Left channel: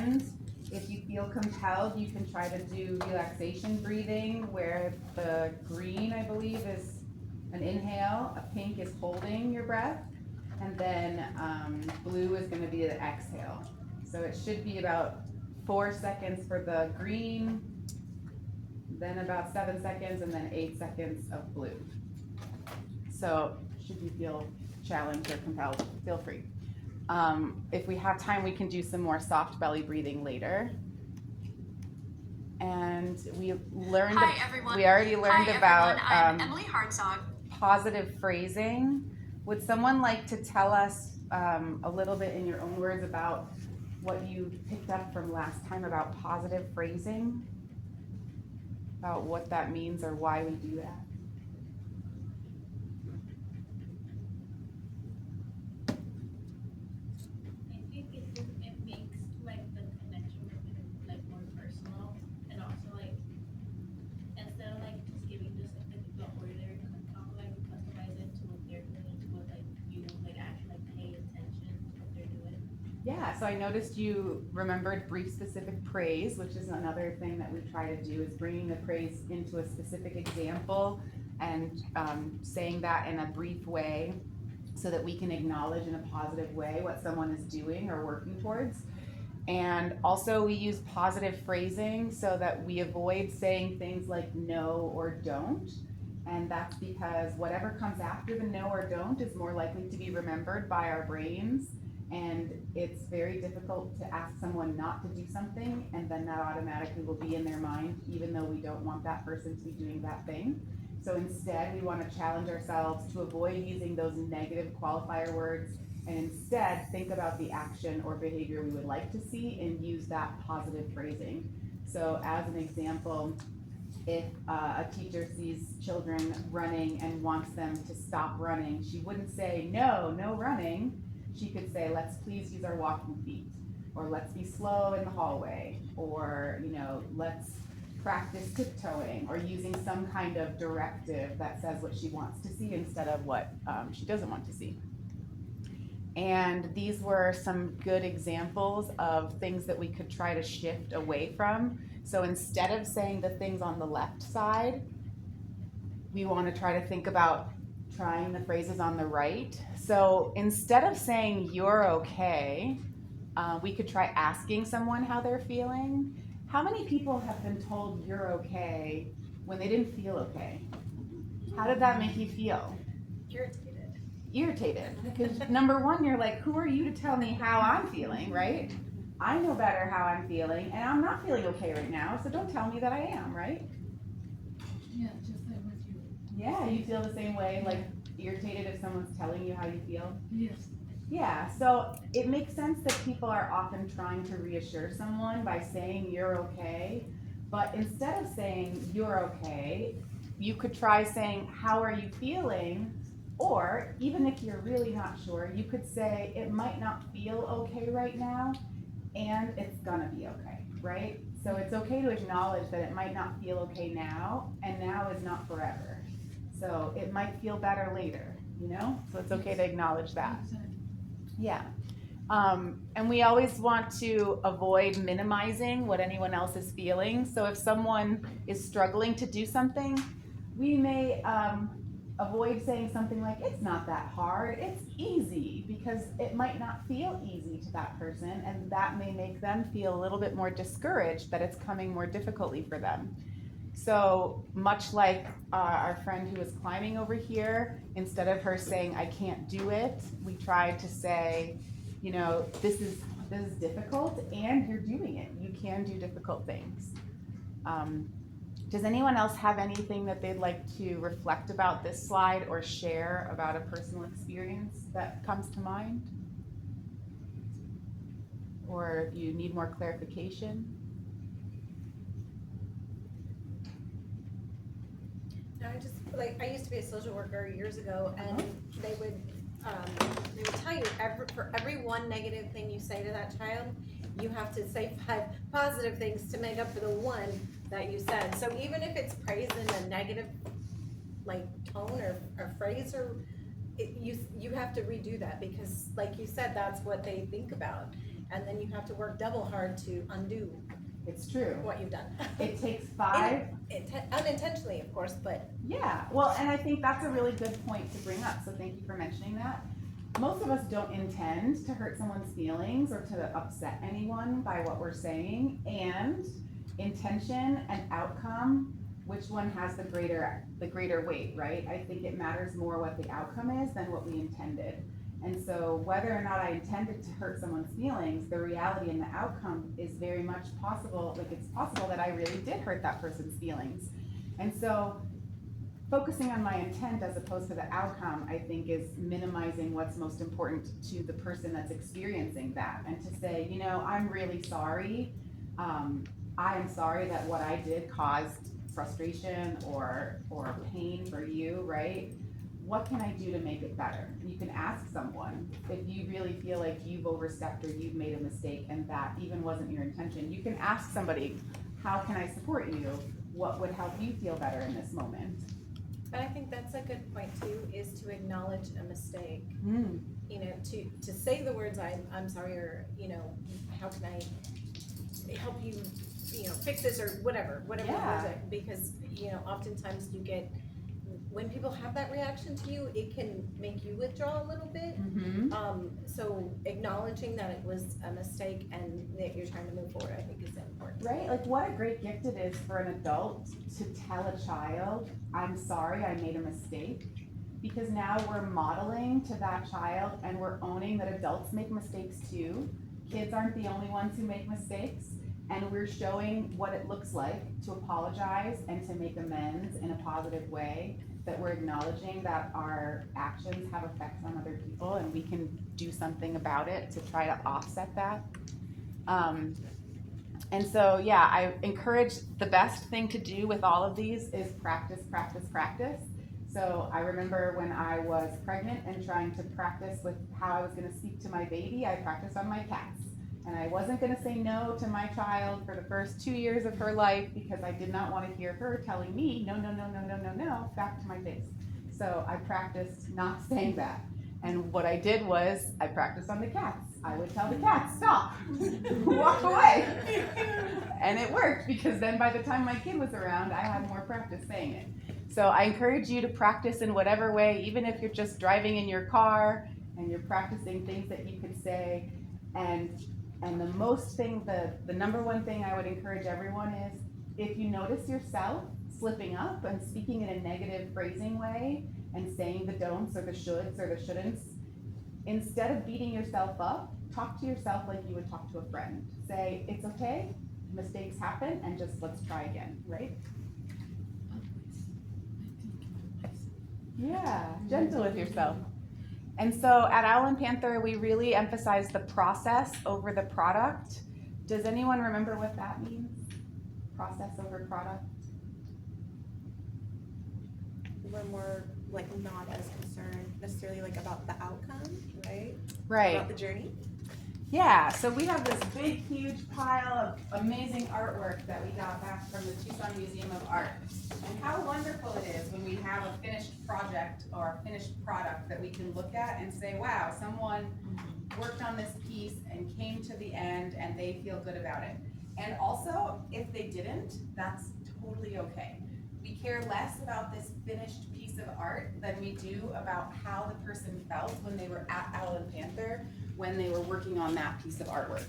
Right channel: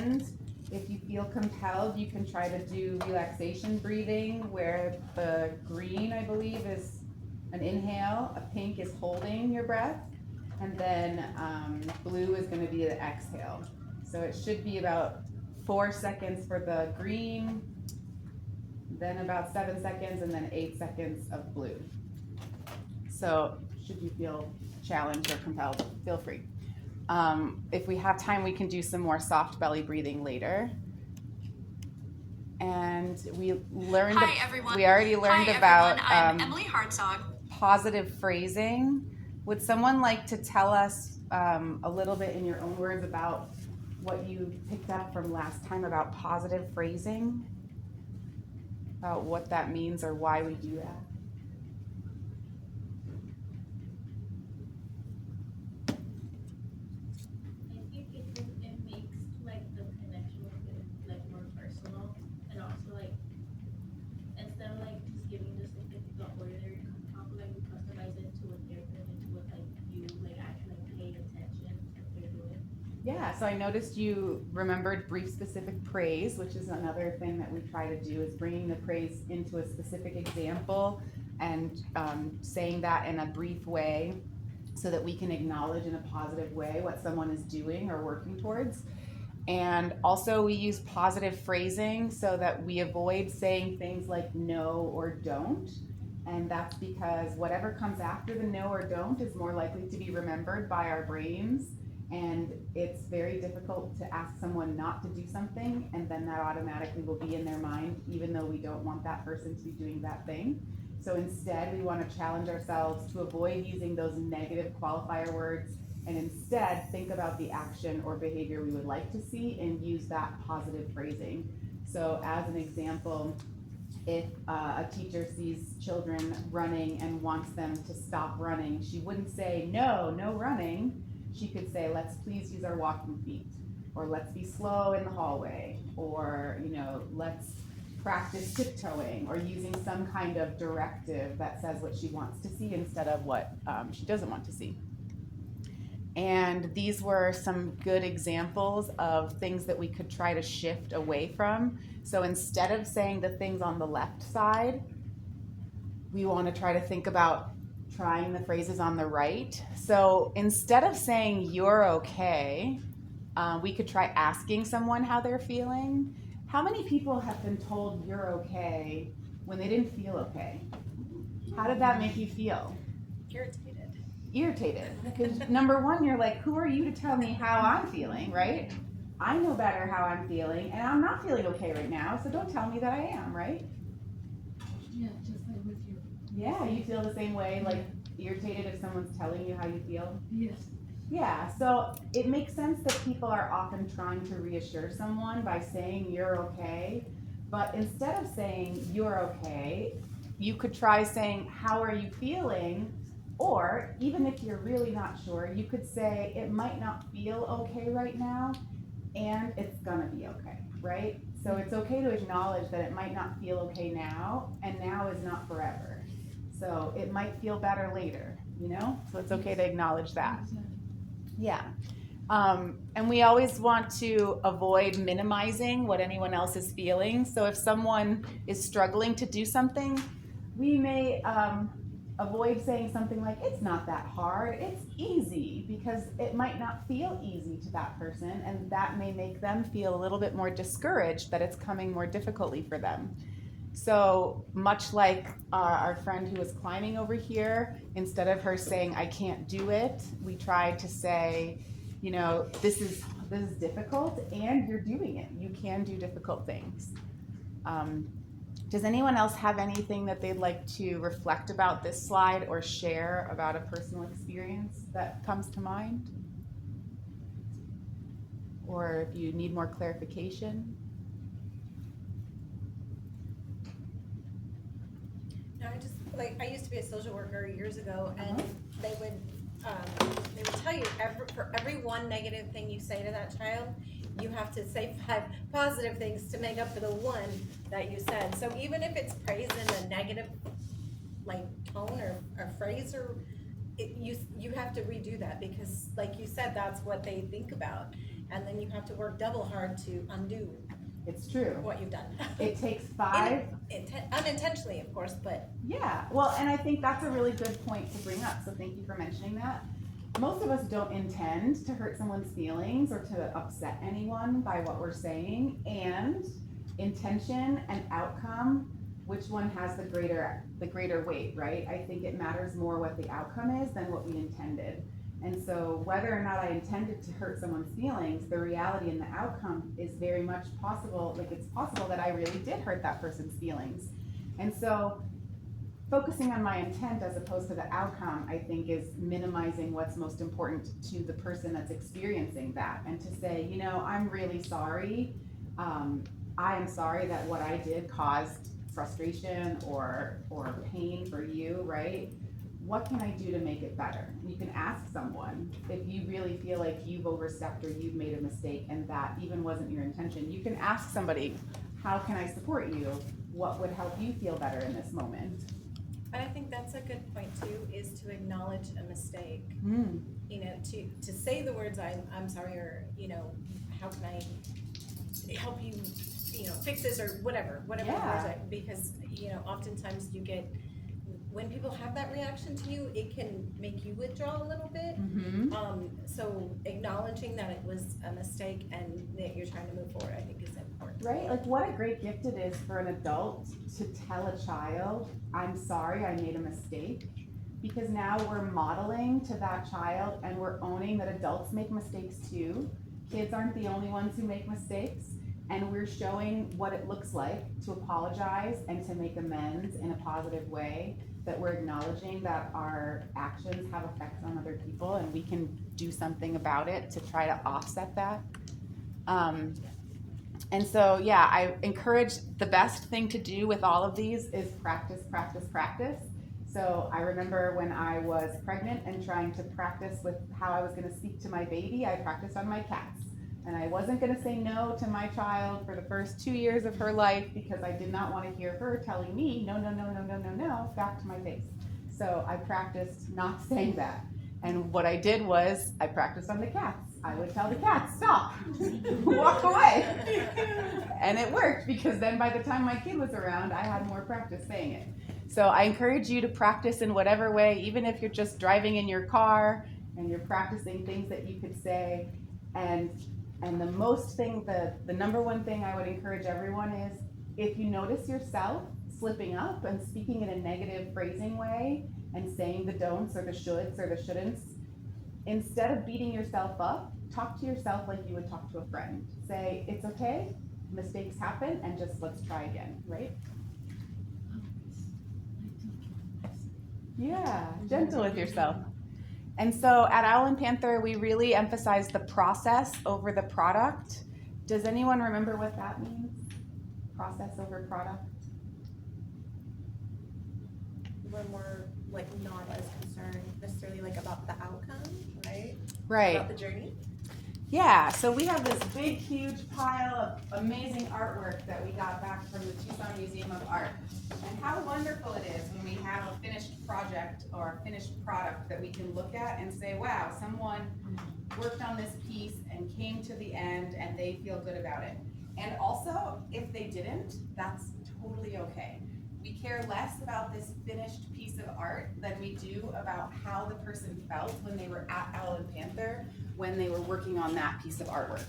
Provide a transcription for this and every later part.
end, if you feel compelled, you can try to do relaxation breathing, where the green, I believe, is an inhale, a pink is holding your breath, and then blue is going to be the exhale. So it should be about 4 seconds for the green, then about 7 seconds, and then 8 seconds of blue. So should you feel challenged or compelled, feel free. If we have time, we can do some more soft belly breathing later. And we learned. Hi, everyone. We already learned Hi, about I'm Emily Hartzog. positive phrasing. Would someone like to tell us a little bit in your own words about what you picked up from last time about positive phrasing? About what that means or why we do that? I think it makes like the connection with it like more personal, and also like instead of like just giving just like the ordinary talk, like we customize it to what they're doing, to what like you like actually like pay attention to what they're doing. Yeah, so I noticed you remembered brief specific praise, which is another thing that we try to do, is bringing the praise into a specific example and saying that in a brief way so that we can acknowledge in a positive way what someone is doing or working towards. And also we use positive phrasing so that we avoid saying things like no or don't. And that's because whatever comes after the no or don't is more likely to be remembered by our brains. And it's very difficult to ask someone not to do something, and then that automatically will be in their mind, even though we don't want that person to be doing that thing. So instead, we want to challenge ourselves to avoid using those negative qualifier words, and instead think about the action or behavior we would like to see and use that positive phrasing. So as an example, if a teacher sees children running and wants them to stop running, she wouldn't say, no running. She could say, let's please use our walking feet, or let's be slow in the hallway, or, let's practice tiptoeing, or using some kind of directive that says what she wants to see instead of what she doesn't want to see. And these were some good examples of things that we could try to shift away from. So instead of saying the things on the left side, we want to try to think about trying the phrases on the right. So instead of saying you're okay, we could try asking someone how they're feeling. How many people have been told you're okay when they didn't feel okay? How did that make you feel? Irritated. Because number one, you're like, who are you to tell me how I'm feeling, right? I know better how I'm feeling, and I'm not feeling okay right now, so don't tell me that I am, right? Yeah, just like with you. Yeah, you feel the same way, like irritated if someone's telling you how you feel? Yes. Yeah, so it makes sense that people are often trying to reassure someone by saying you're okay, but instead of saying you're okay, you could try saying how are you feeling, or even if you're really not sure, you could say it might not feel okay right now, and it's gonna be okay, right? So it's okay to acknowledge that it might not feel okay now, and now is not forever. So it might feel better later, So it's okay to acknowledge that. Yeah. And we always want to avoid minimizing what anyone else is feeling. So if someone is struggling to do something, we may avoid saying something like, it's not that hard, it's easy, because it might not feel easy to that person, and that may make them feel a little bit more discouraged that it's coming more difficultly for them. So much like our friend who was climbing over here, instead of her saying, I can't do it, we tried to say, this is difficult and you're doing it. You can do difficult things. Does anyone else have anything that they'd like to reflect about this slide or share about a personal experience that comes to mind? Or if you need more clarification? No, I used to be a social worker years ago, and they would tell you for every one negative thing you say to that child, you have to say 5 positive things to make up for the one that you said. So even if it's praised in a negative tone or phrase, you have to redo that, because like you said, that's what they think about. and then you have to work double hard to undo It's true. what you've done. It takes 5. Unintentionally, of course, but Yeah, well, and I think that's a really good point to bring up, so thank you for mentioning that. Most of us don't intend to hurt someone's feelings or to upset anyone by what we're saying, and intention and outcome, which one has the greater weight, right? I think it matters more what the outcome is than what we intended. And so whether or not I intended to hurt someone's feelings, the reality and the outcome is very much possible, like it's possible that I really did hurt that person's feelings. And so focusing on my intent as opposed to the outcome, I think, is minimizing what's most important to the person that's experiencing that. And to say, you know, I'm really sorry. I am sorry that what I did caused frustration or pain for you, right? What can I do to make it better? You can ask someone if you really feel like you've overstepped or you've made a mistake and that even wasn't your intention. You can ask somebody, how can I support you? What would help you feel better in this moment? But I think that's a good point too, is to acknowledge a mistake. You know, to say the words, I'm sorry, or, you know, how can I help you, you know, fix this, or whatever Yeah. words because, you know, oftentimes you get, when people have that reaction to you, it can make you withdraw a little bit. So acknowledging that it was a mistake and that you're trying to move forward, I think is important. Right, like what a great gift it is for an adult to tell a child, I'm sorry, I made a mistake. Because now we're modeling to that child and we're owning that adults make mistakes too. Kids aren't the only ones who make mistakes. And we're showing what it looks like to apologize and to make amends in a positive way, that we're acknowledging that our actions have effects on other people and we can do something about it to try to offset that. And so, yeah, I encourage the best thing to do with all of these is practice, practice, practice. So I remember when I was pregnant and trying to practice with how I was going to speak to my baby, I practiced on my cats. And I wasn't going to say no to my child for the first 2 years of her life because I did not want to hear her telling me no, no, no, no, no, no, no, back to my face. So I practiced not saying that. And what I did was I practiced on the cats. I would tell the cats, stop, walk away. And it worked because then by the time my kid was around, I had more practice saying it. So I encourage you to practice in whatever way, even if you're just driving in your car and you're practicing things that you could say. And the number one thing I would encourage everyone is, if you notice yourself slipping up and speaking in a negative phrasing way and saying the don'ts or the shoulds or the shouldn'ts, instead of beating yourself up, talk to yourself like you would talk to a friend. Say, it's okay, mistakes happen, and just let's try again, right? Yeah, gentle with yourself. And so at Owl and Panther, we really emphasize the process over the product. Does anyone remember what that means? Process over product? We're more like not as concerned necessarily like about the outcome, right? Right. About the journey. Yeah, so we have this big, huge pile of amazing artwork that we got back from the Tucson Museum of Art. And how wonderful it is when we have a finished project or a finished product that we can look at and say, wow, someone worked on this piece and came to the end and they feel good about it. And also, if they didn't, that's totally okay. We care less about this finished piece of art than we do about how the person felt when they were at Owl and Panther, when they were working on that piece of artwork.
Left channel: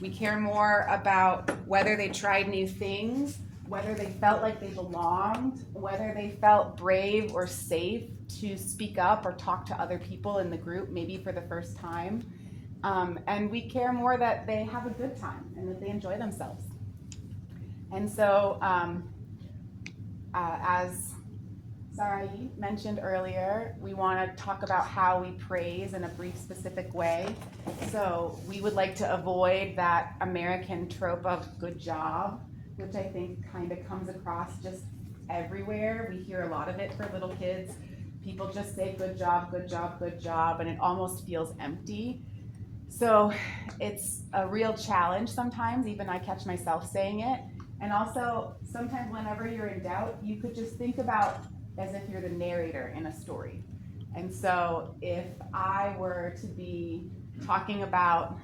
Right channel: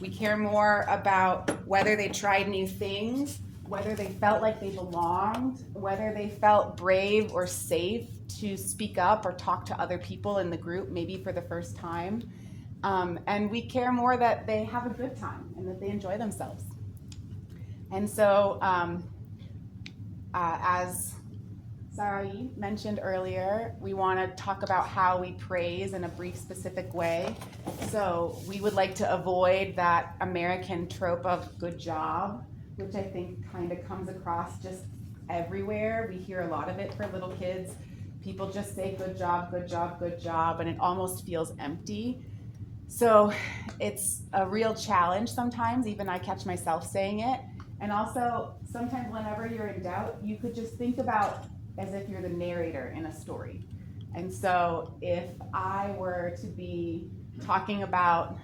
We care more about whether they tried new things, whether they felt like they belonged, whether they felt brave or safe to speak up or talk to other people in the group, maybe for the first time. And we care more that they have a good time and that they enjoy themselves. And so, as Sarai mentioned earlier, we want to talk about how we praise in a brief, specific way. So we would like to avoid that American trope of good job, which I think kind of comes across just everywhere. We hear a lot of it for little kids. People just say good job, good job, good job, and it almost feels empty. So it's a real challenge sometimes, even I catch myself saying it. And also, sometimes whenever you're in doubt, you could just think about as if you're the narrator in a story. And so if I were to be talking about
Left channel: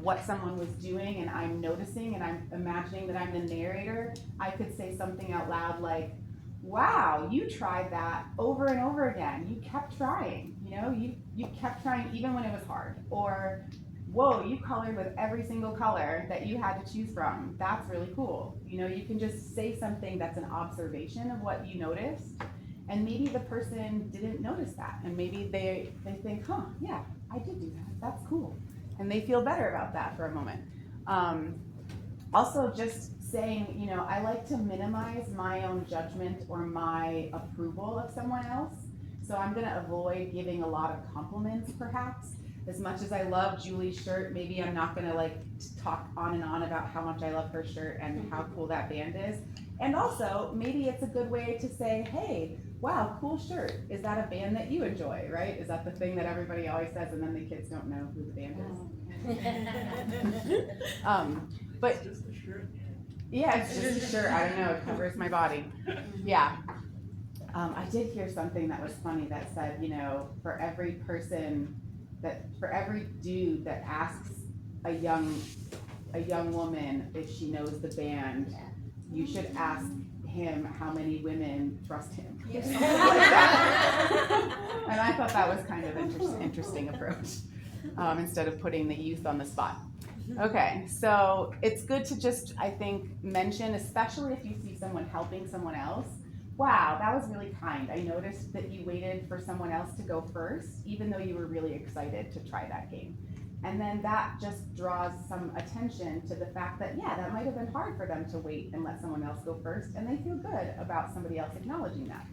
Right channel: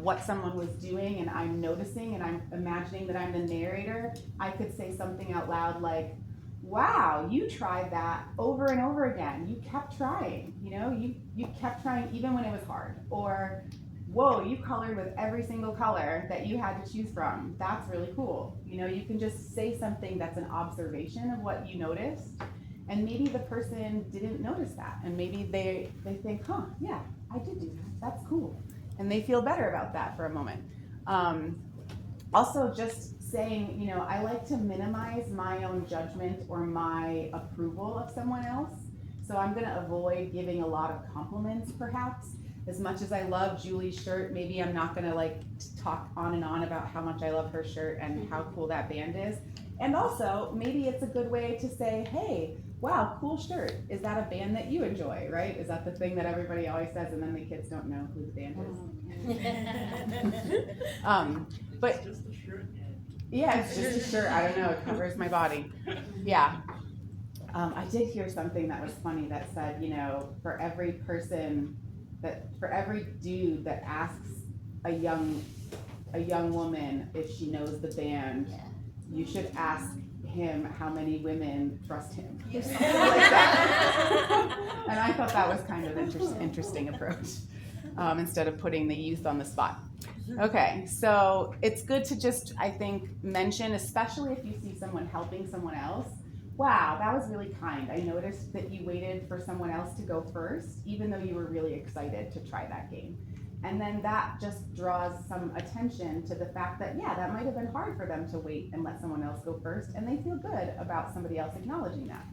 what someone was doing and I'm noticing and I'm imagining that I'm the narrator, I could say something out loud like, wow, you tried that over and over again. You kept trying, you kept trying even when it was hard. Or, whoa, you colored with every single color that you had to choose from. That's really cool. You can just say something that's an observation of what you noticed. And maybe the person didn't notice that. And maybe they think, huh, yeah, I did do that. That's cool. And they feel better about that for a moment. Also, just saying, I like to minimize my own judgment or my approval of someone else. So I'm going to avoid giving a lot of compliments, perhaps. As much as I love Julie's shirt, maybe I'm not going to talk on and on about how much I love her shirt and how cool that band is. And also, maybe it's a good way to say, hey, wow, cool shirt. Is that a band that you enjoy, right? Is that the thing that everybody always says and then the kids don't know who the band is? But It's just a shirt, man. yeah, it's just a shirt. I don't know. It covers my body. Yeah. I did hear something that was funny that said, for every dude that asks a young woman if she knows the band, you should ask him how many women trust him. Yes. And I thought that was kind of interesting approach, instead of putting the youth on the spot. Okay, so it's good to just, I think, mention, especially if you see someone helping someone else, wow, that was really kind. I noticed that you waited for someone else to go first, even though you were really excited to try that game. And then that just draws some attention to the fact that, yeah, that might have been hard for them to wait and let someone else go first, and they feel good about somebody else acknowledging that.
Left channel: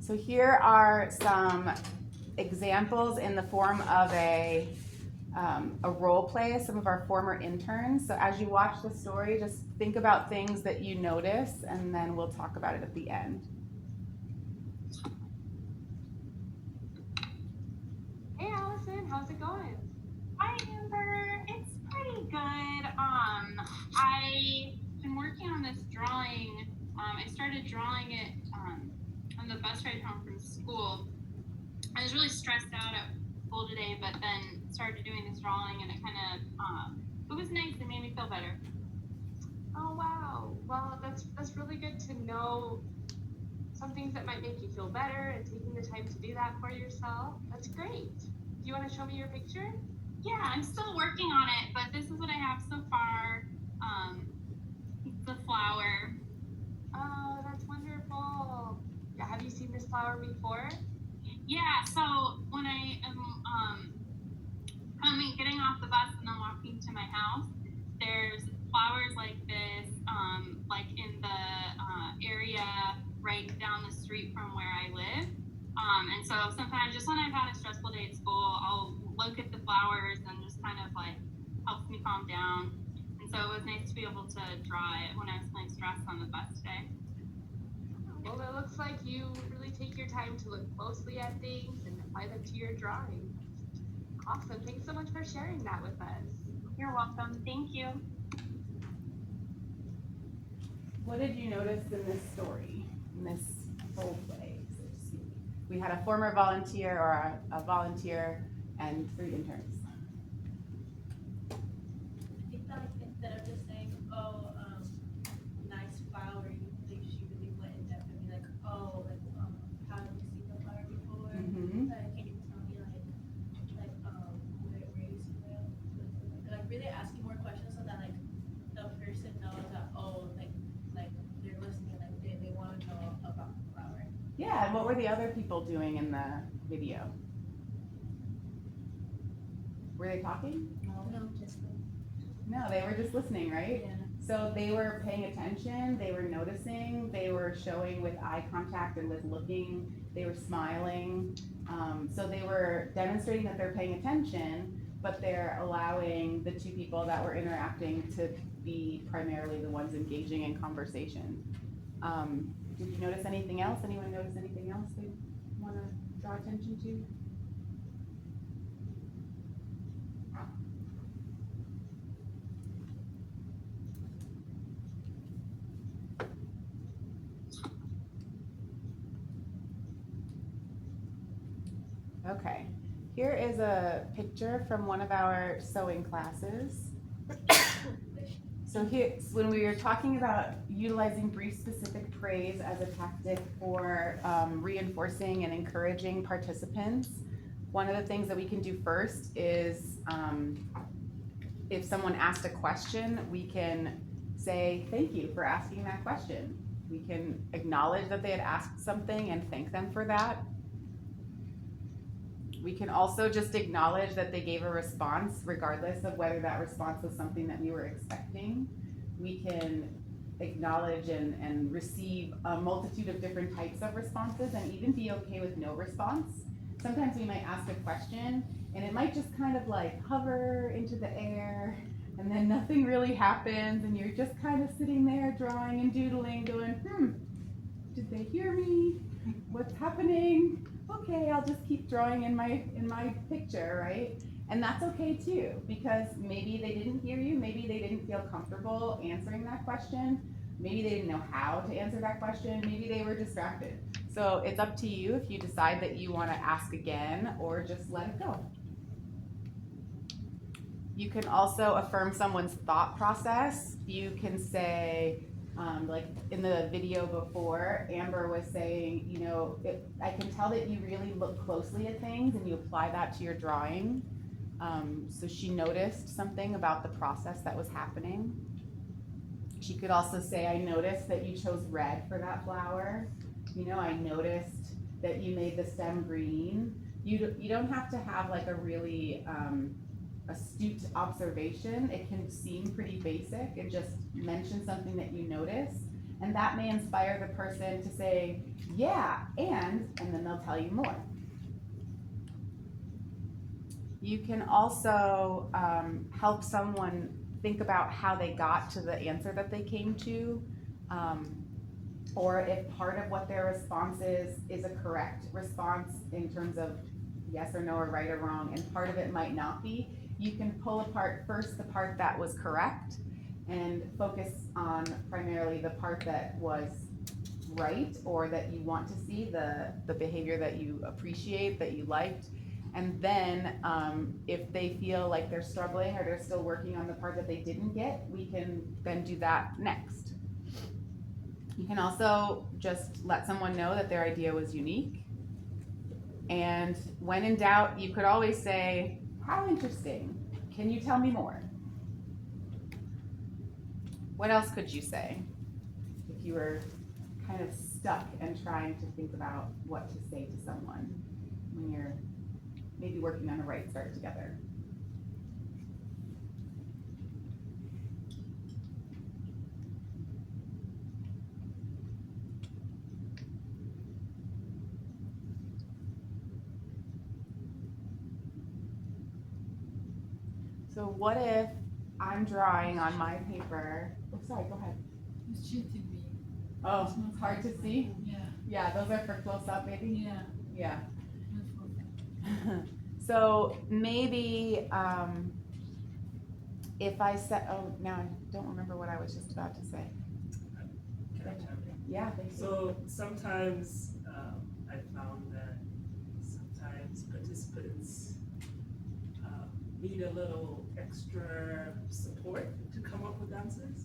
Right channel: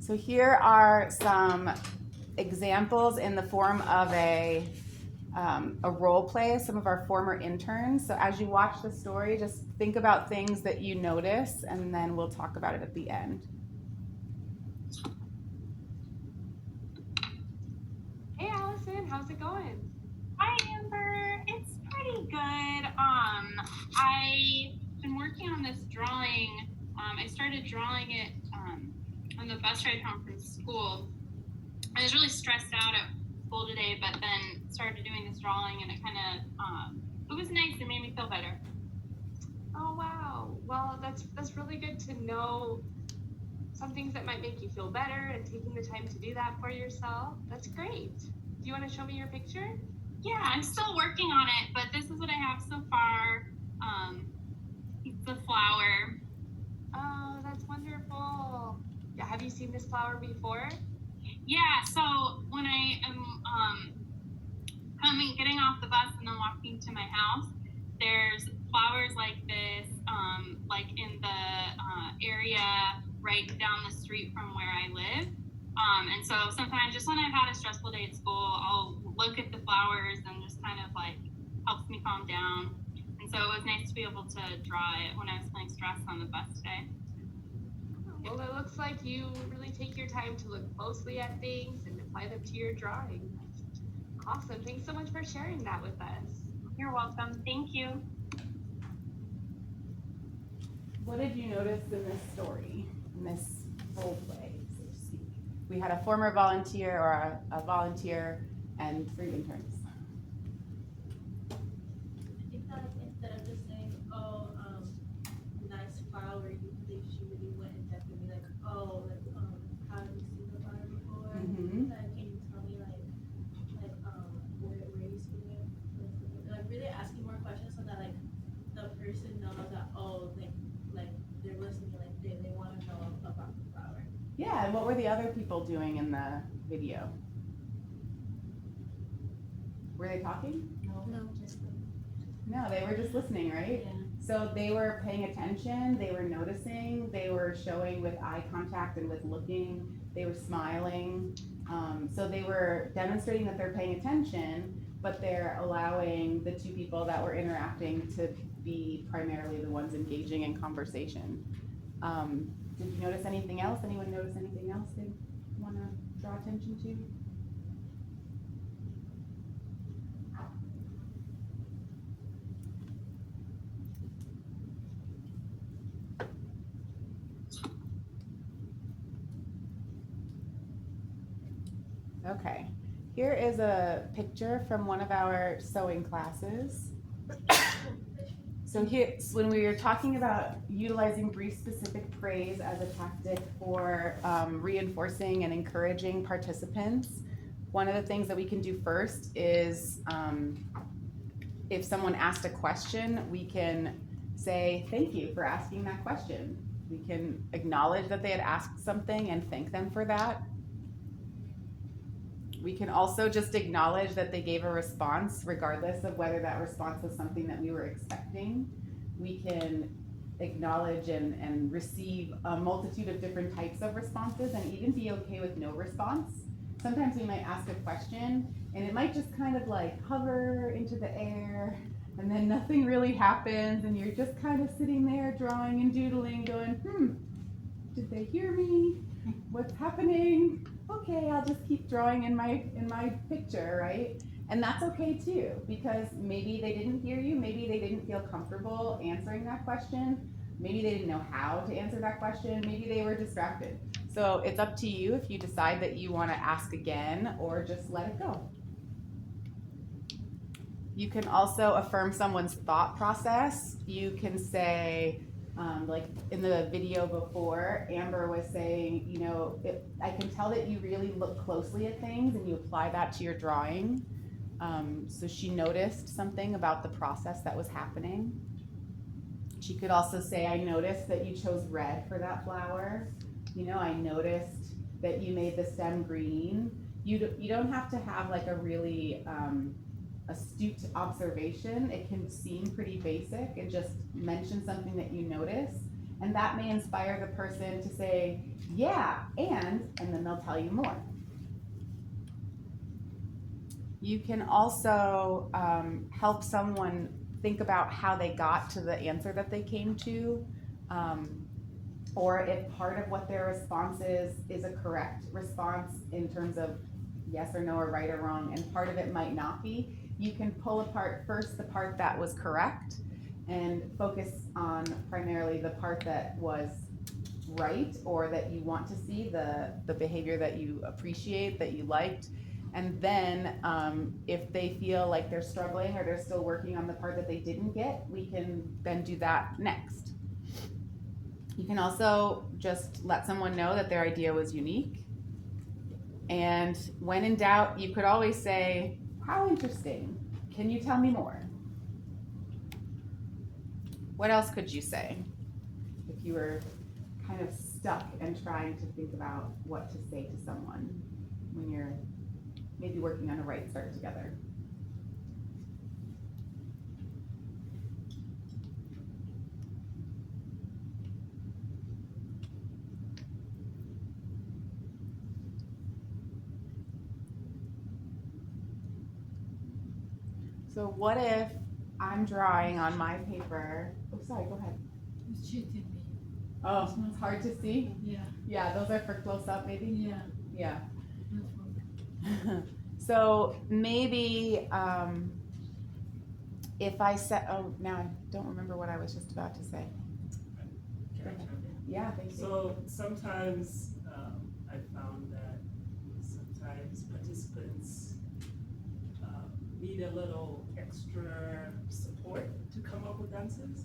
So here are some examples in the form of a role play, some of our former interns. So as you watch the story, just think about things that you notice, and then we'll talk about it at the end. Hey Allison, how's it going? Hi Amber, it's pretty good. I've been working on this drawing. I started drawing it on the bus ride home from school. I was really stressed out at school today, but then started doing this drawing, and it kind of it was nice. It made me feel better. Oh wow, well that's really good to know some things that might make you feel better and taking the time to do that for yourself. That's great. Do you want to show me your picture? Yeah, I'm still working on it, but this is what I have so far. It's a flower. Oh, that's wonderful. Yeah, have you seen this flower before? Yeah, so when I am getting off the bus and then walking to my house, there's flowers like this, like in the area right down the street from where I live. And so sometimes just when I've had a stressful day at school, I'll look at the flowers and just kind of helps me calm down. And so it was nice to be able to draw it when I was feeling stressed on the bus today. Well, it looks like you really take your time to look closely at things and apply them to your drawing. Awesome. Thanks so much for sharing that with us. You're welcome. Thank you. What did you notice in this story, in this role play, so to speak? We had a former volunteer or a volunteer and 3 interns. I think that instead of just saying, oh, nice flower, she really went in depth and be like, oh, have you seen the flower before? Mm-hmm. Can you tell me where you see it? Really asking more questions so that the person knows that, oh, they're listening, they want to know about the flower. Yeah, and what were the other people doing in the video? Were they talking? No, they were just listening, right? Yeah. So they were paying attention, they were noticing, they were showing with eye contact and with looking, they were smiling. So they were demonstrating that they're paying attention, but they're allowing the 2 people that were interacting to be primarily the ones engaging in conversation. Did you notice anything else? Anyone notice anything else they want to draw attention to? Okay, Here is a picture from one of our sewing classes. So here, when we were talking about utilizing brief specific praise as a tactic for reinforcing and encouraging participants, one of the things that we can do first is if someone asked a question, we can say, thank you for asking that question. We can acknowledge that they had asked something and thank them for that. We can also just acknowledge that they gave a response regardless of whether that response was something that we were expecting. We can acknowledge and receive a multitude of different types of responses and even be okay with no response. Sometimes we might ask a question and it might just kind of like hover into the air and then nothing really happens and you're just kind of sitting there drawing and doodling going, did they hear me? What's happening? Okay, I'll just keep drawing in my picture, right? And that's okay too, because maybe they didn't hear you, maybe they didn't feel comfortable answering that question, maybe they didn't know how to answer that question, maybe they were distracted. So it's up to you if you decide that you want to ask again or just let it go. You can also affirm someone's thought process. You can say, like in the video before, Amber was saying, you know, I can tell that you really look closely at things and you apply that to your drawing. So she noticed something about the process that was happening. She could also say, I noticed that you chose red for that flower. You know, I noticed that you made the stem green. You don't have to have like a really astute observation. It can seem pretty basic and just mention something that you notice. And that may inspire the person to say, yeah, and then they'll tell you more. You can also help someone think about how they got to the answer that they came to, or if part of what their response is a correct response in terms of yes or no or right or wrong, and part of it might not be. You can pull apart first the part that was correct and focus on primarily the part that was right or that you want to see, the behavior that you appreciate, that you liked. And then if they feel like they're struggling or they're still working on the part that they didn't get, we can then do that next. You can also just let someone know that their idea was unique. And when in doubt, you could always say, how interesting. Can you tell me more? What else could you say if you were kind of stuck and trying to think about what to say to someone when you're maybe working on a Right Start together? So what if I'm drawing on my paper? Oh, sorry, go ahead. It's shooting me. Oh, it's hard to see? Yeah. Yeah, those are for close up maybe? Yeah. Yeah. No problem. So maybe if I said, oh, now I don't remember what I was just about to say. Can I chime in? Yeah, thank you. So sometimes I found that sometimes participants need a little extra support to come up with answers.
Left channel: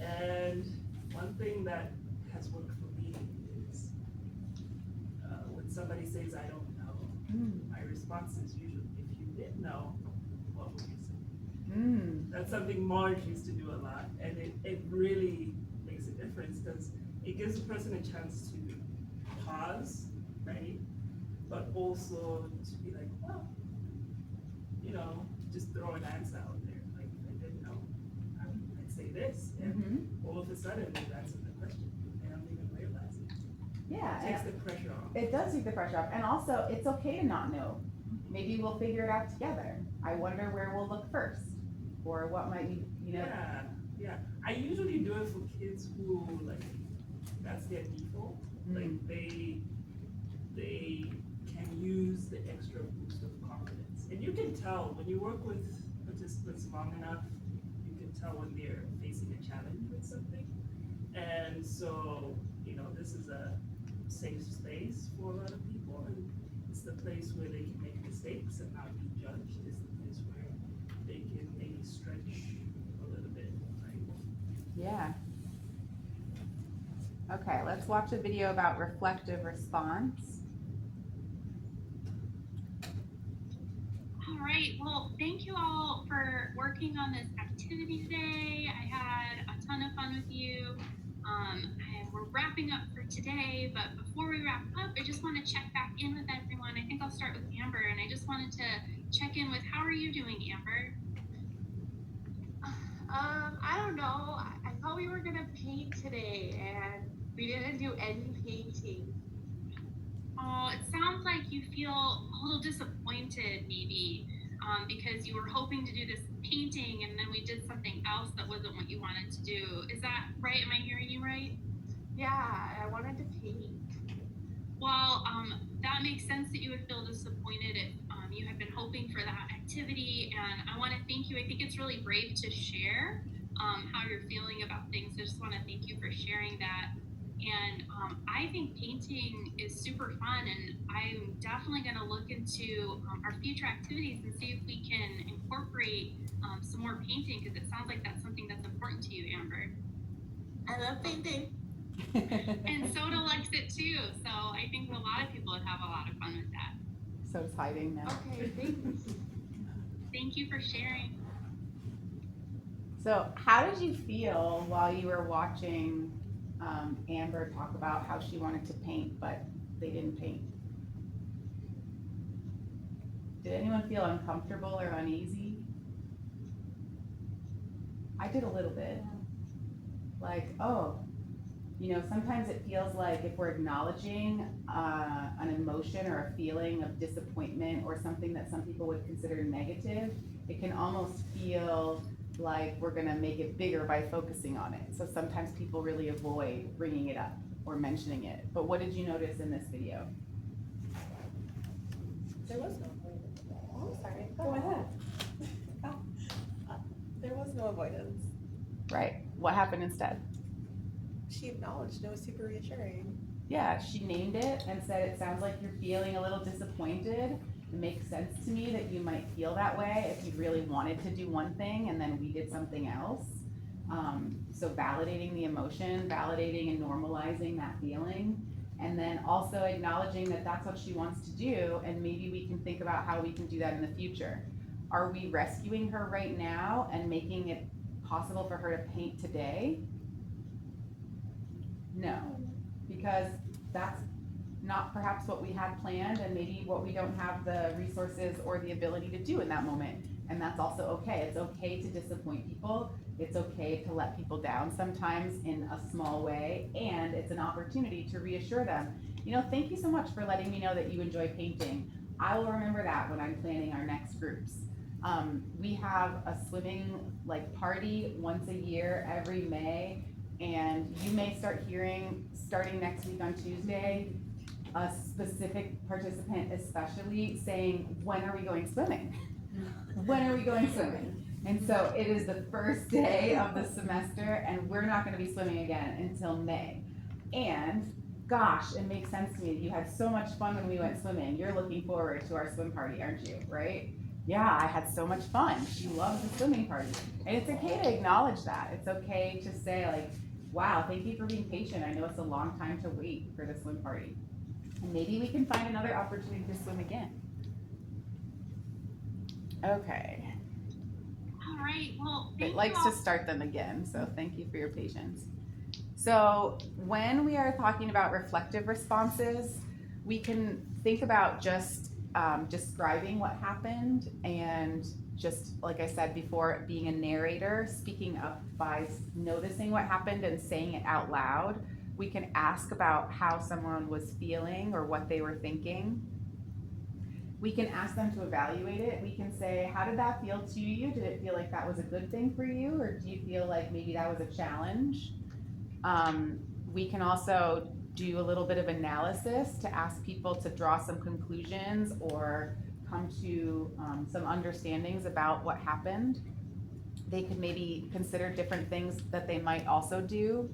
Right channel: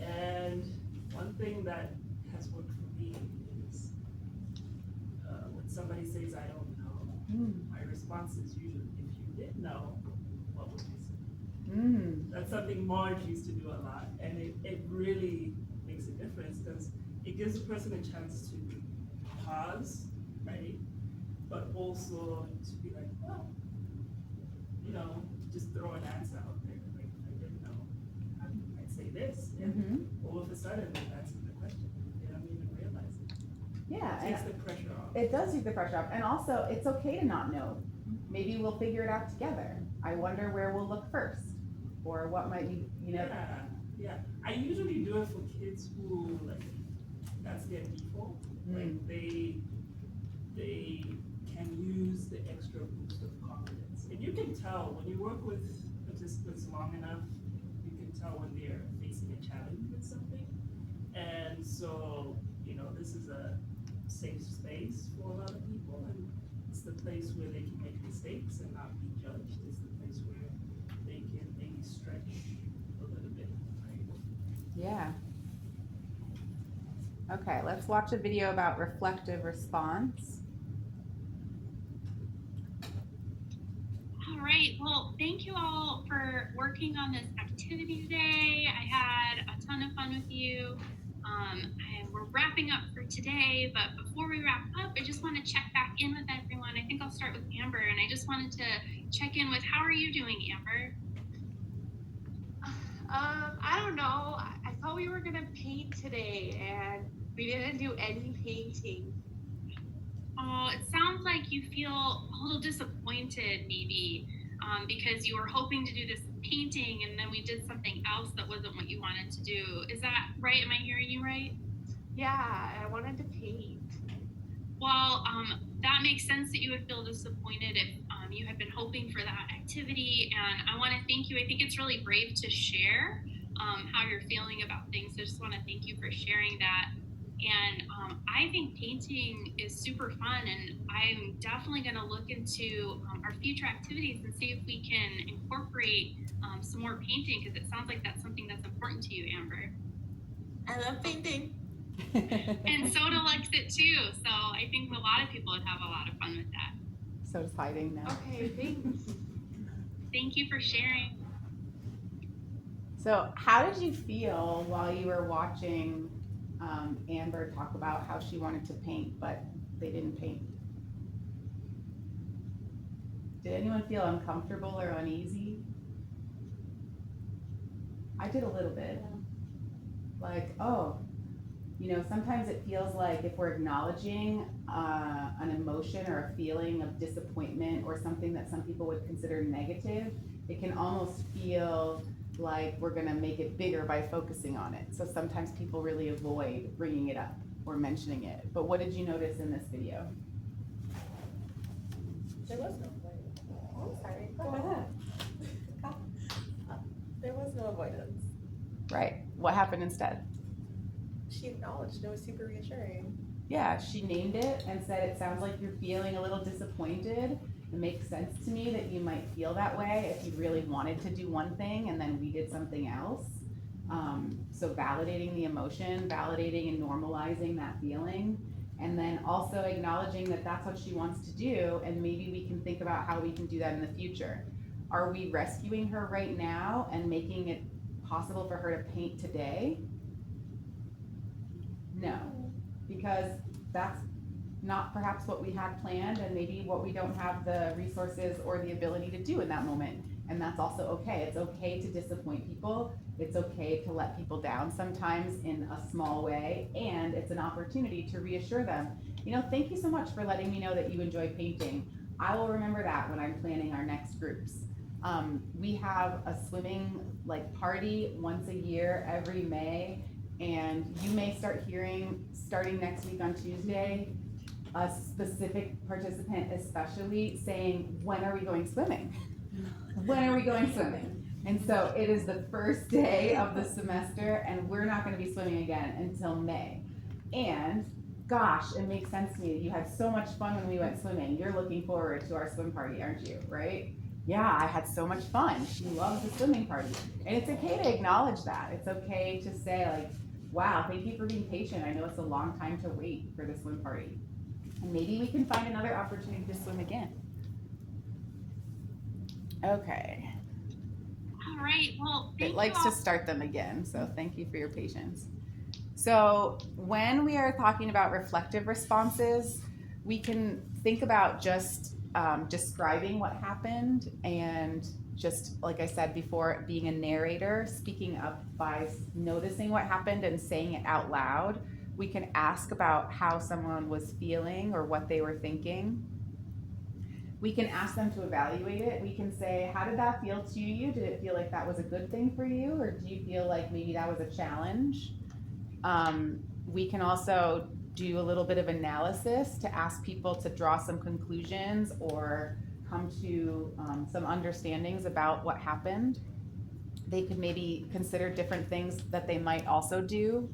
And one thing that has worked for me is when somebody says, I don't know, my response is usually, if you did know, what would you say? That's something Marge used to do a lot, and it really makes a difference because it gives a person a chance to pause, right? But also to be like, well, you know, just throw an answer out there. Like, if I didn't know, I'd say this. And all of a sudden, they've answered the question. They don't even realize it. Yeah, It takes the pressure off. it does take the pressure off. And also, it's okay to not know. Maybe we'll figure it out together. I wonder where we'll look first. Or what might you know. Yeah. I usually do it for kids who, like, that's their default. Like, they can use the extra boost of confidence. And you can tell when you work with participants long enough, you can tell when they're facing a challenge with something. And so, you know, this is a safe space for a lot of people, and it's the place where they can make mistakes mistakes and not be judged is the place where they can maybe stretch a little bit, right? Yeah. Okay, let's watch a video about reflective response. All right, well, thank you all for working on this activity today. I had a ton of fun with you. And we're wrapping up for today, but before we wrap up, I just want to check back in with everyone. I think I'll start with Amber, and I just wanted to check in with how are you doing, Amber? I don't know. I thought we were gonna paint today, and we didn't do any painting. Oh, it sounds like you feel a little disappointed, maybe, because you were hoping to do this painting, and then we did something else that wasn't what you wanted to do. Is that right? Am I hearing you right? Yeah, I wanted to paint. Well, that makes sense that you would feel disappointed if you had been hoping for that activity. And I want to thank you. I think it's really brave to share how you're feeling about things. So I just want to thank you for sharing that. And I think painting is super fun. And I'm definitely going to look into our future activities and see if we can incorporate some more painting because it sounds like that's something that's important to you, Amber. I love painting. And Soda likes it too, so I think a lot of people would have a lot of fun with that. So's hiding now. Okay, thanks. Thank you for sharing. So, how did you feel while you were watching Amber talk about how she wanted to paint, but they didn't paint? Did anyone feel uncomfortable or uneasy? I did a little bit. Like, oh, you know, sometimes it feels like if we're acknowledging an emotion or a feeling of disappointment or something that some people would consider negative, it can almost feel like we're gonna make it bigger by focusing on it. So sometimes people really avoid bringing it up or mentioning it. But what did you notice in this video? There was no avoidance. Oh, sorry. Go ahead. There was no avoidance. Right. What happened instead? She acknowledged it was super reassuring. Yeah, she named it and said, it sounds like you're feeling a little disappointed. It makes sense to me that you might feel that way if you really wanted to do one thing and then we did something else. So validating the emotion, validating and normalizing that feeling, and then also acknowledging that that's what she wants to do, and maybe we can think about how we can do that in the future. Are we rescuing her right now and making it possible for her to paint today? No, because that's not perhaps what we had planned and maybe what we don't have the resources or the ability to do in that moment. And that's also okay. It's okay to disappoint people. It's okay to let people down sometimes in a small way. And it's an opportunity to reassure them, you know, thank you so much for letting me know that you enjoy painting. I will remember that when I'm planning our next groups. We have a swimming party once a year every May. And you may start hearing, starting next week on Tuesday, a specific participant especially saying, when are we going swimming? When are we going swimming? And so it is the first day of the semester and we're not gonna be swimming again until May. And gosh, it makes sense to me that you had so much fun when we went swimming. You're looking forward to our swim party, aren't you, right? Yeah, I had so much fun. She loves the swimming party. And it's okay to acknowledge that. It's okay to say wow, thank you for being patient. I know it's a long time to wait for the swim party. And maybe we can find another opportunity to swim again. Okay. All right, well, It likes to start them again, so thank you for your patience. So when we are talking about reflective responses, we can think about just describing what happened and just like I said before, being a narrator, speaking up by noticing what happened and saying it out loud. We can ask about how someone was feeling or what they were thinking. We can ask them to evaluate it. We can say, how did that feel to you? Did it feel like that was a good thing for you? Or do you feel like maybe that was a challenge? We can also do a little bit of analysis to ask people to draw some conclusions or come to some understandings about what happened. They could maybe consider different things that they might also do.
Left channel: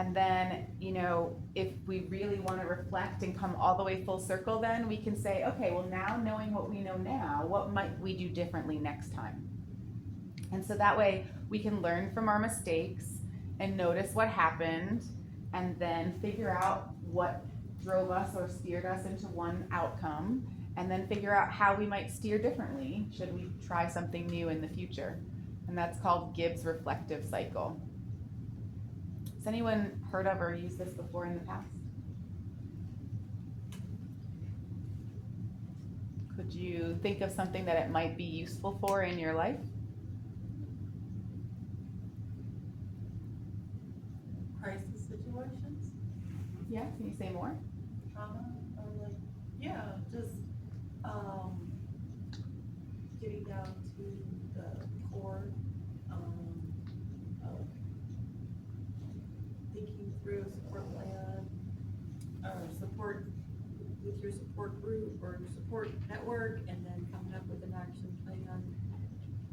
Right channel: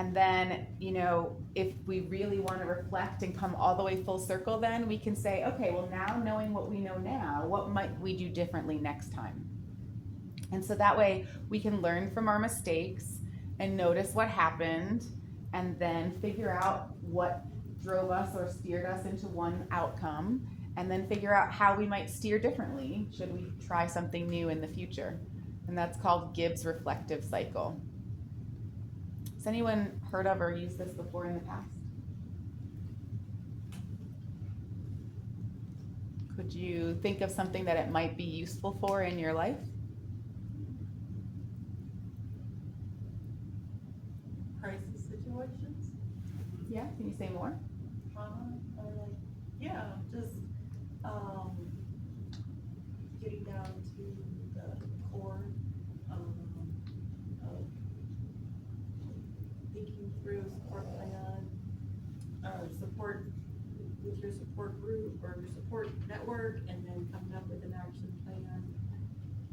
And then, you know, if we really want to reflect and come all the way full circle, then we can say, okay, well, now knowing what we know now, what might we do differently next time? And so that way we can learn from our mistakes and notice what happened and then figure out what drove us or steered us into one outcome, and then figure out how we might steer differently should we try something new in the future. And that's called Gibbs' reflective cycle. Has anyone heard of or used this before in the past? Could you think of something that it might be useful for in your life? Crisis situations, Yeah, can you say more? trauma, or like, yeah, just, getting down to the core, of thinking through a support plan, or support with your support group or your support network, and then coming up with an action plan,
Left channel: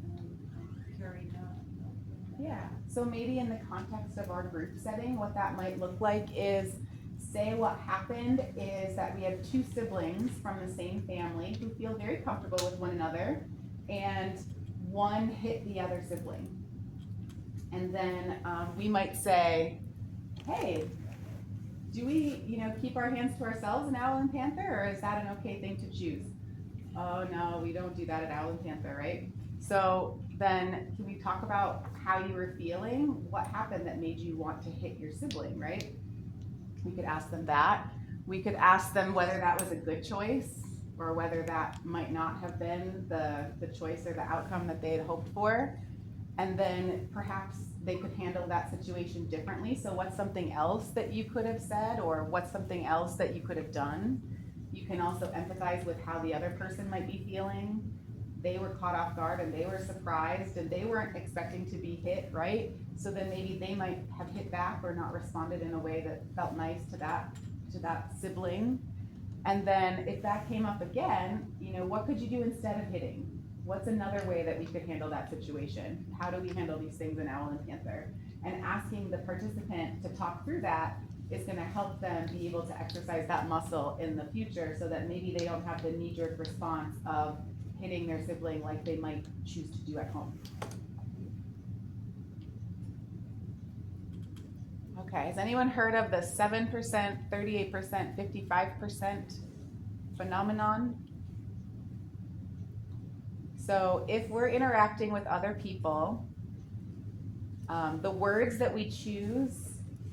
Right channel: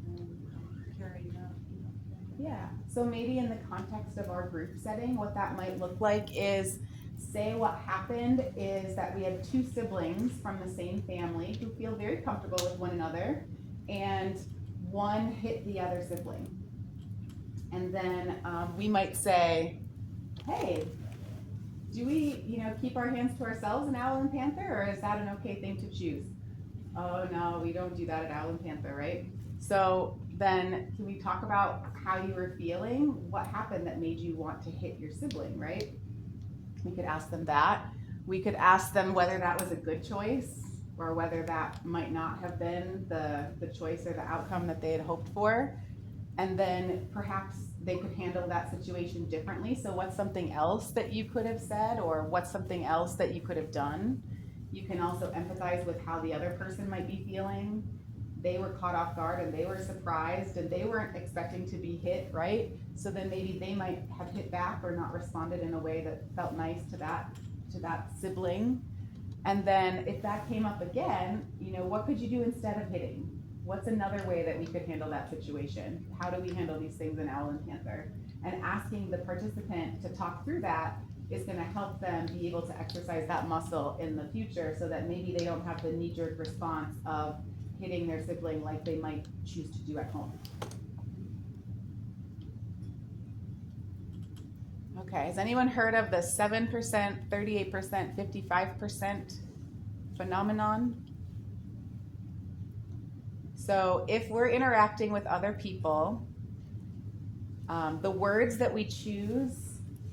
and carrying out, you know. Yeah, so maybe in the context of our group setting, what that might look like is, say what happened is that we have two siblings from the same family who feel very comfortable with one another, and one hit the other sibling. And then we might say, hey, do we, you know, keep our hands to ourselves in Owl and Panther, or is that an okay thing to choose? Oh, no, we don't do that at Owl and Panther, right? So then can we talk about how you were feeling? What happened that made you want to hit your sibling, right? We could ask them that. We could ask them whether that was a good choice or whether that might not have been the choice or the outcome that they had hoped for. And then perhaps they could handle that situation differently. So what's something else that you could have said, or what's something else that you could have done? You can also empathize with how the other person might be feeling. They were caught off guard and they were surprised and they weren't expecting to be hit, right? So then maybe they might have hit back or not responded in a way that felt nice to that sibling. And then if that came up again, you know, what could you do instead of hitting? What's another way that we could handle that situation? How do we handle these things in Owl and Panther? And asking the participant to talk through that is gonna help them be able to exercise that muscle in the future so that maybe they don't have the knee-jerk response of hitting their sibling like they might choose to do at home. Okay, has anyone heard of the 7%, 38%, 55% phenomenon? So if we're interacting with other people, the words that we choose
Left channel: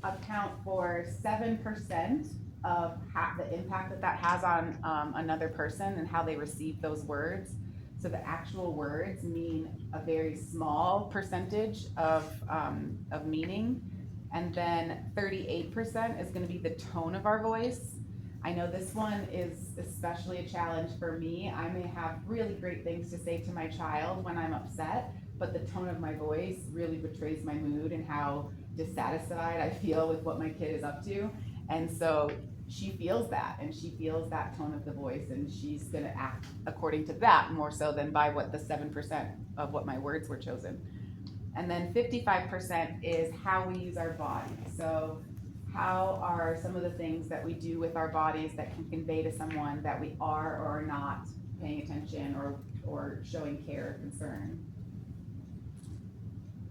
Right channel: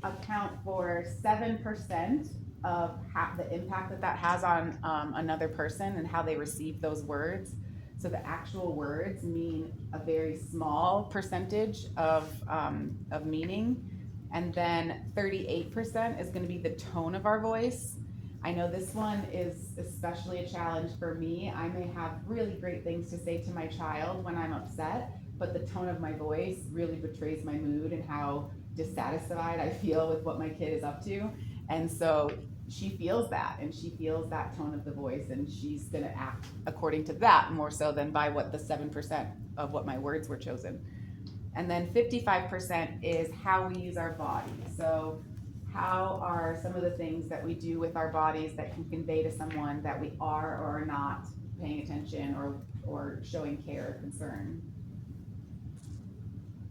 account for 7% of the impact that has on another person and how they receive those words. So the actual words mean a very small percentage of meaning. And then 38% is gonna be the tone of our voice. I know this one is especially a challenge for me. I may have really great things to say to my child when I'm upset, but the tone of my voice really betrays my mood and how dissatisfied I feel with what my kid is up to. And so she feels that, and she feels that tone of the voice, and she's gonna act according to that more so than by what the 7% of what my words were chosen. And then 55% is how we use our body. So how are some of the things that we do with our bodies that can convey to someone that we are or are not paying attention or showing care or concern?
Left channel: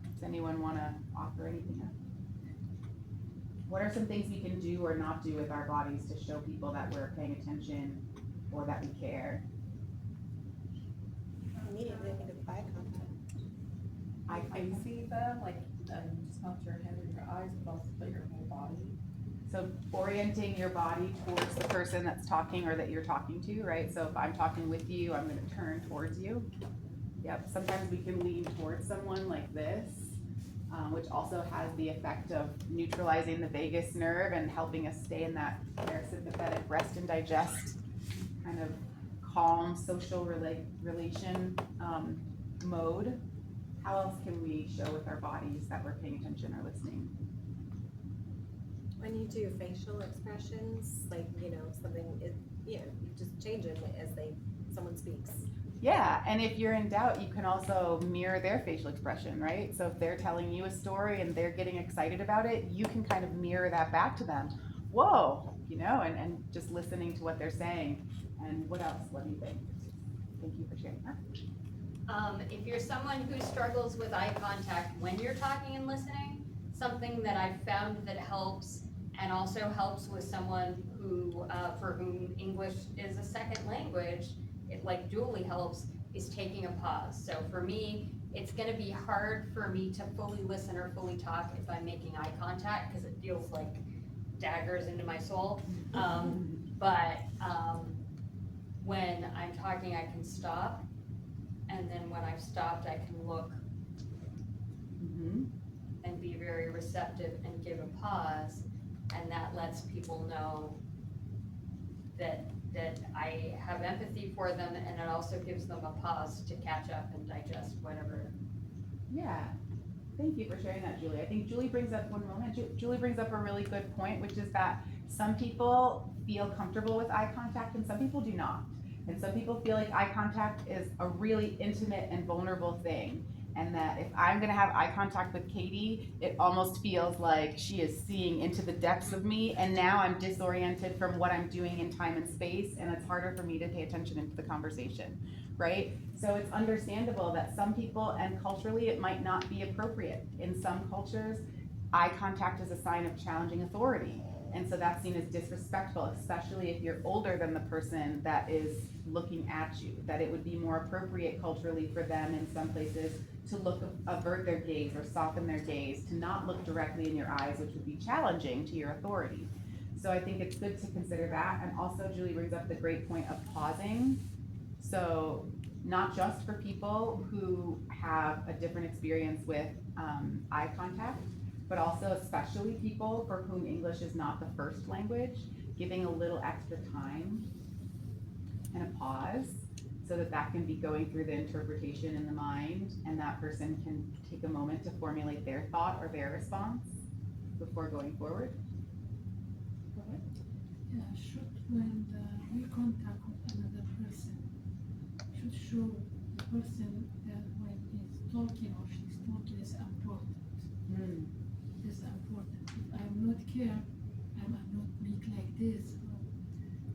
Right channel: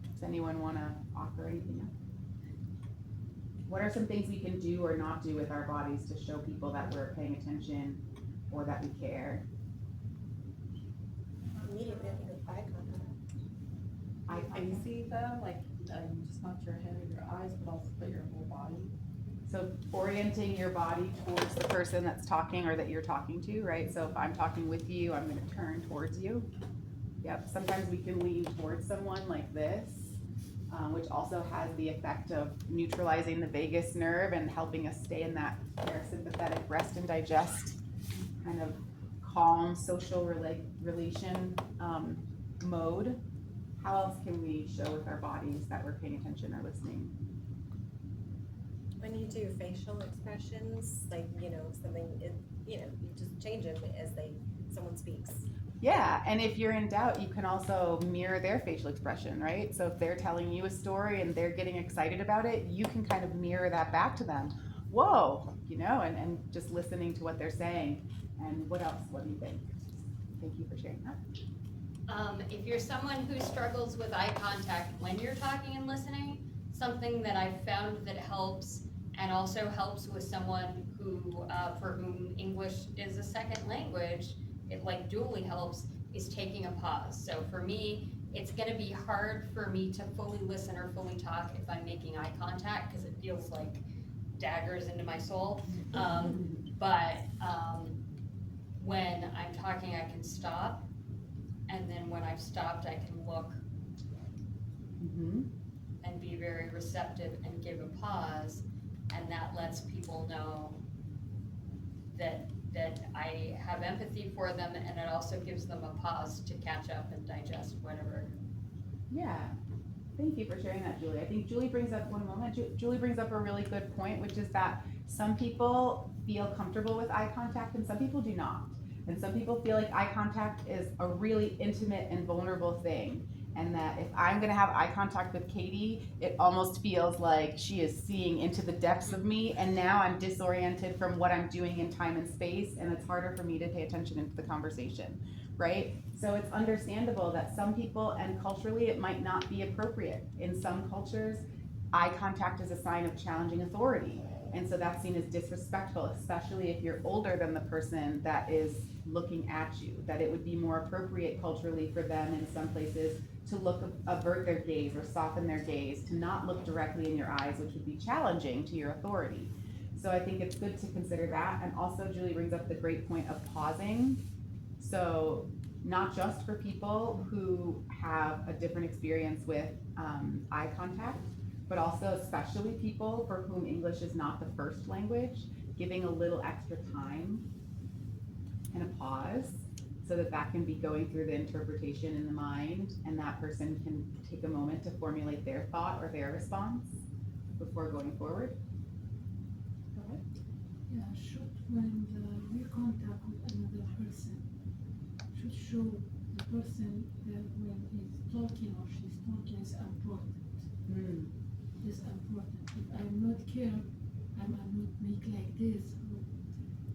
Does anyone wanna offer anything up? What are some things we can do or not do with our bodies to show people that we're paying attention or that we care? Immediately I think of eye contact. I see them, like, just not your head or your eyes, but also your whole body. So orienting your body towards the person that's talking or that you're talking to, right? So if I'm talking with you, I'm gonna turn towards you. Yep, sometimes we can lean towards someone like this, which also has the effect of neutralizing the vagus nerve and helping us stay in that parasympathetic rest and digest kind of calm social relation mode. How else can we show with our bodies that we're paying attention or listening? When you do facial expressions, like, you know, something is, you know, you just change them as someone speaks. Yeah, and if you're in doubt, you can also mirror their facial expression, right? So if they're telling you a story and they're getting excited about it, you can kind of mirror that back to them. Whoa, and just listening to what they're saying. And what else? What do you think? Thank you for sharing that. If you're someone who struggles with eye contact when you're talking and listening, something that I've found that helps and also helps with someone who, for whom English is a second language, it like dually helps, is taking a pause. So for me, it's gonna be hard for me to fully listen or fully talk if I'm making eye contact, because it feels like daggers into my soul. But when I'm talking, I can stop. And then when I've stopped, I can look Mhm. and be very receptive and give a pause. And that lets people know that I have empathy for them, and it also gives them a pause to catch up and digest whatever. Yeah. Thank you for sharing that, Julie. I think Julie brings up one moment. Julie brings up a really good point, which is that some people feel comfortable with eye contact and some people do not. And some people feel like eye contact is a really intimate and vulnerable thing. And that if I'm gonna have eye contact with Katie, it almost feels like she is seeing into the depths of me, and now I'm disoriented from what I'm doing in time and space, and it's harder for me to pay attention into the conversation, right? So it's understandable that some people, and culturally it might not be appropriate. In some cultures, eye contact is a sign of challenging authority. And so that's seen as disrespectful, especially if you're older than the person that is looking at you. That it would be more appropriate culturally for them in some places to avert their gaze or soften their gaze, to not look directly in your eyes, which would be challenging to your authority. So I think it's good to consider that. And also Julie brings up the great point of pausing. So not just for people who have a different experience with eye contact, but also especially people for whom English is not the first language, giving a little extra time and a pause so that that can be going through the interpretation in the mind, and that person can take a moment to formulate their thought or their response before going forward. Go ahead. Yeah, should when we contact with another person, should show the person that when he's talking or she's talking is important. Mm. Is important. If I'm not care, I'm not make like this, or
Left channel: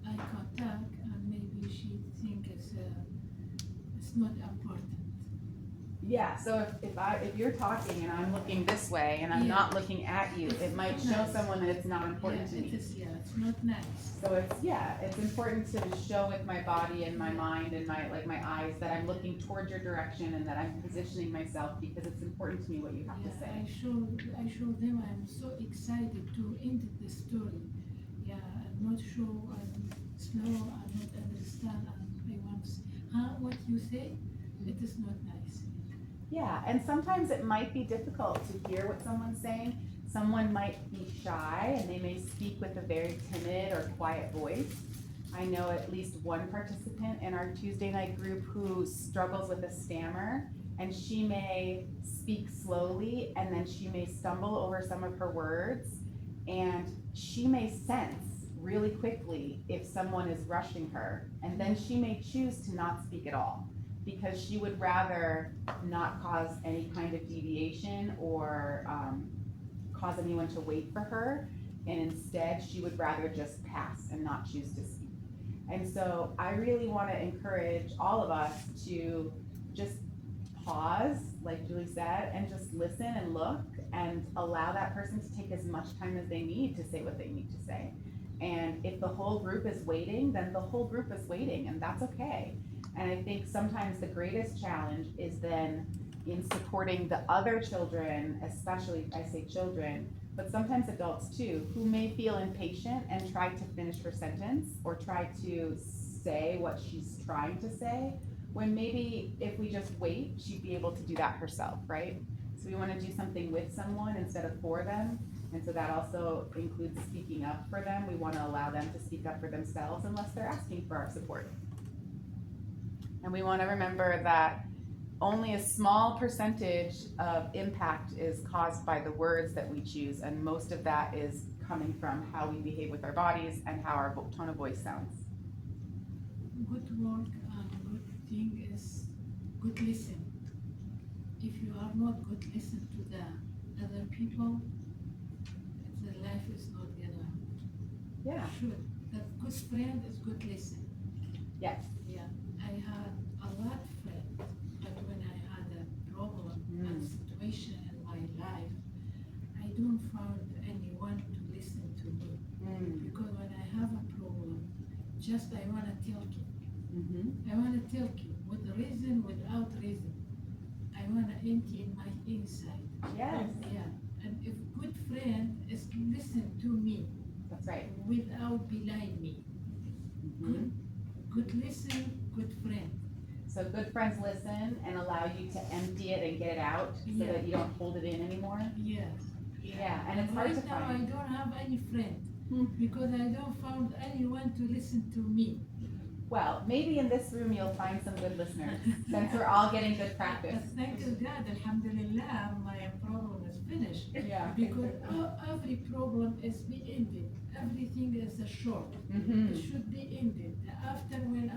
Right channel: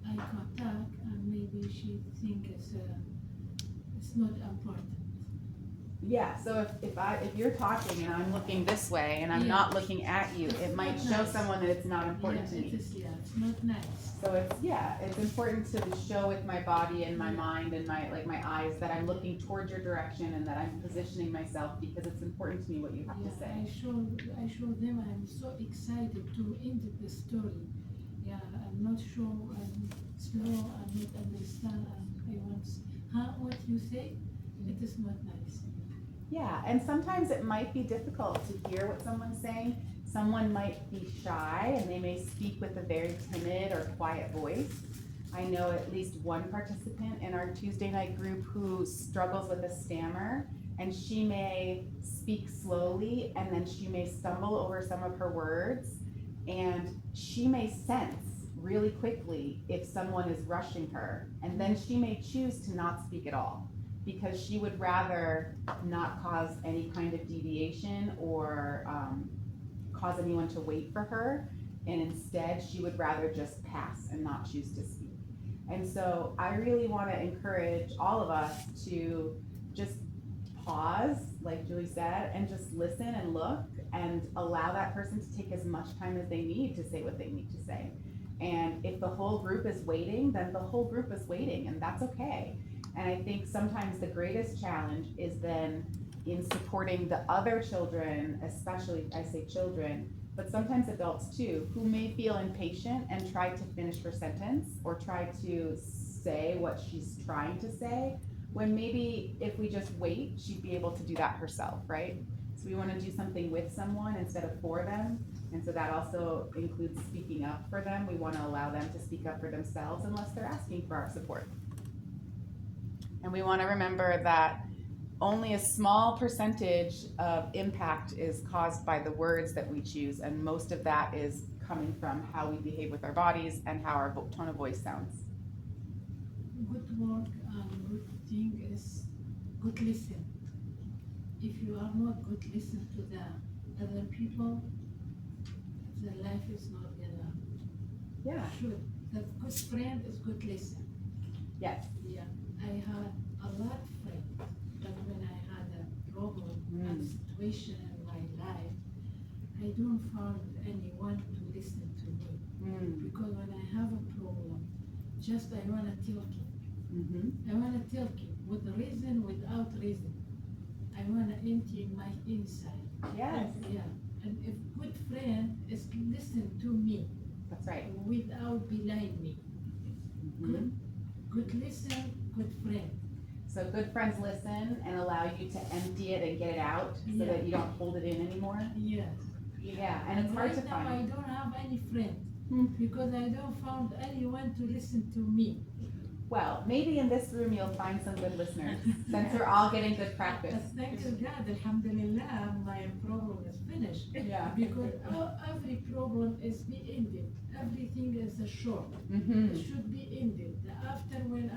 eye contact, and maybe she think it's not important. Yeah, so if you're talking and I'm looking this way and I'm Yeah. not looking at you, It's it might not show nice. someone that it's not important to Yeah, me. it is. Yeah, it's not nice. So it's important to show with my body and my mind and my eyes that I'm looking towards your direction and that I'm positioning myself because it's important to me what you have to Yeah, say. I show them I'm so excited to end the story. Yeah, I'm not sure, I'm slow, I'm not understand, I want, what you say, it is not nice. Yeah, and sometimes it might be difficult to hear what someone's saying. Someone might be shy and they may speak with a very timid or quiet voice. I know at least one participant in our Tuesday night group who struggles with a stammer, and she may speak slowly and then she may stumble over some of her words, and she may sense really quickly if someone is rushing her, and then she may choose to not speak at all because she would rather not cause any kind of deviation or cause anyone to wait for her, and instead she would rather just pass and not choose to speak. And so I really want to encourage all of us to just pause, like Julie said, and just listen and look and allow that person to take as much time as they need to say what they need to say. And if the whole group is waiting, then the whole group is waiting, and that's okay. And I think sometimes the greatest challenge is then in supporting the other children, especially I say children, but sometimes adults too, who may feel impatient and try to finish her sentence or try to say what she's trying to say, when maybe if we just wait, she'd be able to do that herself, right? So we want to do something with someone instead of for them. And so that also includes speaking up for them. We want to allow them to speak up for themselves unless they're asking for our support. And we want to remember that only a small percentage of impact is caused by the words that we choose, and most of that is coming from how we behave with our bodies and how our tone of voice sounds. Good work and good thing is good listen. If you are not good listen to the other people, the life is not gonna Yeah. should. The good friend is good listen. Yes. Yeah, I had a lot of friends, but when I had a problem, a situation in my life, I don't find anyone to listen to me. Because when I have a problem, just I wanna tell you. I wanna tell you with reason, without reason. I wanna empty in my inside. Yes. Yeah, and if good friend is listen to me That's right. without belie me. Good listen, good friend. So good friends listen and allow you to empty it and get it out so Yeah. that you don't hold it in anymore. Yes. Yeah, and it's hard to right now I find. don't have any friend Hmm. because I don't found anyone to listen to me. Well, maybe in this room you'll find some good listeners since we're all getting good practice. But thank you God, alhamdulillah, my problem is finished. Yeah. Because every problem is be ended. Everything is a short. Mm-hmm. It should be ended. After when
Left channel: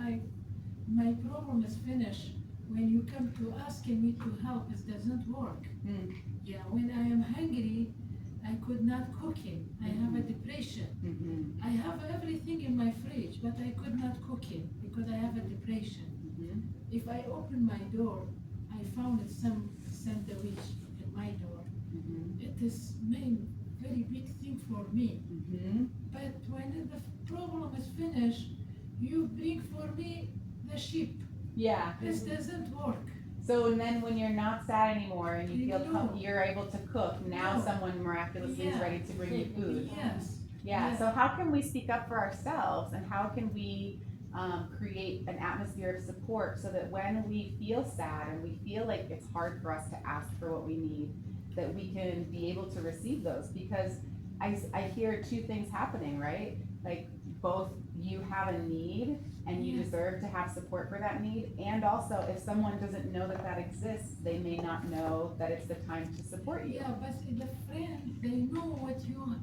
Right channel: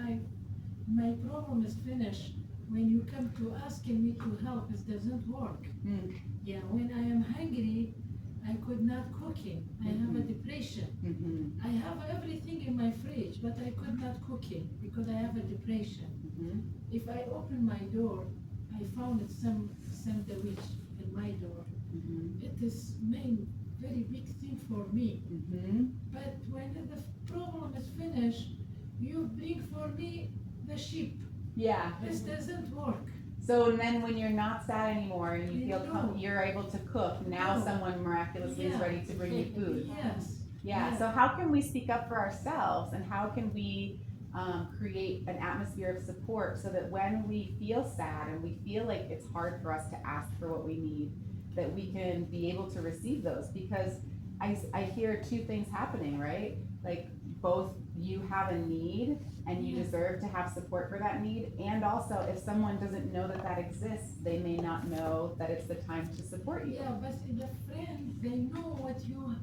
my problem is finished, when you come to asking me to help, it doesn't work. Yeah, when I am hungry, I could not cooking. I have a depression. I have everything in my fridge, but I could not cook it because I have a depression. If I open my door, I found some sandwich in my door. It is main very big thing for me. But when the problem is finished, you bring for me the sheep. Yeah. This doesn't work. So and then when you're not sad anymore and you feel No. you're able to cook, now No. someone miraculously is Yeah. ready to bring you food. Yes. Yeah, so how can we speak up for ourselves and how can we create an atmosphere of support so that when we feel sad and we feel like it's hard for us to ask for what we need, that we can be able to receive those? Because I hear two things happening, right? Like both you have a need and you deserve to have support for that need, and also if someone doesn't know that that exists, they may not know that it's the time to support you. Yeah, but the friend, they know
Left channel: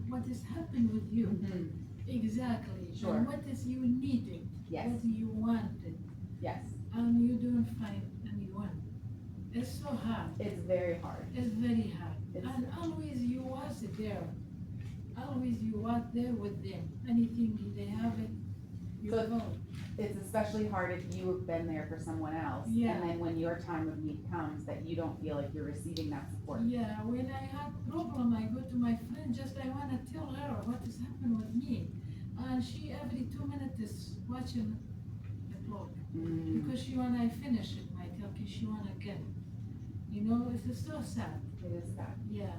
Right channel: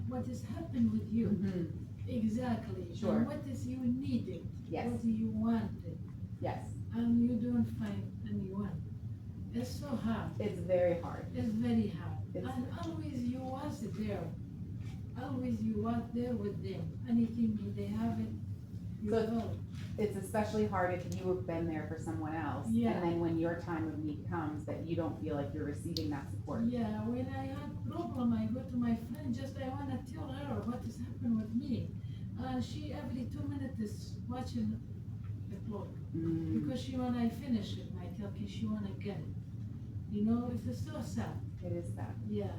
what has happened with you. Exactly. Sure. And what is you needed. Yes. What you wanted. Yes, And you don't find anyone. It's so hard. it's very hard. It's very hard. It's- And always you was there. Always you was there with them. Anything they have it, you So- go. It's especially hard if you have been there for someone else, Yeah. and then when your time of need comes, that you don't feel like you're receiving that support. Yeah, when I have problem, I go to my friend, just I wanna tell her what has happened with me. And she every 2 minutes is watching the clock. Because she wanna finish it, my talking, she wanna get it. You know, it's so sad. It is that, Yeah.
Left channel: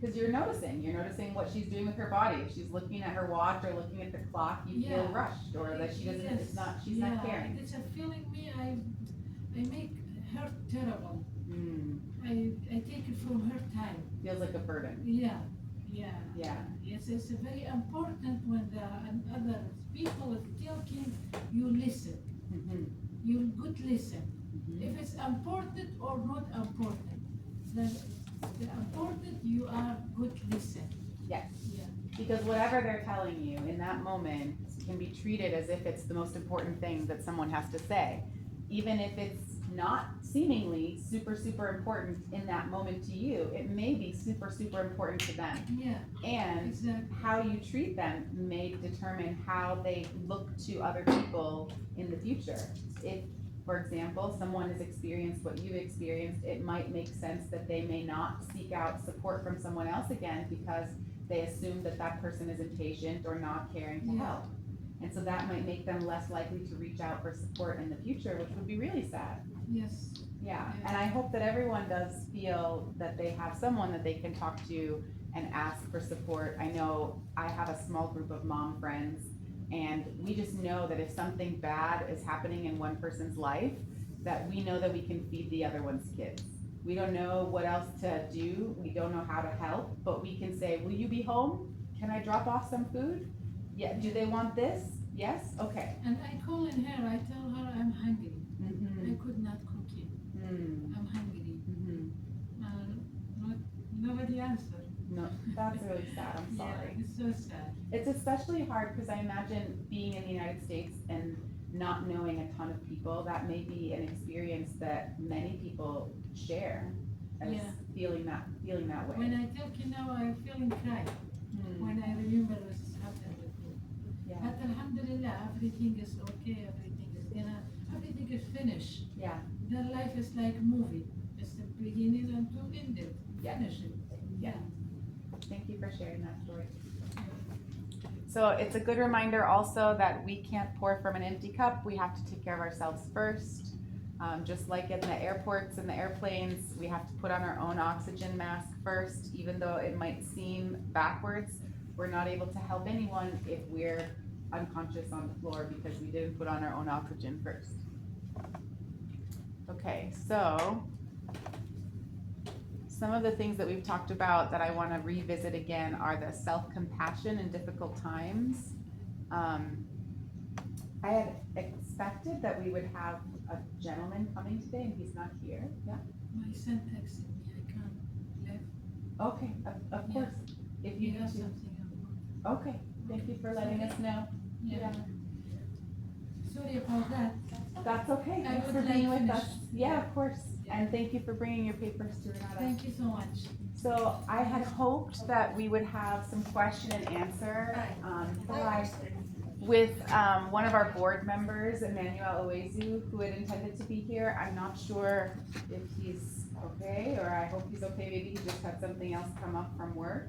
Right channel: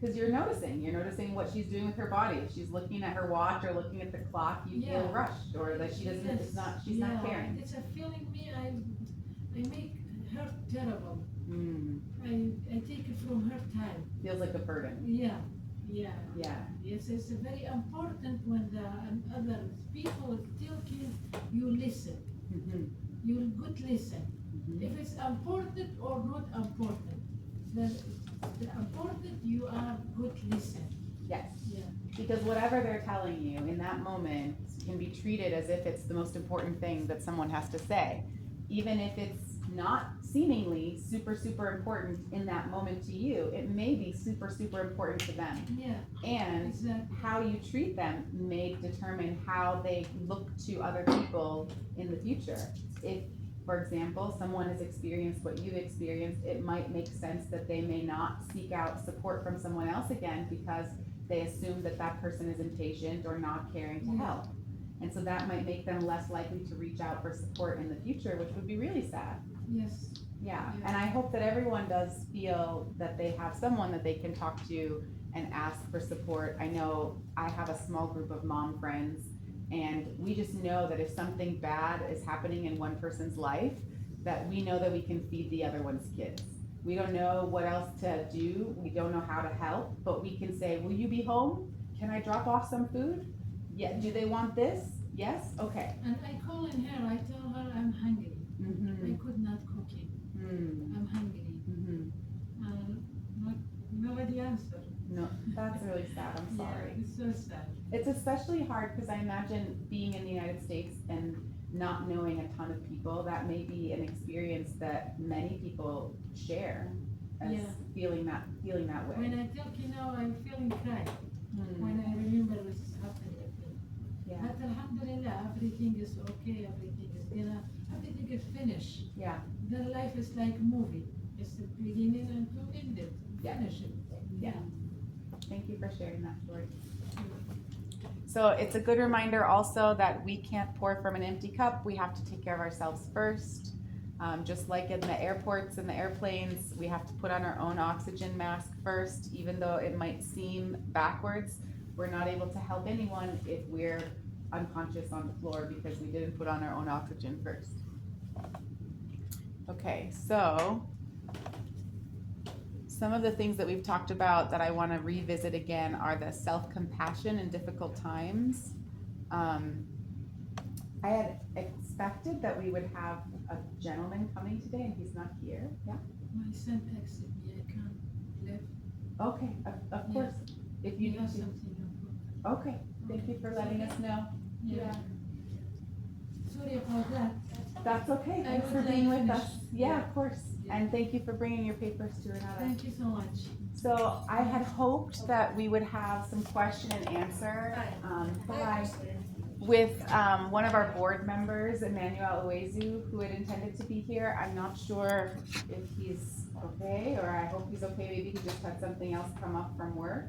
because you're noticing what she's doing with her body. If she's looking at her watch or looking at the clock, you feel Yeah. rushed, or that she doesn't, Yes. she's not caring. It's a feeling me, I make her terrible. Mm, I take it from her time. feels like a burden. Yeah. Yeah, Yes, it's very important when the other people is talking, you listen. Mhm. You good listen. Mhm. If it's important or not important, the important you are good listen. Yes. Yeah. Because whatever they're telling you in that moment can be treated as if it's the most important thing that someone has to say, even if it's not seemingly super, super important in that moment to you. It may be super, super important to them. Yeah. And Exactly. how you treat them may determine how they look to other people in the future. If, for example, someone has experienced what you've experienced, it might make sense that they may not seek out support from someone else again because they assume that that person is impatient or not caring to Yeah. help. And so that might make them less likely to reach out for support in the future, which would be really sad. Yes. Yeah, Yeah. and I hope that everyone does feel that they have someone that they can talk to and ask for support. I know I have a small group of mom friends, and we just know that if something bad is happening in one person's life, that we know that we can feed the other one's kids. We don't know what else to do, we don't know how to help, but we can say, will you be home? Can I drop off some food? Yeah, do they want this? Yes? Okay. And I call in her, I tell her I'm hungry. Mm-hmm. I could not cook it. I'm hungry. Nobody answered. No, that's really sad, I'm sorry. Yeah, it's so sad. It's especially hard because I imagine being in the United States and not knowing a ton of people, that may be an experience that many people share as Yeah. feeling that way. When I talk, I'm feeling cry Hmm. when I remember what's happened with me. Yeah. But Alhamdulillah, everything is okay, everything is finished. Yeah. Their life is like movie. It's the beginning and to end it. Yeah. Finish it. Yeah. Thank you for sharing that story. So it's a good reminder also that we can't pour from an empty cup. We have to take care of ourselves first. Just like in the airports and the airplanes, we have to put on our own oxygen mask first, even though it might seem backwards. We're not able to help anyone if we're unconscious on the floor because we didn't put on our own oxygen first. Okay, so some of the things that we've talked about that I want to revisit again are the self-compassion in difficult times. I had expected that we would have a gentleman coming today, and he's not here. Yeah. My son texted me, I can't live. Okay. Of course. If you He has need to. something important. Okay. Thank you for letting us know. Yeah. Sorry about that. That's okay. I Thanks would for being like with finish. us. Yeah, of course. Yeah. And thank you for bringing your papers to Renata. Thank you so much. So I had hoped that we would have some question and answer with one of our board members, Emmanuel Owezu, who had intended to be here. I'm not sure if he's okay, or I hope he's okay. Maybe he just had something else come up from work.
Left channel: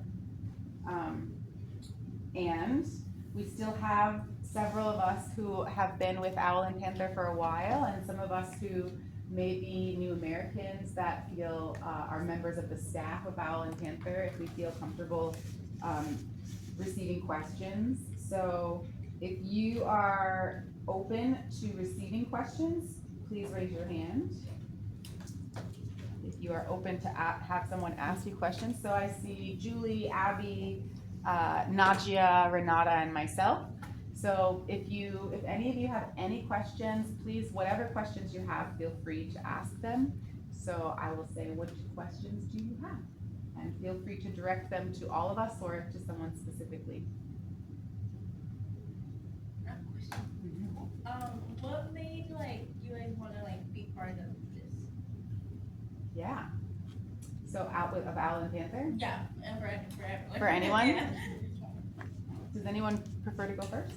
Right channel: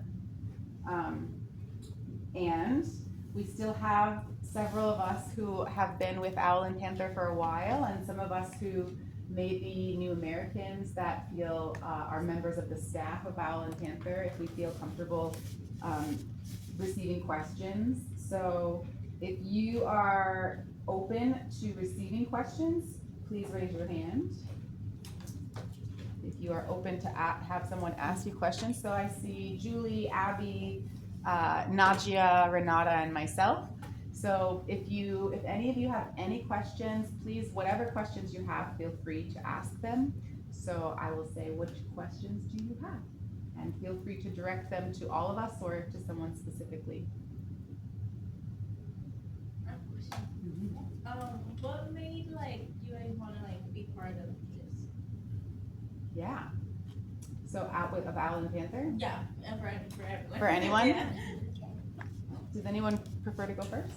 And we still have several of us who have been with Owl and Panther for a while, and some of us who may be new Americans that feel are members of the staff of Owl and Panther, if we feel comfortable receiving questions. So if you are open to receiving questions, please raise your hand. If you are open to have someone ask you questions. So I see Julie, Abby, Nadia, Renata, and myself. So if any of you have any questions, please, whatever questions you have, feel free to ask them. So I will say, which questions do you have? And feel free to direct them to all of us or to someone specifically. What made you guys want to be part of this? Yeah. So out of Owl and Panther? Yeah, for everyone. For anyone? Yeah. Does anyone prefer to go first?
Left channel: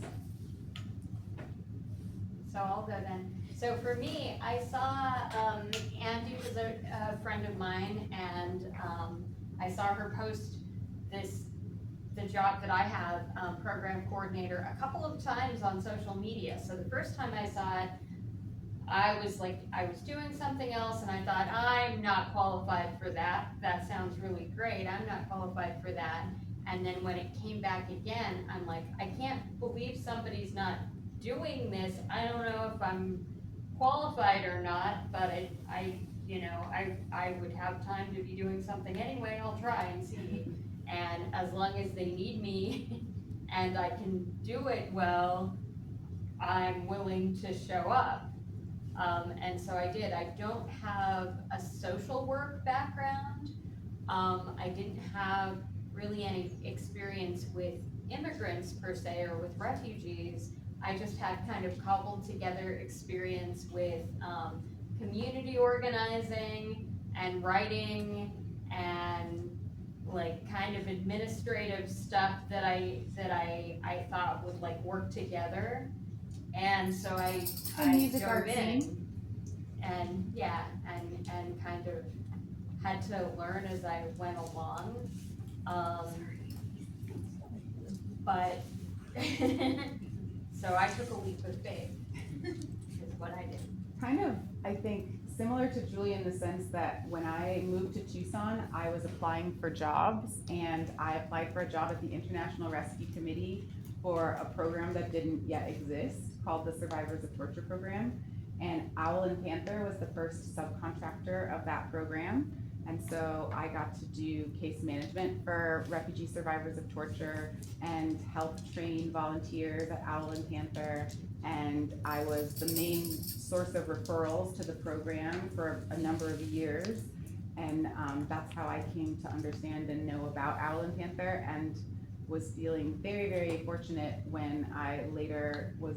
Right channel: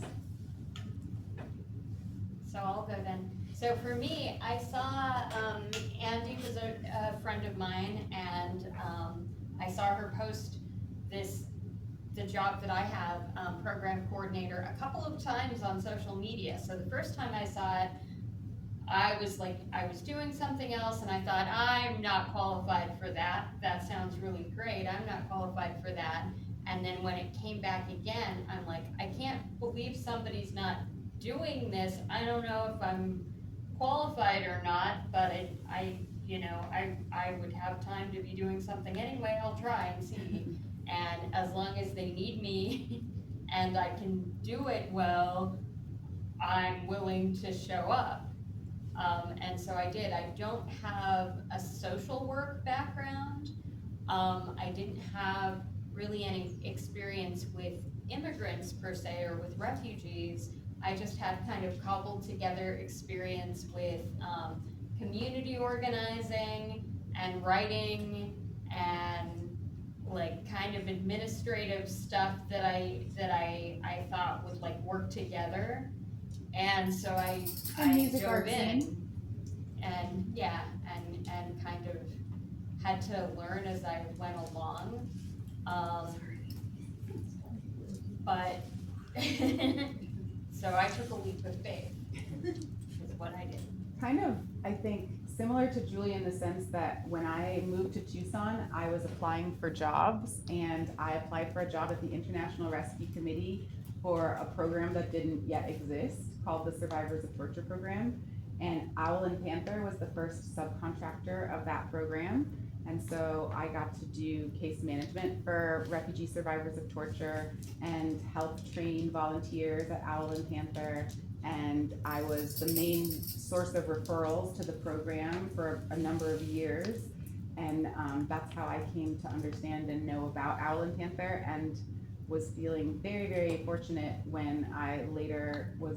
So I'll go then. So for me, I saw Andy was a friend of mine, and I saw her post the job that I have, program coordinator, a couple of times on social media. So the first time I saw it, I was doing something else, and I thought, I'm not qualified for that. That sounds really great. I'm not qualified for that. And then when it came back again, I'm like, I can't believe somebody's not doing this. I don't know if I'm qualified or not, but I would have time to be doing something anyway. I'll try and see. And as long as they need me and I can do it well, I'm willing to show up. And so I did. I don't have a social work background. I didn't have really any experience with immigrants per se, or with refugees. I just had kind of cobbled together experience with community organizing and writing and kind of administrative stuff that I thought would work together. And so I music, dove art, in, singing. and yeah, and kind of had to learn as I went along. But so I took a leap of faith, is what I did. Kind of, I think, similar to Julie in the sense that when I moved to Tucson, I was applying for jobs, and I applied for a job at the International Rescue Committee for a program that didn't yet exist called the Survivors of Torture Program. And Owl and Panther was the first subcontractor of that program. And so I got to do case management for refugee survivors of torture and help train volunteers at Owl and Panther. And I was the main source of referrals to the program for a number of years. And that's how I came to understand and know about Owl and Panther, and was feeling very, very fortunate when I later was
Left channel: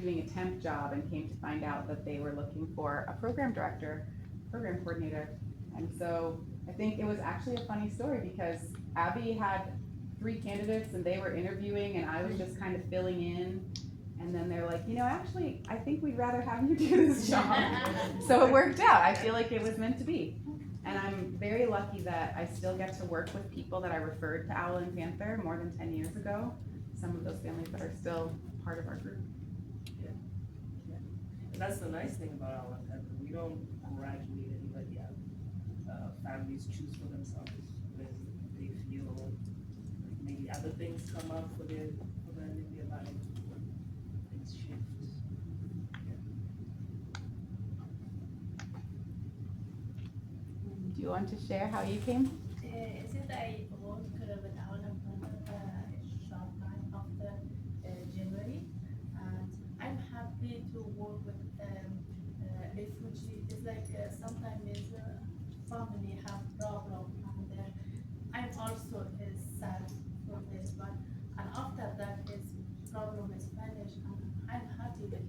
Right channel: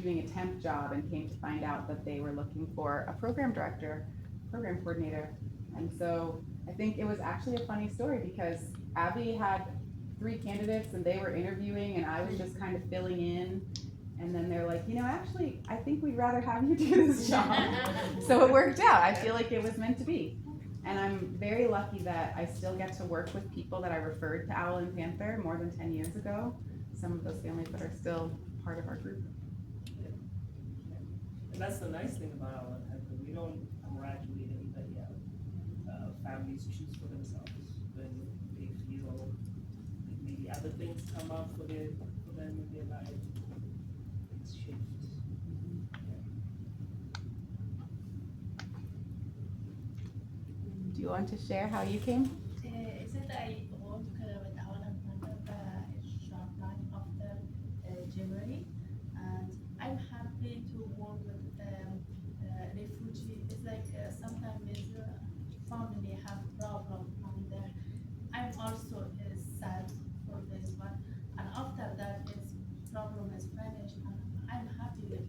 doing a temp job and came to find out that they were looking for a program director, program coordinator. And so I think it was actually a funny story because Abby had 3 candidates and they were interviewing and I was just kind of filling in. And then they're like, actually, I think we'd rather have you do this job. So it worked out. I feel like it was meant to be. And I'm very lucky that I still get to work with people that I referred to Owl and Panther more than 10 years ago. Some of those families that are still part of our group. And that's the nice thing about our Panther. We don't graduate anybody out. Families choose for themselves when they feel like maybe other things come up for them in their life. Things shift. Do you want to share how you came? Since I work with our Panther a short time after January, and I'm happy to work with refugee. It's like sometimes family have problem, and I'm also sad for this one. And after that, its problem is finished, and I'm happy with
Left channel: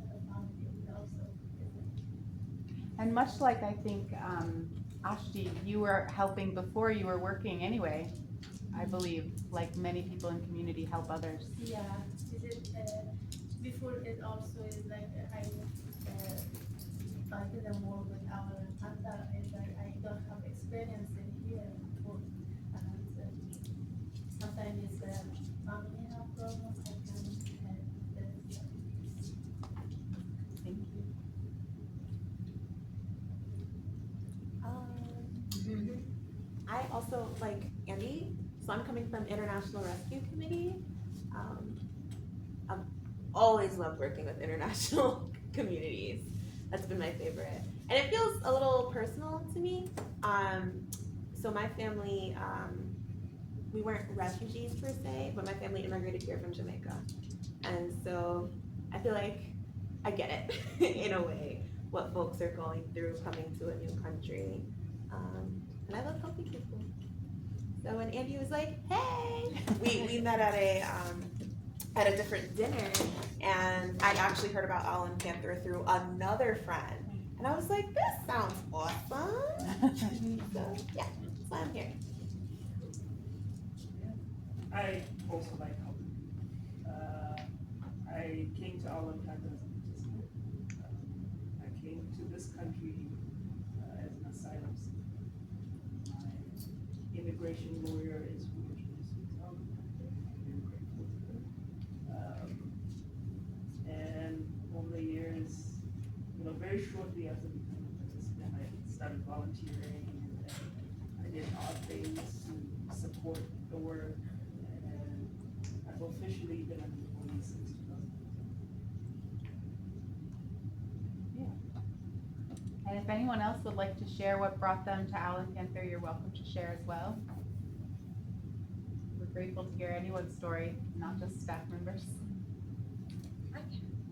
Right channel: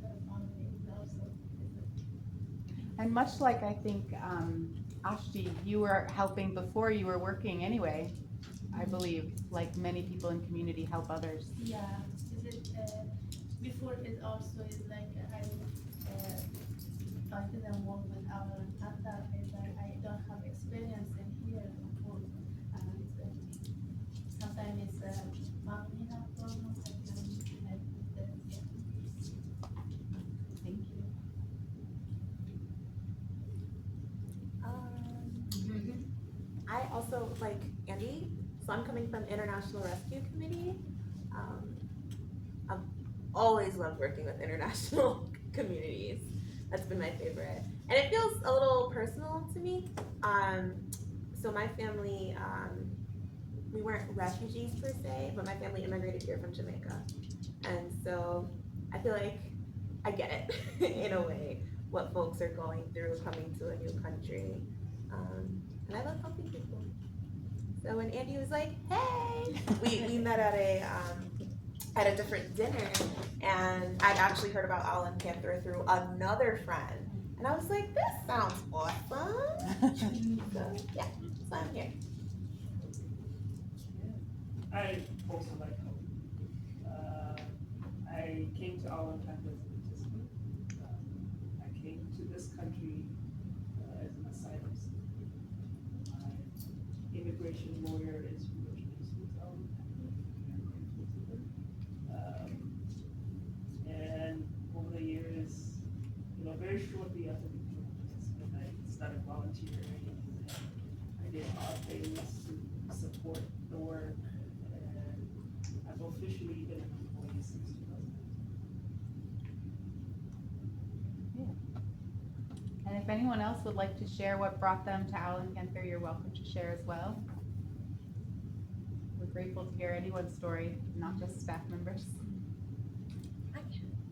family also. And much like I think Ashti, you were helping before you were working anyway, I believe, like many people in community help others. Yeah, is it before it also is like I didn't work with our Panther, is like I don't have experience in here before, and sometimes it's family have problem. I can help with this. Thank you. I also like Andy, so I'm coming from International Rescue Committee. I've always loved working with international communities. That's been my favorite. And it feels a little personal to me. So my family, we weren't refugees per se, but my family immigrated here from Jamaica. And so I feel like I get it in a way, what folks are going through coming to a new country. And I love helping people. So when Andy was like, hey, we met at a different dinner, and I'd actually heard about Owl and Panther through another friend. And I was like, this sounds awesome. So yeah, so I'm here. I also like helping. I came to Owl and Panther as a participant. I came to this country as an asylum seeker. My immigration lawyer is who introduced me to Owl and Panther. I'm grateful to them. And over the years, very shortly after becoming a participant, I started volunteering and I did odd things to support the work. And I've officially been an employee since 2010. And if anyone else would like to share what brought them to Owl and Panther, you're welcome to share as well. We're grateful to hear anyone's story, not just staff members.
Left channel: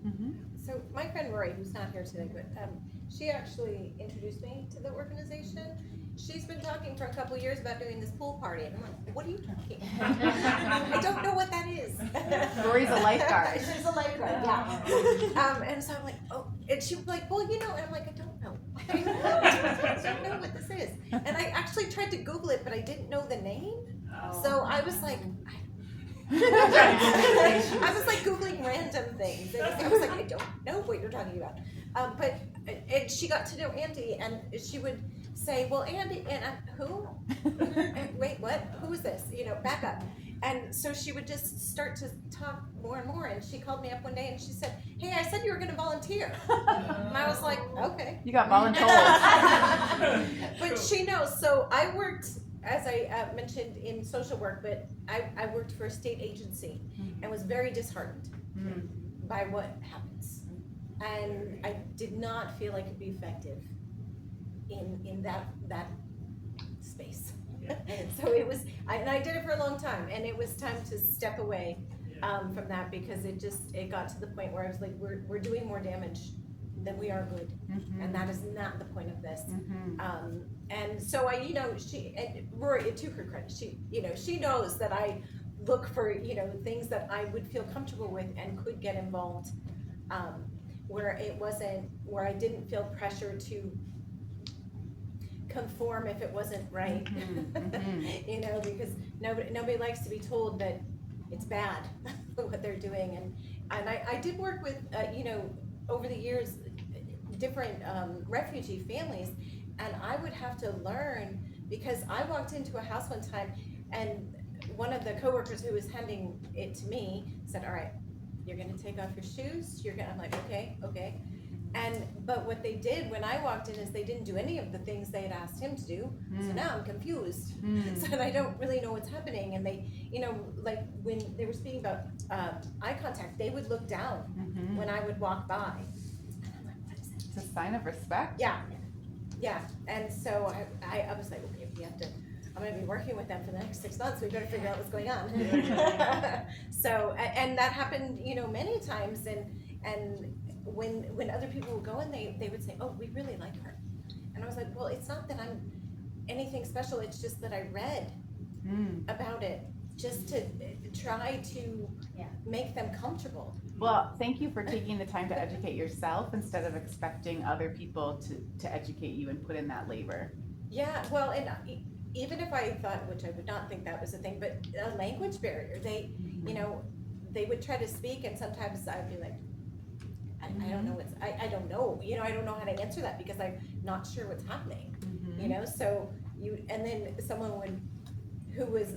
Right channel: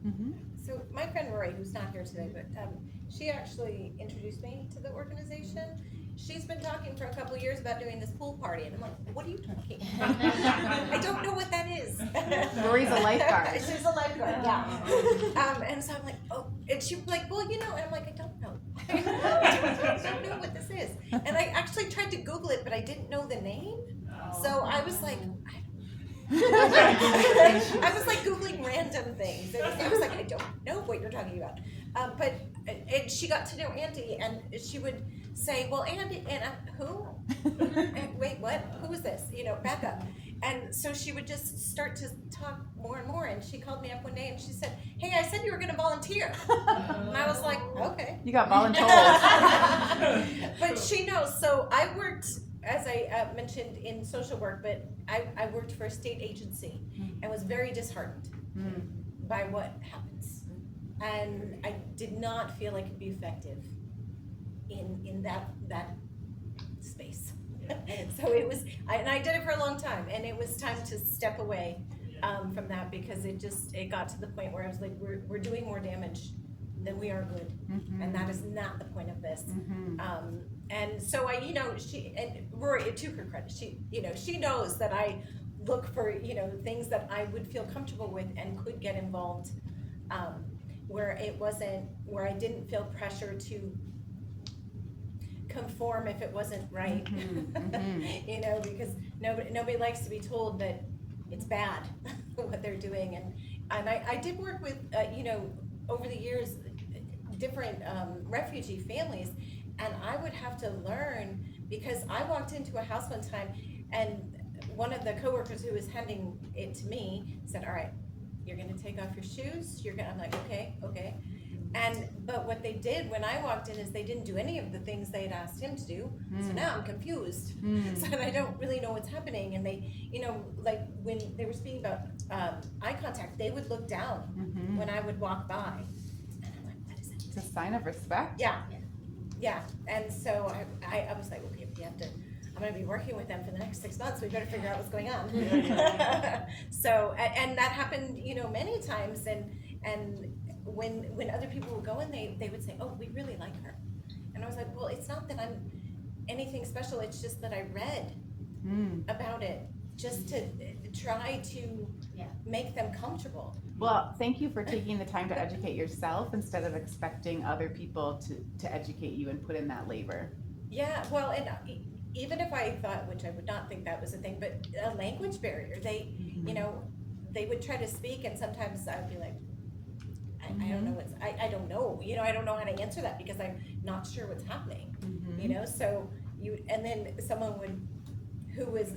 Mm-hmm. So my friend Rory, who's not here today, but she actually introduced me to the organization. She's been talking for a couple of years about doing this pool party, and I'm like, what are you talking about? I don't know what that is. Rory's a lifeguard. She's a lifeguard, yeah. And so I'm like, oh, and she was like, well, and I'm like, I don't know. I don't know what this is. And I actually tried to Google it, but I didn't know the name. So I was like, I was like Googling random things. I was like, I don't know what you're talking about. And she got to know Andy, and she would say, well, Andy, and who? And, wait, what? Who is this? Back up. And so she would just start to talk more and more. And she called me up one day and she said, hey, I said you were going to volunteer. And I was like, okay. You got voluntold. But she knows. So I worked, as I mentioned, in social work, but I worked for a state agency and was very disheartened by what happens. And I did not feel I could be effective in that space. So it was, and I did it for a long time, and it was time to step away from that because it got to the point where I was like, we're doing more damage than we are good, and that is not the point of this. And so she, and Rory, to her credit, she knows that I look for things that I would feel comfortable with and could get involved where it wasn't, where I didn't feel pressure to conform if it wasn't right. You know, because nobody likes to be told that it's bad what they're doing, and I did work with you know, over the years, different refugee families, and I would have to learn, because I walked into a house one time and one of the coworkers who was handing it to me said, all right, you're gonna take off your shoes, I'm like, okay. But what they did when I walked in is they didn't do any of the things they had asked him to do. So now I'm confused. So I don't really know what's happening. And they, you know, like when they were speaking about eye contact, they would look down when I would walk by. And I'm like, what is that? It's a sign of respect. Yeah. And so I was like, okay, I'm gonna be working with them for the next 6 months. We better figure out what's going on. So, and that happened, you know, many times. And when other people would go in, they would say, oh, we really like her. And I was like, well, it's not that I'm anything special, it's just that I read about it, just to try to make them comfortable. Well, thank you for taking the time to educate yourself instead of expecting other people to educate you and put in that labor. Yeah, well, and even if I thought, which I would not think that was a thing, but a language barrier, they, you know, they would try to speak, and sometimes I'd be like, I don't know I don't know, you know, I don't know how to answer that because I'm not sure what's happening, you know, so and then someone who was,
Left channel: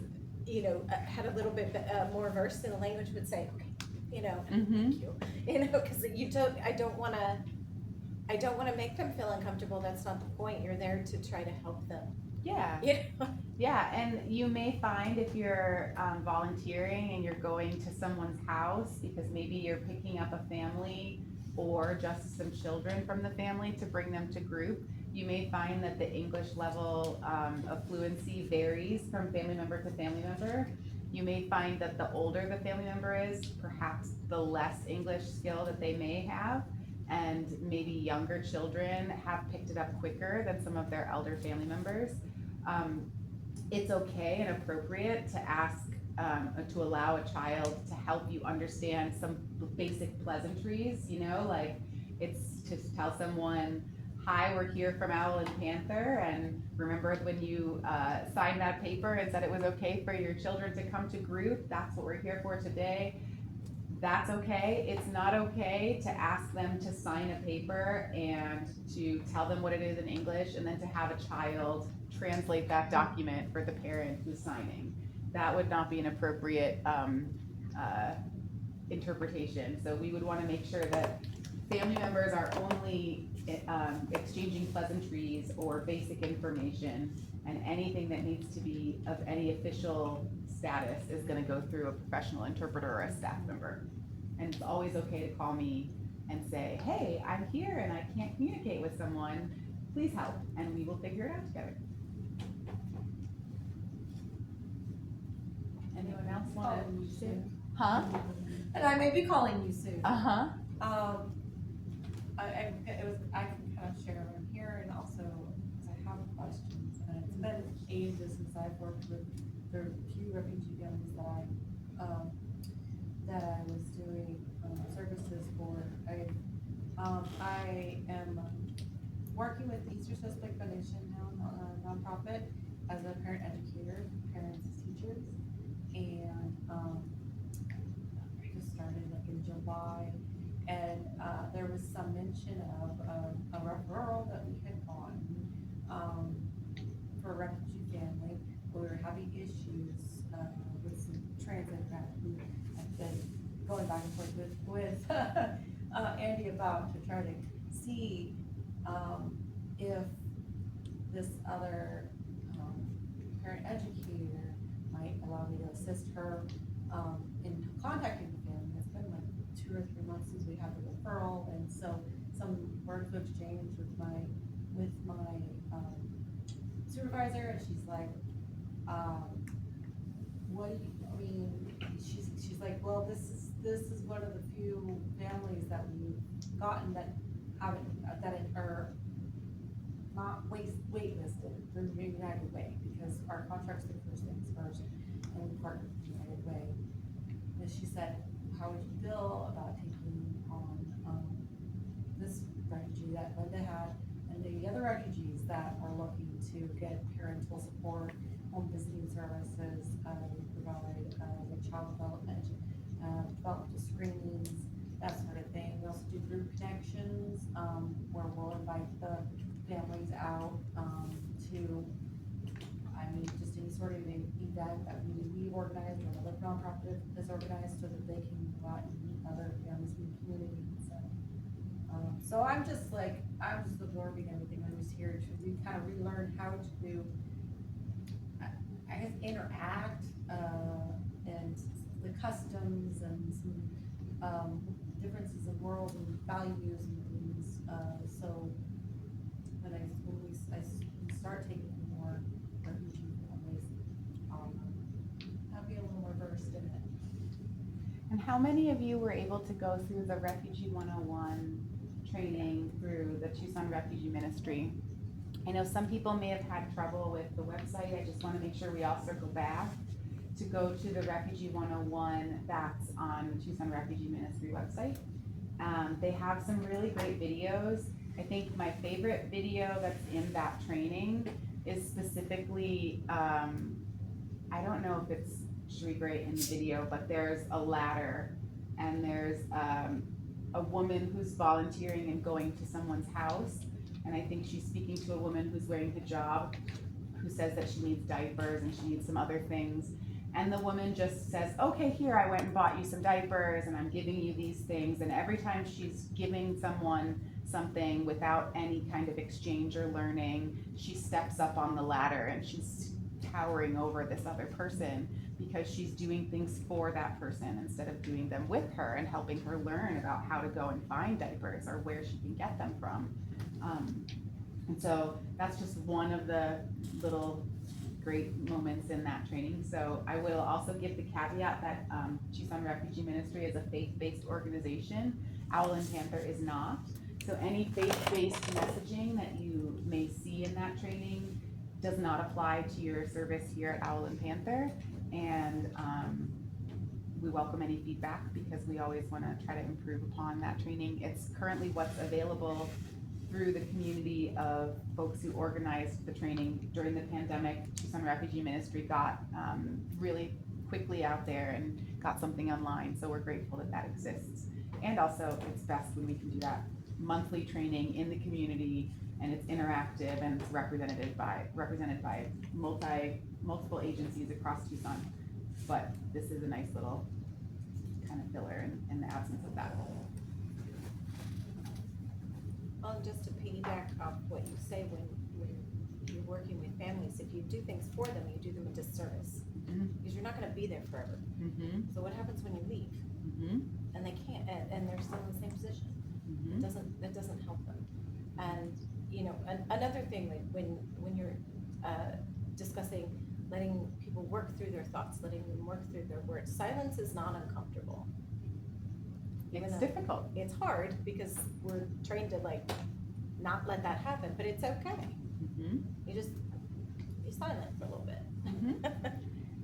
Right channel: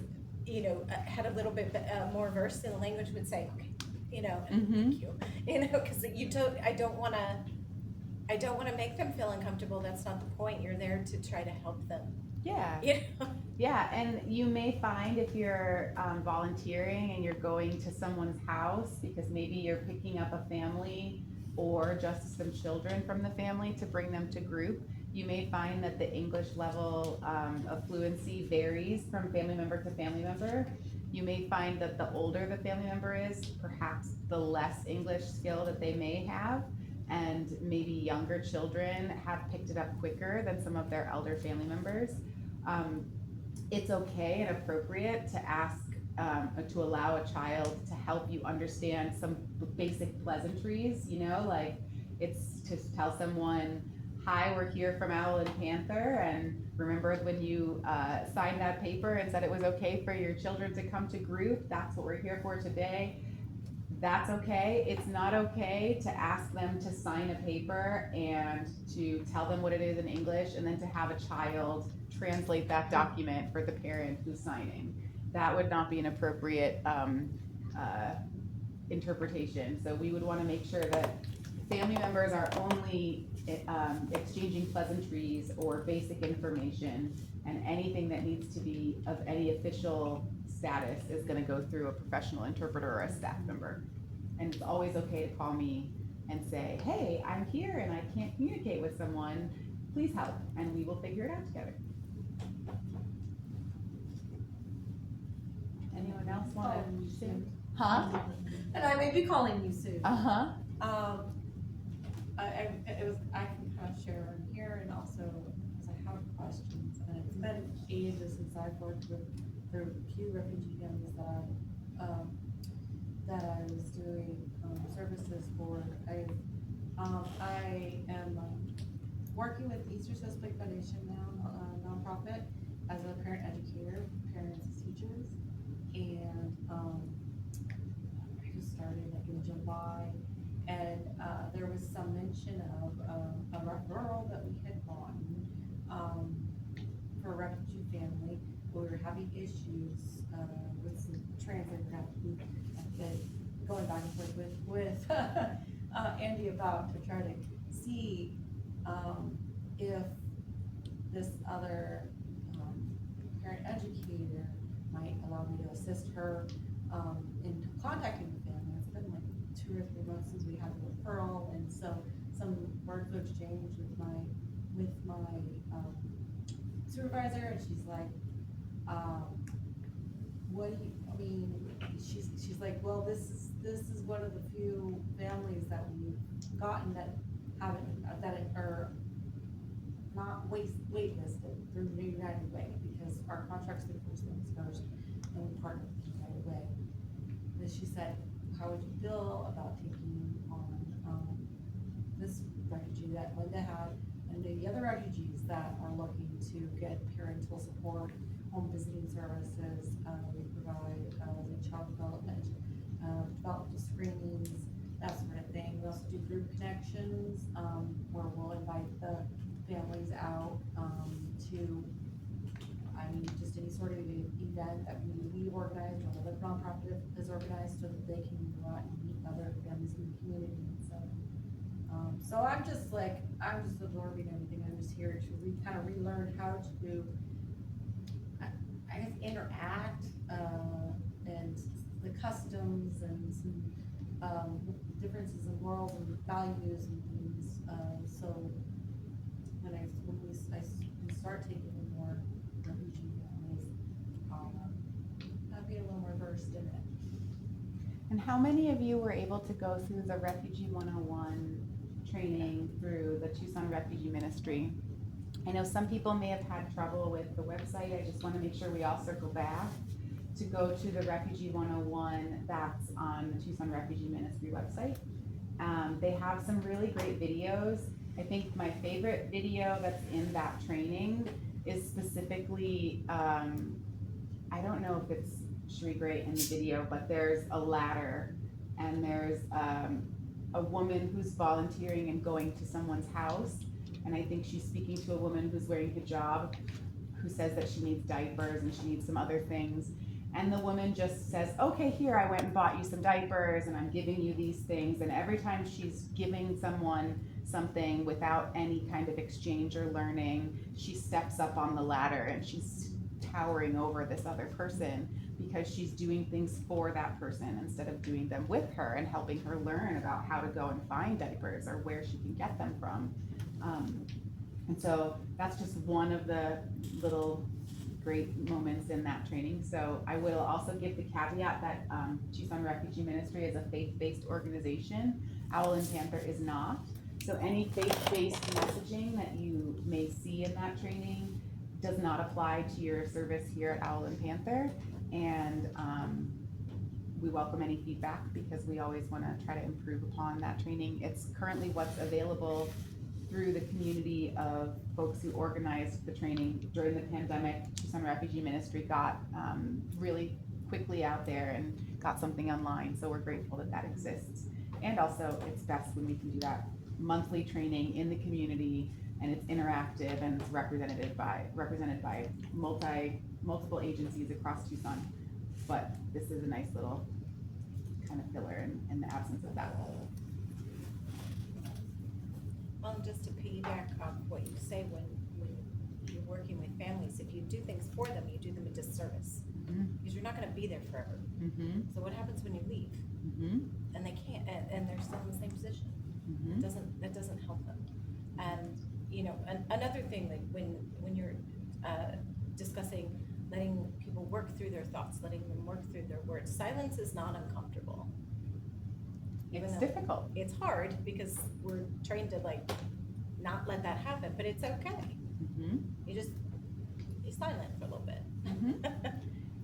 you know, had a little bit more versed in the language would say, okay, you know, thank you, you know, because I don't want to make them feel uncomfortable. That's not the point. You're there to try to help them. Yeah. You know? Yeah, and you may find if you're volunteering and you're going to someone's house because maybe you're picking up a family or just some children from the family to bring them to group, you may find that the English level of fluency varies from family member to family member. You may find that the older the family member is, perhaps the less English skill that they may have, and maybe younger children have picked it up quicker than some of their elder family members. It's okay and appropriate to ask, to allow a child to help you understand some basic pleasantries, you know, like it's to tell someone, hi, we're here from Owl and Panther, and remember when you signed that paper and said it was okay for your children to come to group, that's what we're here for today. That's okay. It's not okay to ask them to sign a paper and to tell them what it is in English and then to have a child translate that document for the parent who's signing. That would not be an appropriate interpretation. So we would want to make sure that family members are only exchanging pleasantries or basic information, and anything that needs to be of any official status is going to go through a professional interpreter or a staff member. And it's always okay to call me and say, hey, I'm here and I can't communicate with someone, please help, and we will figure it out together. Anyone else want to? Calling you soon. Huh? And I may be calling you soon. Uh-huh. I can kind of share in here, and also because I have questions, and it's been ages since I've worked with the few refugee families that I was doing services for. I am working with Easter Suspect Foundation now, a nonprofit, as a parent educator, parents as teachers, and I just started like in July, and there was some mention of a referral that we had gotten for a refugee family. We were having issues with some transit gravity. I've been going back and forth with Andy about to try to see if this other parent educator might allow me to assist her in contacting the family. It's been like 2 or 3 months since we had the referral, and so some words were exchanged with my supervisor, and she's like, what do you, I mean, she's like, well, this is one of the few families that we've gotten that are not waitlisted through United Way, because our contracts do first things first, and we partner with United Way. And she said, how would you feel about taking on this refugee that Linda had, and the other refugees that are looking to get parental support, home visiting services. We provide like child development, developmental screenings, that sort of thing. We also do group connections, where we'll invite the families out to, just any sort of event that we organized or another nonprofit has organized, so that they can go out and meet other families in the community. So I'm just absorbing everything. I'm just here to kind of relearn how to, I guess, interact, and the customs and some differences in morals and values and things. So when we start taking in more refugee families, I'll be a little more versed in it. And how many of you were able to go through the Refugee 101 training through the Tucson Refugee Ministry? I know some people may have had trouble with the website. I just want to make sure we all circle back to go to the Refugee 101 that's on the Tucson Refugee Ministry website. They have some really great videos. I think my favorite video that's in that training is specifically, I don't know if it's Sheree Gray in the video, but there's a ladder and there's a woman who's volunteering and going to someone's house, and I think she's speaking to a woman who's wearing hijab, who says that she needs diapers and she needs some other things, and the woman just says, okay, here, I went and bought you some diapers and I'm giving you these things, and every time she's giving someone something without any kind of exchange or learning, she steps up on the ladder and she's towering over this other person, because she's doing things for that person instead of doing them with her and helping her learn about how to go and find diapers or where she can get them from. And so that's just one of the little great moments in that training. So I will also give the caveat that Tucson Refugee Ministry is a faith-based organization. Owl and Panther is not. So any faith-based messaging that you may see in that training does not apply to your service here at Owl and Panther. And we welcome any feedback, because we always want to try to improve upon that training. It's currently what's available through the community of folks who organized the training during the pandemic. Tucson Refugee Ministry got really quickly out there and got something online, so we're grateful that that exists. And also, it's best when we can do that monthly training in the community, and it's interactive and it's represented by multiple agencies across Tucson. But this is a nice little kind of filler in the absence of that. Well, just to piggyback off what you say, when you're working with families, if you do things for them, you do them a disservice. Because you're not gonna be there forever. So what happens when you leave? And they can't, and they're still in the same position? It doesn't help them. And, another thing, like when you're discussing letting people work through their thoughts, letting them work through their words, silence is not uncomfortable. It's difficult. It's hard because we're trained to not let that happen, but it's okay. You're silent for a little bit.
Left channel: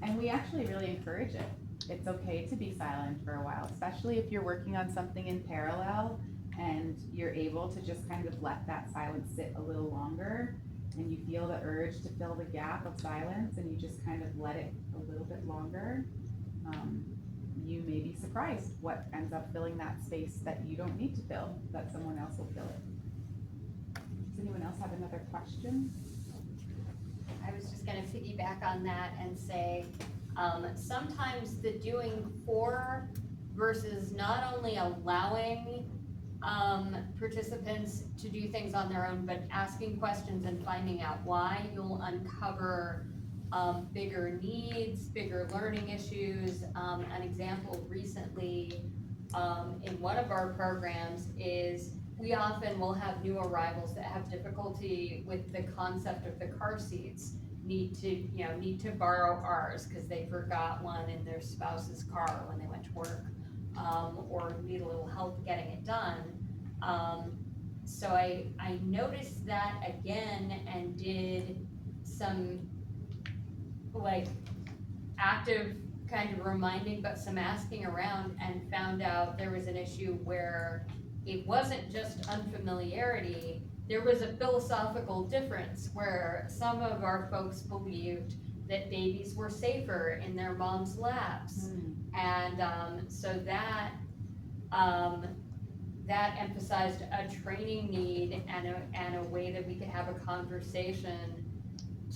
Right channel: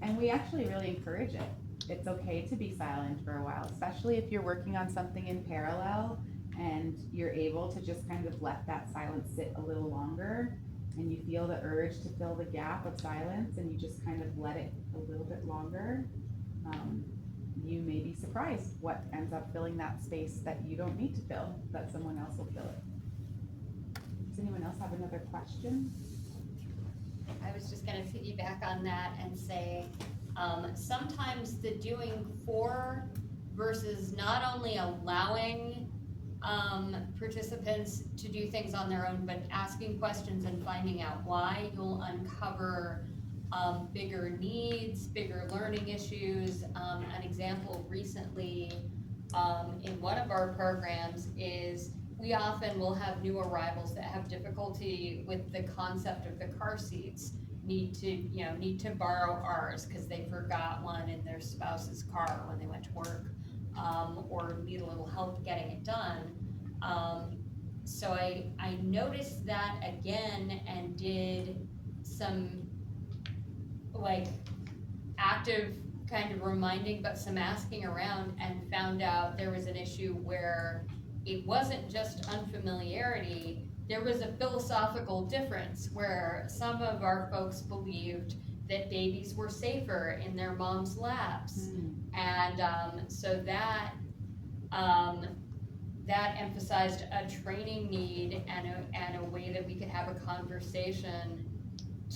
And we actually really encourage it. It's okay to be silent for a while, especially if you're working on something in parallel and you're able to just kind of let that silence sit a little longer, and you feel the urge to fill the gap of silence, and you just kind of let it a little bit longer. You may be surprised what ends up filling that space that you don't need to fill, that someone else will fill it. Does anyone else have another question? I was just gonna piggyback on that and say, sometimes the doing for versus not only allowing participants to do things on their own, but asking questions and finding out why, you'll uncover bigger needs, bigger learning issues. An example recently in one of our programs is we often will have new arrivals that have difficulty with the concept of the car seats, need to borrow ours because they forgot one in their spouse's car when they went to work, or need a little help getting it done. So I noticed that again and did some active kind of reminding, but some asking around, and found out there was an issue where it wasn't just unfamiliarity, there was a philosophical difference where some of our folks believed that babies were safer in their mom's laps. And so that emphasized a training need and a way that we could have a conversation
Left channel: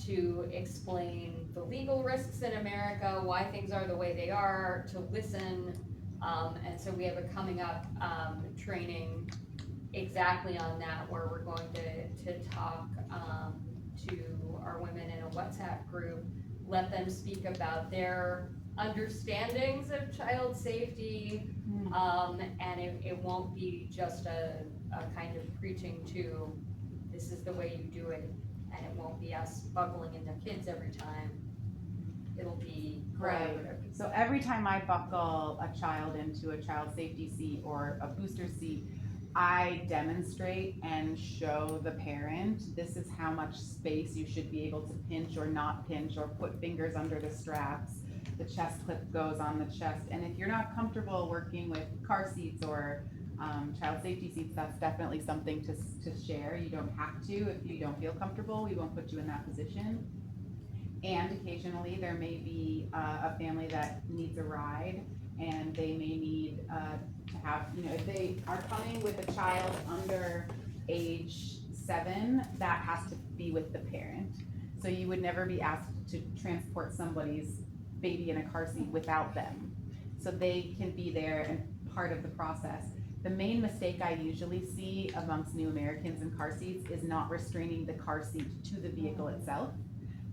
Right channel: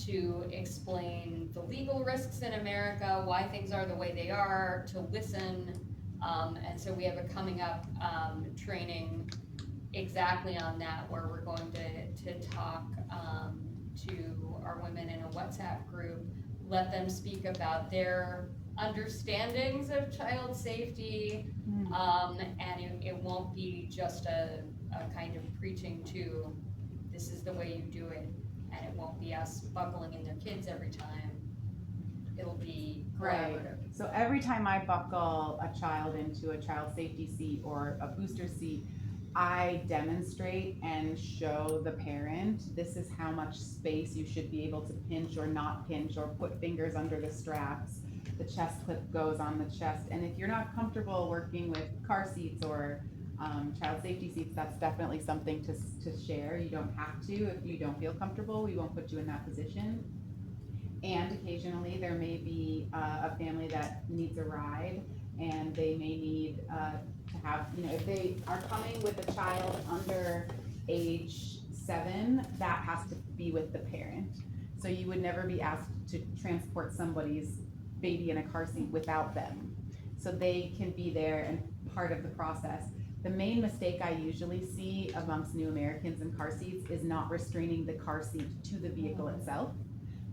to explain the legal risks in America, why things are the way they are, to listen. And so we have a coming up training exactly on that, where we're going to talk to our women in a WhatsApp group, let them speak about their understandings of child safety, and it won't be just a kind of preaching to, this is the way you do it, and it won't be us buckling into kids every time. It'll be collaborative. So every time I buckle a child into a child safety seat or a booster seat, I demonstrate and show the parent, this is how much space you should be able to pinch or not pinch, or put fingers under the straps. The chest clip goes on the chest. And if you're not comfortable working with car seats or child safety seats, that's definitely something to share. You don't have to. If you don't feel comfortable, we won't put you in that position. And occasionally there may be a family that needs a ride, and they may need to have, if they are coming with a child under age 7, that has to be with the parent. So you would never be asked to transport somebody's baby in a car seat without them. So they can be there and part of the process. The main mistake I usually see amongst new Americans in car seats is not restraining the car seat to the vehicle itself.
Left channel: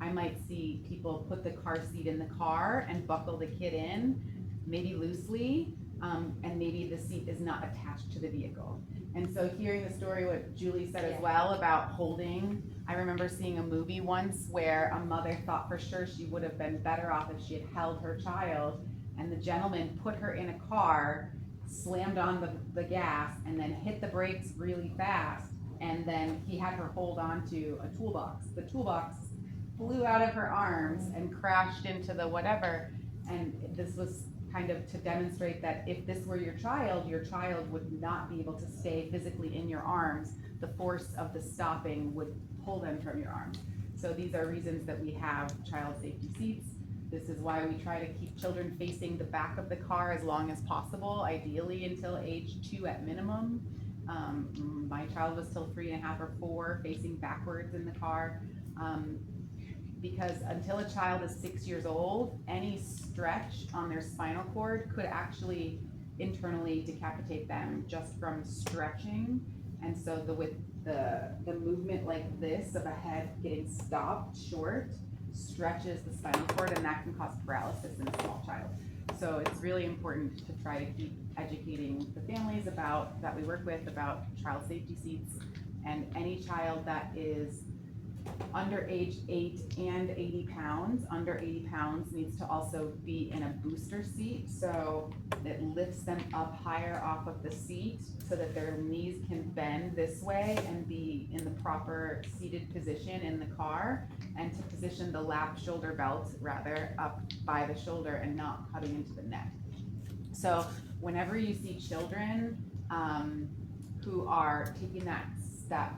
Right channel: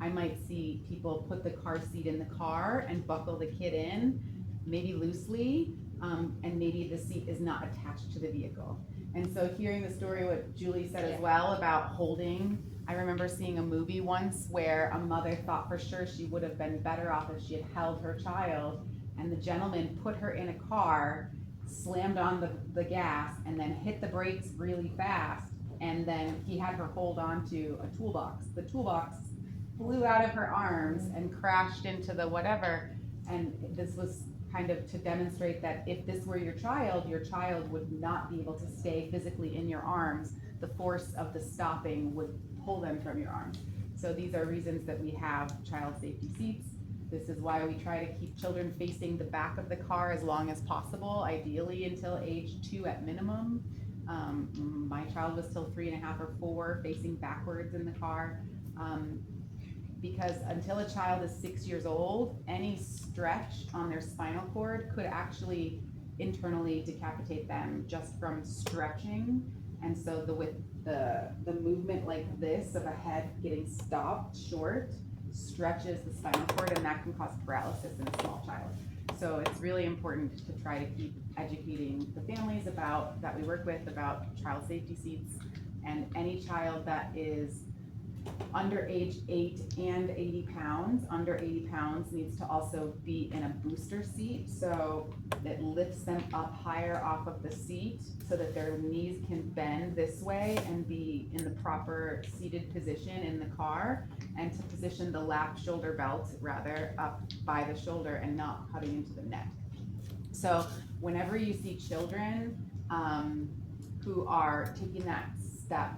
I might see people put the car seat in the car and buckle the kid in, maybe loosely, and maybe the seat is not attached to the vehicle. And so hearing the story, what Julie said as well about holding, I remember seeing a movie once where a mother thought for sure she would have been better off if she had held her child, and the gentleman put her in a car, slammed on the gas, and then hit the brakes really fast, and then he had her hold on to a toolbox. The toolbox flew out of her arms and crashed into the whatever, and this was kind of to demonstrate that if this were your child would not be able to stay physically in your arms. The force of the stopping would pull them from your arms. So these are reasons that we have child safety seats. This is why we try to keep children facing the back of the car as long as possible, ideally until age 2 at minimum. My child was till 3.5 or 4, facing backwards in the car. Because until a child is 6 years old, any stretch on their spinal cord could actually internally decapitate them just from stretching. And so with the movement like this of a head getting stopped short stretches the spinal cord, and that can cause paralysis in a small child. So it's really important to try to keep educating the families that we work with about child safety seats, and any child that is under age 8 and 80 pounds, under 80 pounds needs to also be in a booster seat, so it lifts them up higher off of the seat so that their knees can bend this way and be in the proper seated position in the car, and to position the lap shoulder belt rather up by the shoulder and not cutting into the neck. So whenever you see children who are taking that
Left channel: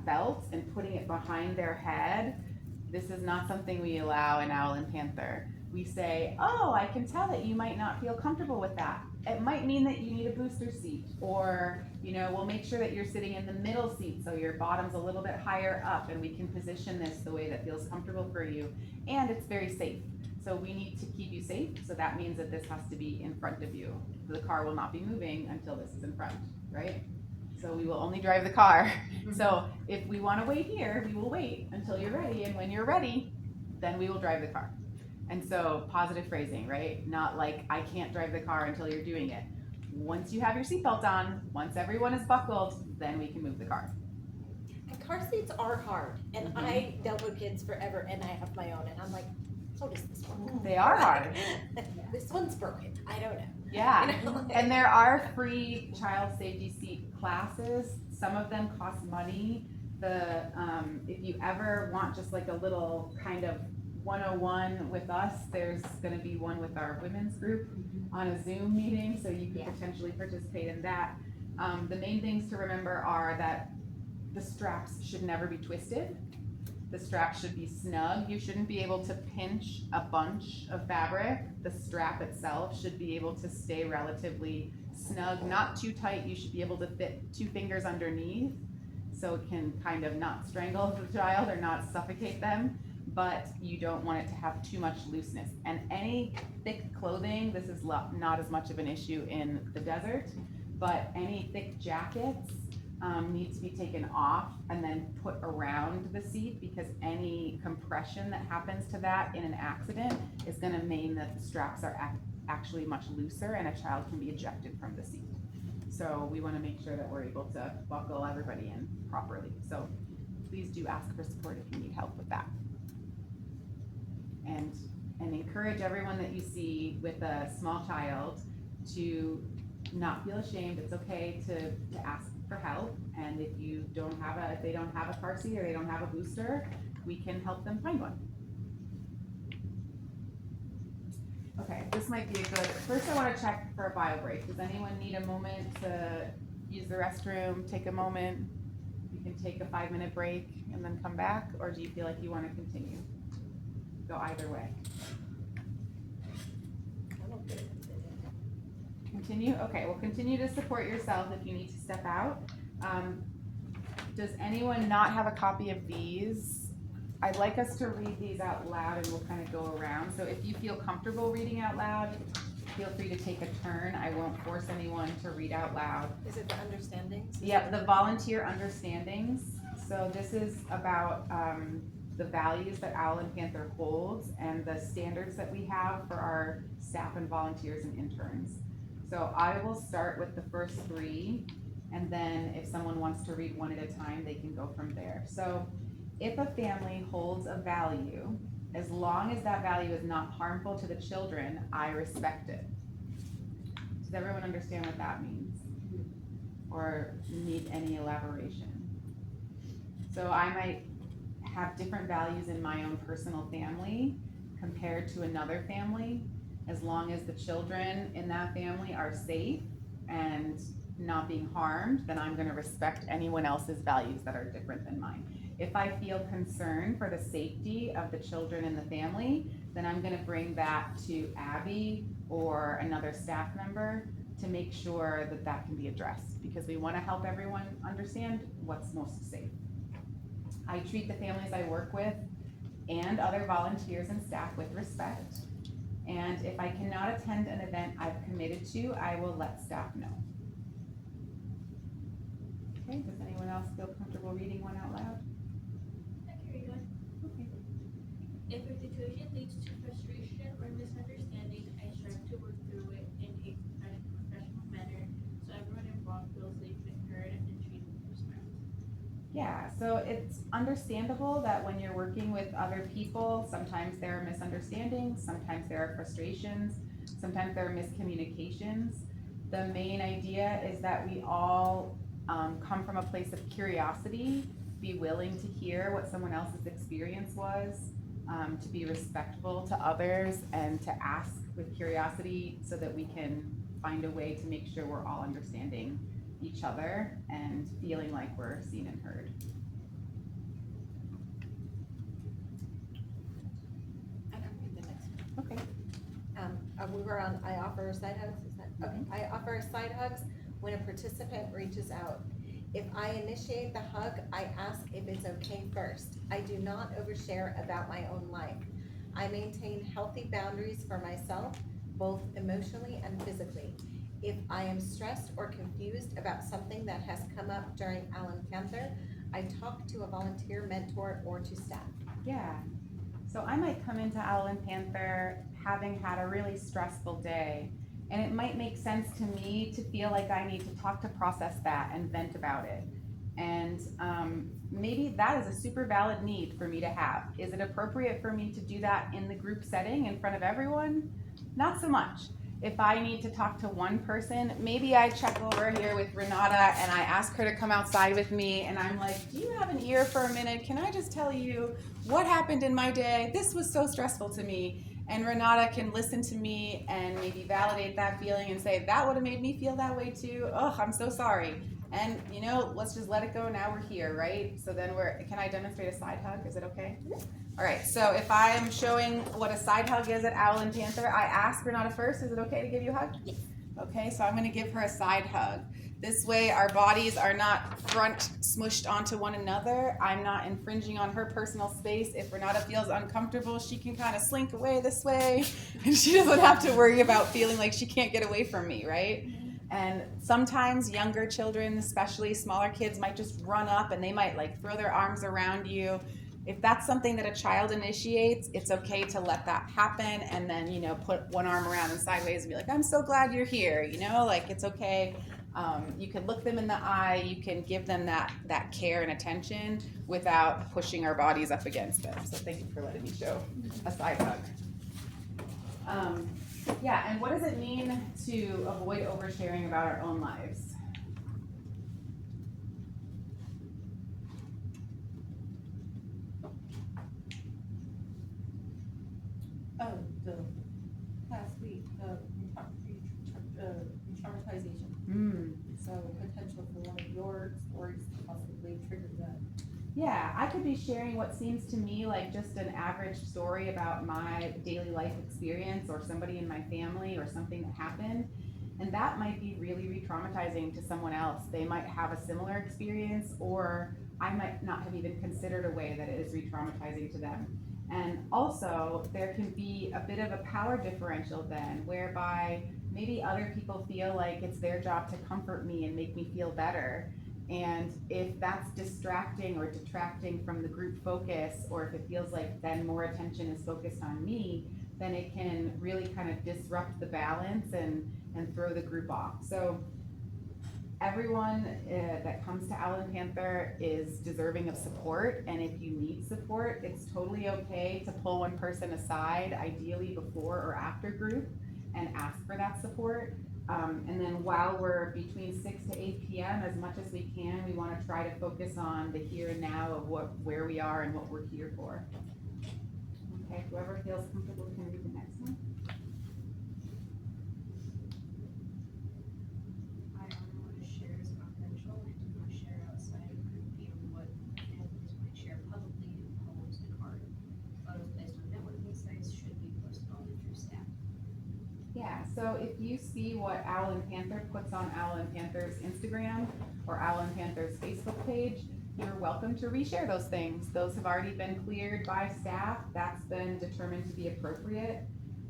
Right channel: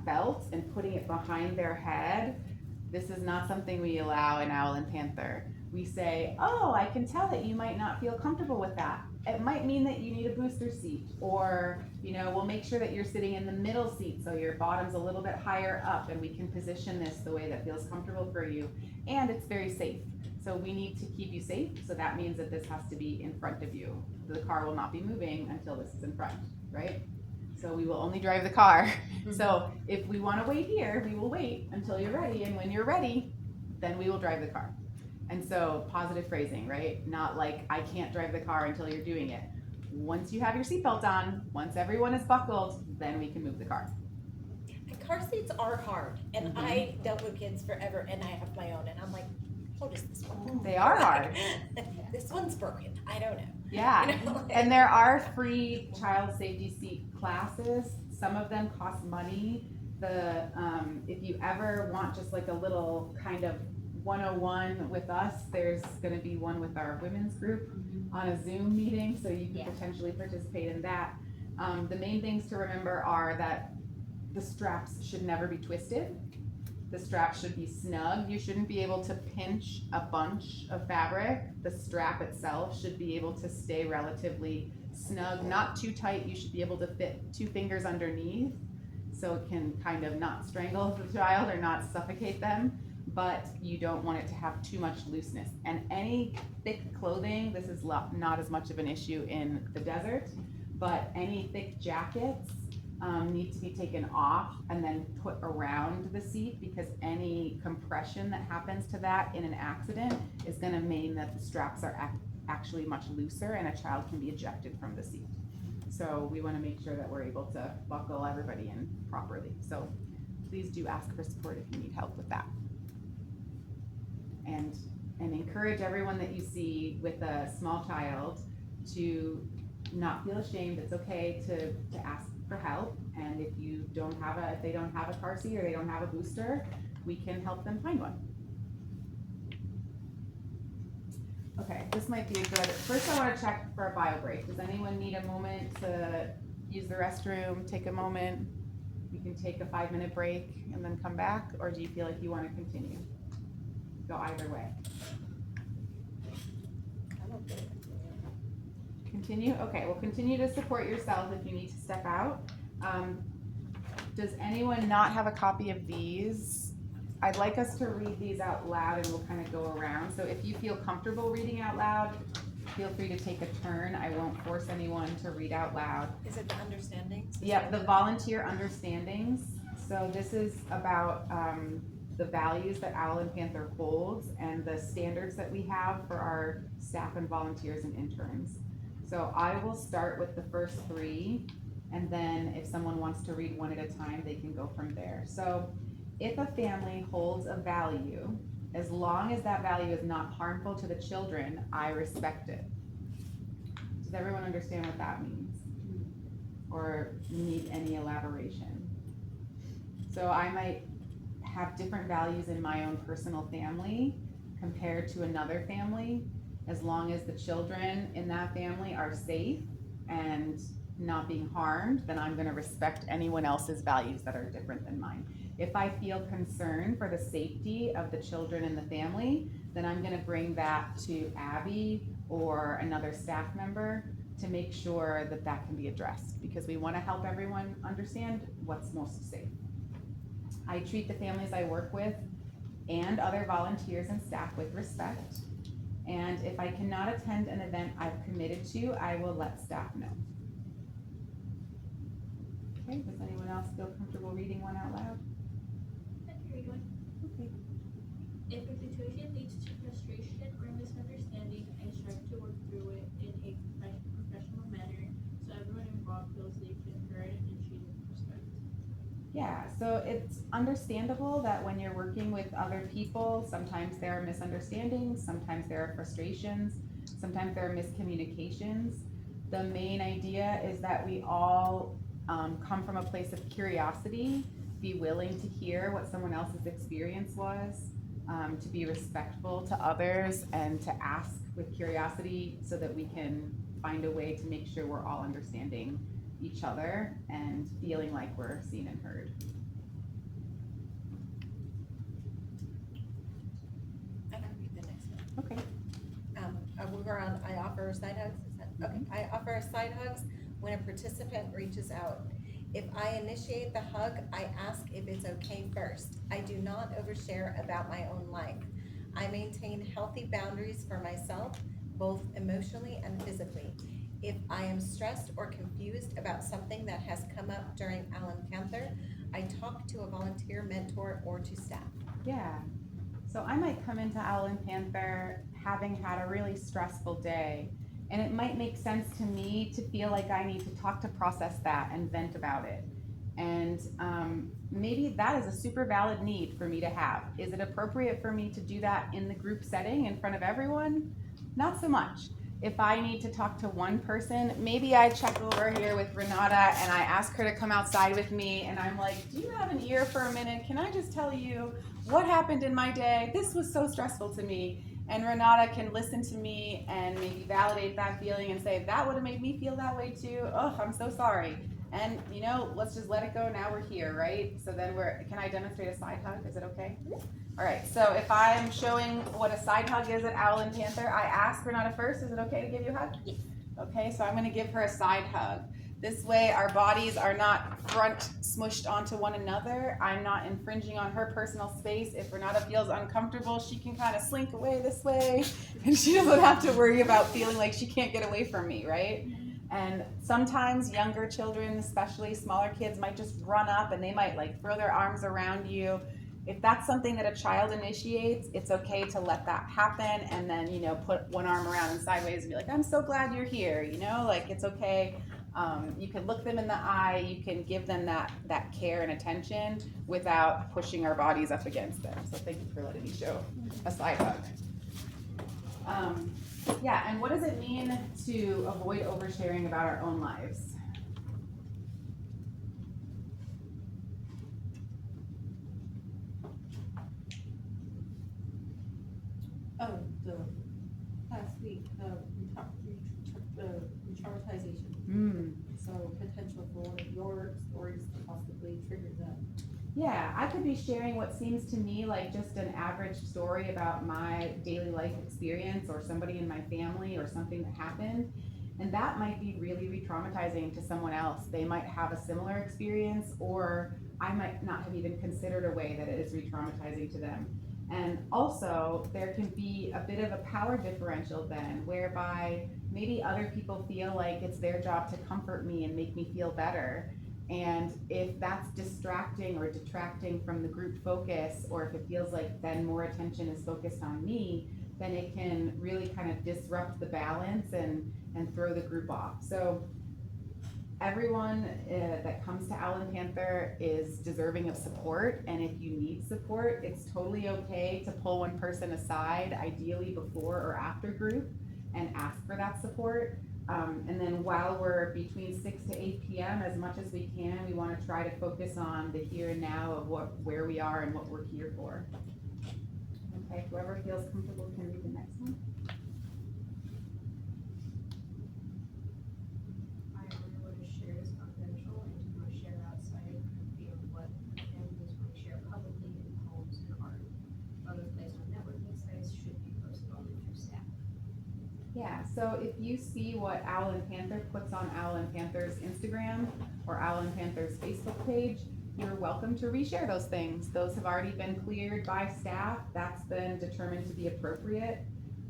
belt and putting it behind their head, this is not something we allow in Owl and Panther. We say, oh, I can tell that you might not feel comfortable with that. It might mean that you need a booster seat, or we'll make sure that you're sitting in the middle seat so your bottom's a little bit higher up, and we can position this the way that feels comfortable for you, and it's very safe. So we need to keep you safe, so that means that this has to be in front of you. The car will not be moving until this is in front, right? So we will only drive the car. So if we want to wait here, we will wait until you're ready, and when you're ready, then we will drive the car. And so positive phrasing, right? Not like, I can't drive the car until you're doing it. Once you have your seatbelt on, once everyone is buckled, then we can move the car. And car seats are hard, and I dealt with kids forever, and I have my own, and I'm like, so does this one. They are hard. This one's broken, I don't know. Yeah, You know? and there are free child safety seat classes. Some of them cost money. If you ever want just like a little kind of 101 with us, there's going to be one with our women's group on a Zoom meeting, so you could potentially participate in that. The main things to remember are that the straps should never be twisted. The strap should be snug. You shouldn't be able to pinch a bunch of fabric. The strap itself should be able to stay relatively snug, not too tight. You should be able to fit 2 fingers underneath so it can kind of not strangle the child or not suffocate them, but you don't want it to have too much looseness. And any thick clothing, this is not as much of an issue in the desert, but any thick jackets need to be taken off and then put around the seat, because any compression that happens to that in an accident is going to mean that the straps are actually much looser and a child can be ejected from the seat. So we want to make sure that we're able to buckle everybody in properly. So please do ask for support if you need help with that. And encourage everyone that you see with a small child to not feel ashamed. It's okay to ask for help, and if they don't have a car seat or they don't have a booster, we can help them find one. Okay, this might be a good, first I want to check for a bio break. Does anyone need a moment to use the restroom, take a moment? You can take a 5-minute break and then come back, or do you feel like you want to continue? Go either way. Continue? Okay, well, continue to support yourself if you need to step out. Does anyone not have a copy of these? I'd like us to read these out loud and we'll kind of go around. So if you feel comfortable reading out loud, feel free to take a turn. I won't force anyone to read out loud. Is it the understandings? Yeah, the volunteer understandings. So this is about the values that Owl and Panther holds and the standards that we have for our staff and volunteers and interns. So I will start with the first 3, and then if someone wants to read one at a time, they can go from there. So if a family holds a value, as long as that value is not harmful to the children, I respect it. Does everyone understand what that means? Or need any elaboration? So I might have different values in my own personal family compared to another family. As long as the children in that family are safe and not being harmed, then I'm going to respect anyone else's values that are different than mine. If I feel concern for the safety of the children in the family, then I'm going to bring that to Abby or another staff member to make sure that that can be addressed, because we want to help everyone understand what's most safe. I treat the families I work with and other volunteers and staff with respect. And if I cannot attend an event I've committed to, I will let staff know. Okay, does anyone else feel comfortable reading one out loud? I can read one. Okay. If a situation leads to frustration or misunderstanding, I strive to work through it in a professional manner so everyone involved feels safe and heard and treated with respect. Yeah, so it's understandable that when you're working with other people, sometimes there are misunderstandings, sometimes there are frustrations, sometimes there are miscommunications. The main idea is that we all come from a place of curiosity, be willing to hear what someone else's experience was, to be respectful to others, and to ask with curiosity so that we can find a way to make sure we're all understanding each other and feeling like we're seen and heard. I can read the next one. Okay. We were on, I offer side hugs, is that, okay, I offer side hugs when a participant reaches out. If I initiate the hug, I ask if it's okay first. I do not overshare about my own life. I maintain healthy boundaries for myself, both emotionally and physically. If I am stressed or confused about something that has come up during Owl and Panther, I talk to a volunteer mentor or to staff. Yeah. So I might come into Owl and Panther having had a really stressful day, and it might make sense to me to feel like I need to talk to process that and vent about it. And maybe that is a super valid need for me to have. Is it appropriate for me to do that in the group setting in front of everyone? Not so much. If I need to talk to one person, maybe I check over here with Renata and I ask her to come outside with me, and I'm like, do you have an ear for a minute? Can I just tell you what happened in my day? This was so stressful to me. And Renata can listen to me and maybe validate that feeling and say, that would have made me feel that way too. Oh, I'm so sorry. And you know, let's just let it go. Now we're here, right? So then can I demonstrate a side hug? Is it okay? All right, so if I am showing what a side hug is at Owl and Panther, I ask Renata first, is it okay to give you a hug? Yes. Okay, so I'm gonna give her a side hug. This way our bodies are not front smushed onto one another. I'm not infringing on her personal space. If Renata feels uncomfortable, she can kind of slink away this way and she doesn't have to worry about feeling like she can't get away from me, right? And sometimes younger children, especially smaller kids, might just run up and they might like throw their arms around you. If that's something that a child initiates, it's okay to let that happen and then, you know, put one arm around and sideways and be like, I'm so glad you're here, you know, like it's okay. You can look them in the eye, you can give them that care and attention without pushing our bodies up against them. So thank you for letting me show a side hug. Yeah, and what does it mean to avoid oversharing about our own lives? Oh, the last week, the re-traumatization. So potential for one of your stories to possibly trigger that. Yeah, I could be sharing what seems to me like just an average story about my daily life experience or somebody in my family or something that happened. And that might be really re-traumatizing to someone else. They might have a similar experience, or I might not have even considered a way that it is re-traumatizing to them. And also, there can be a bit of a power differential then, whereby maybe other people feel like it's their job to comfort me and make me feel better. And if that's distracting or detracting from the group focus, or if it feels like then more attention is focused on me, then it can really kind of disrupt the balance and throw the group off. So everyone that comes to Owl and Panther is deserving of support, and if you need support, it's totally okay to pull one person aside, ideally before or after group, and ask for that support. And then while we're between 6 to 8 p.m., as much as we can, we want to try to focus on the here and now of where we are and what we're here for. Okay, whoever feels comfortable can read the next one. I only want to share is confidential and do not share outside of group beyond what families might share publicly in poems and art. Photos placed on networking sites should be posted only through staff. Yeah, so if you see what Owl and Panther puts on Owl and Panther's Instagram or Owl and Panther's Facebook page, you're welcome to reshare those things. Those have already been cleared by staff. That's been determined to be appropriate.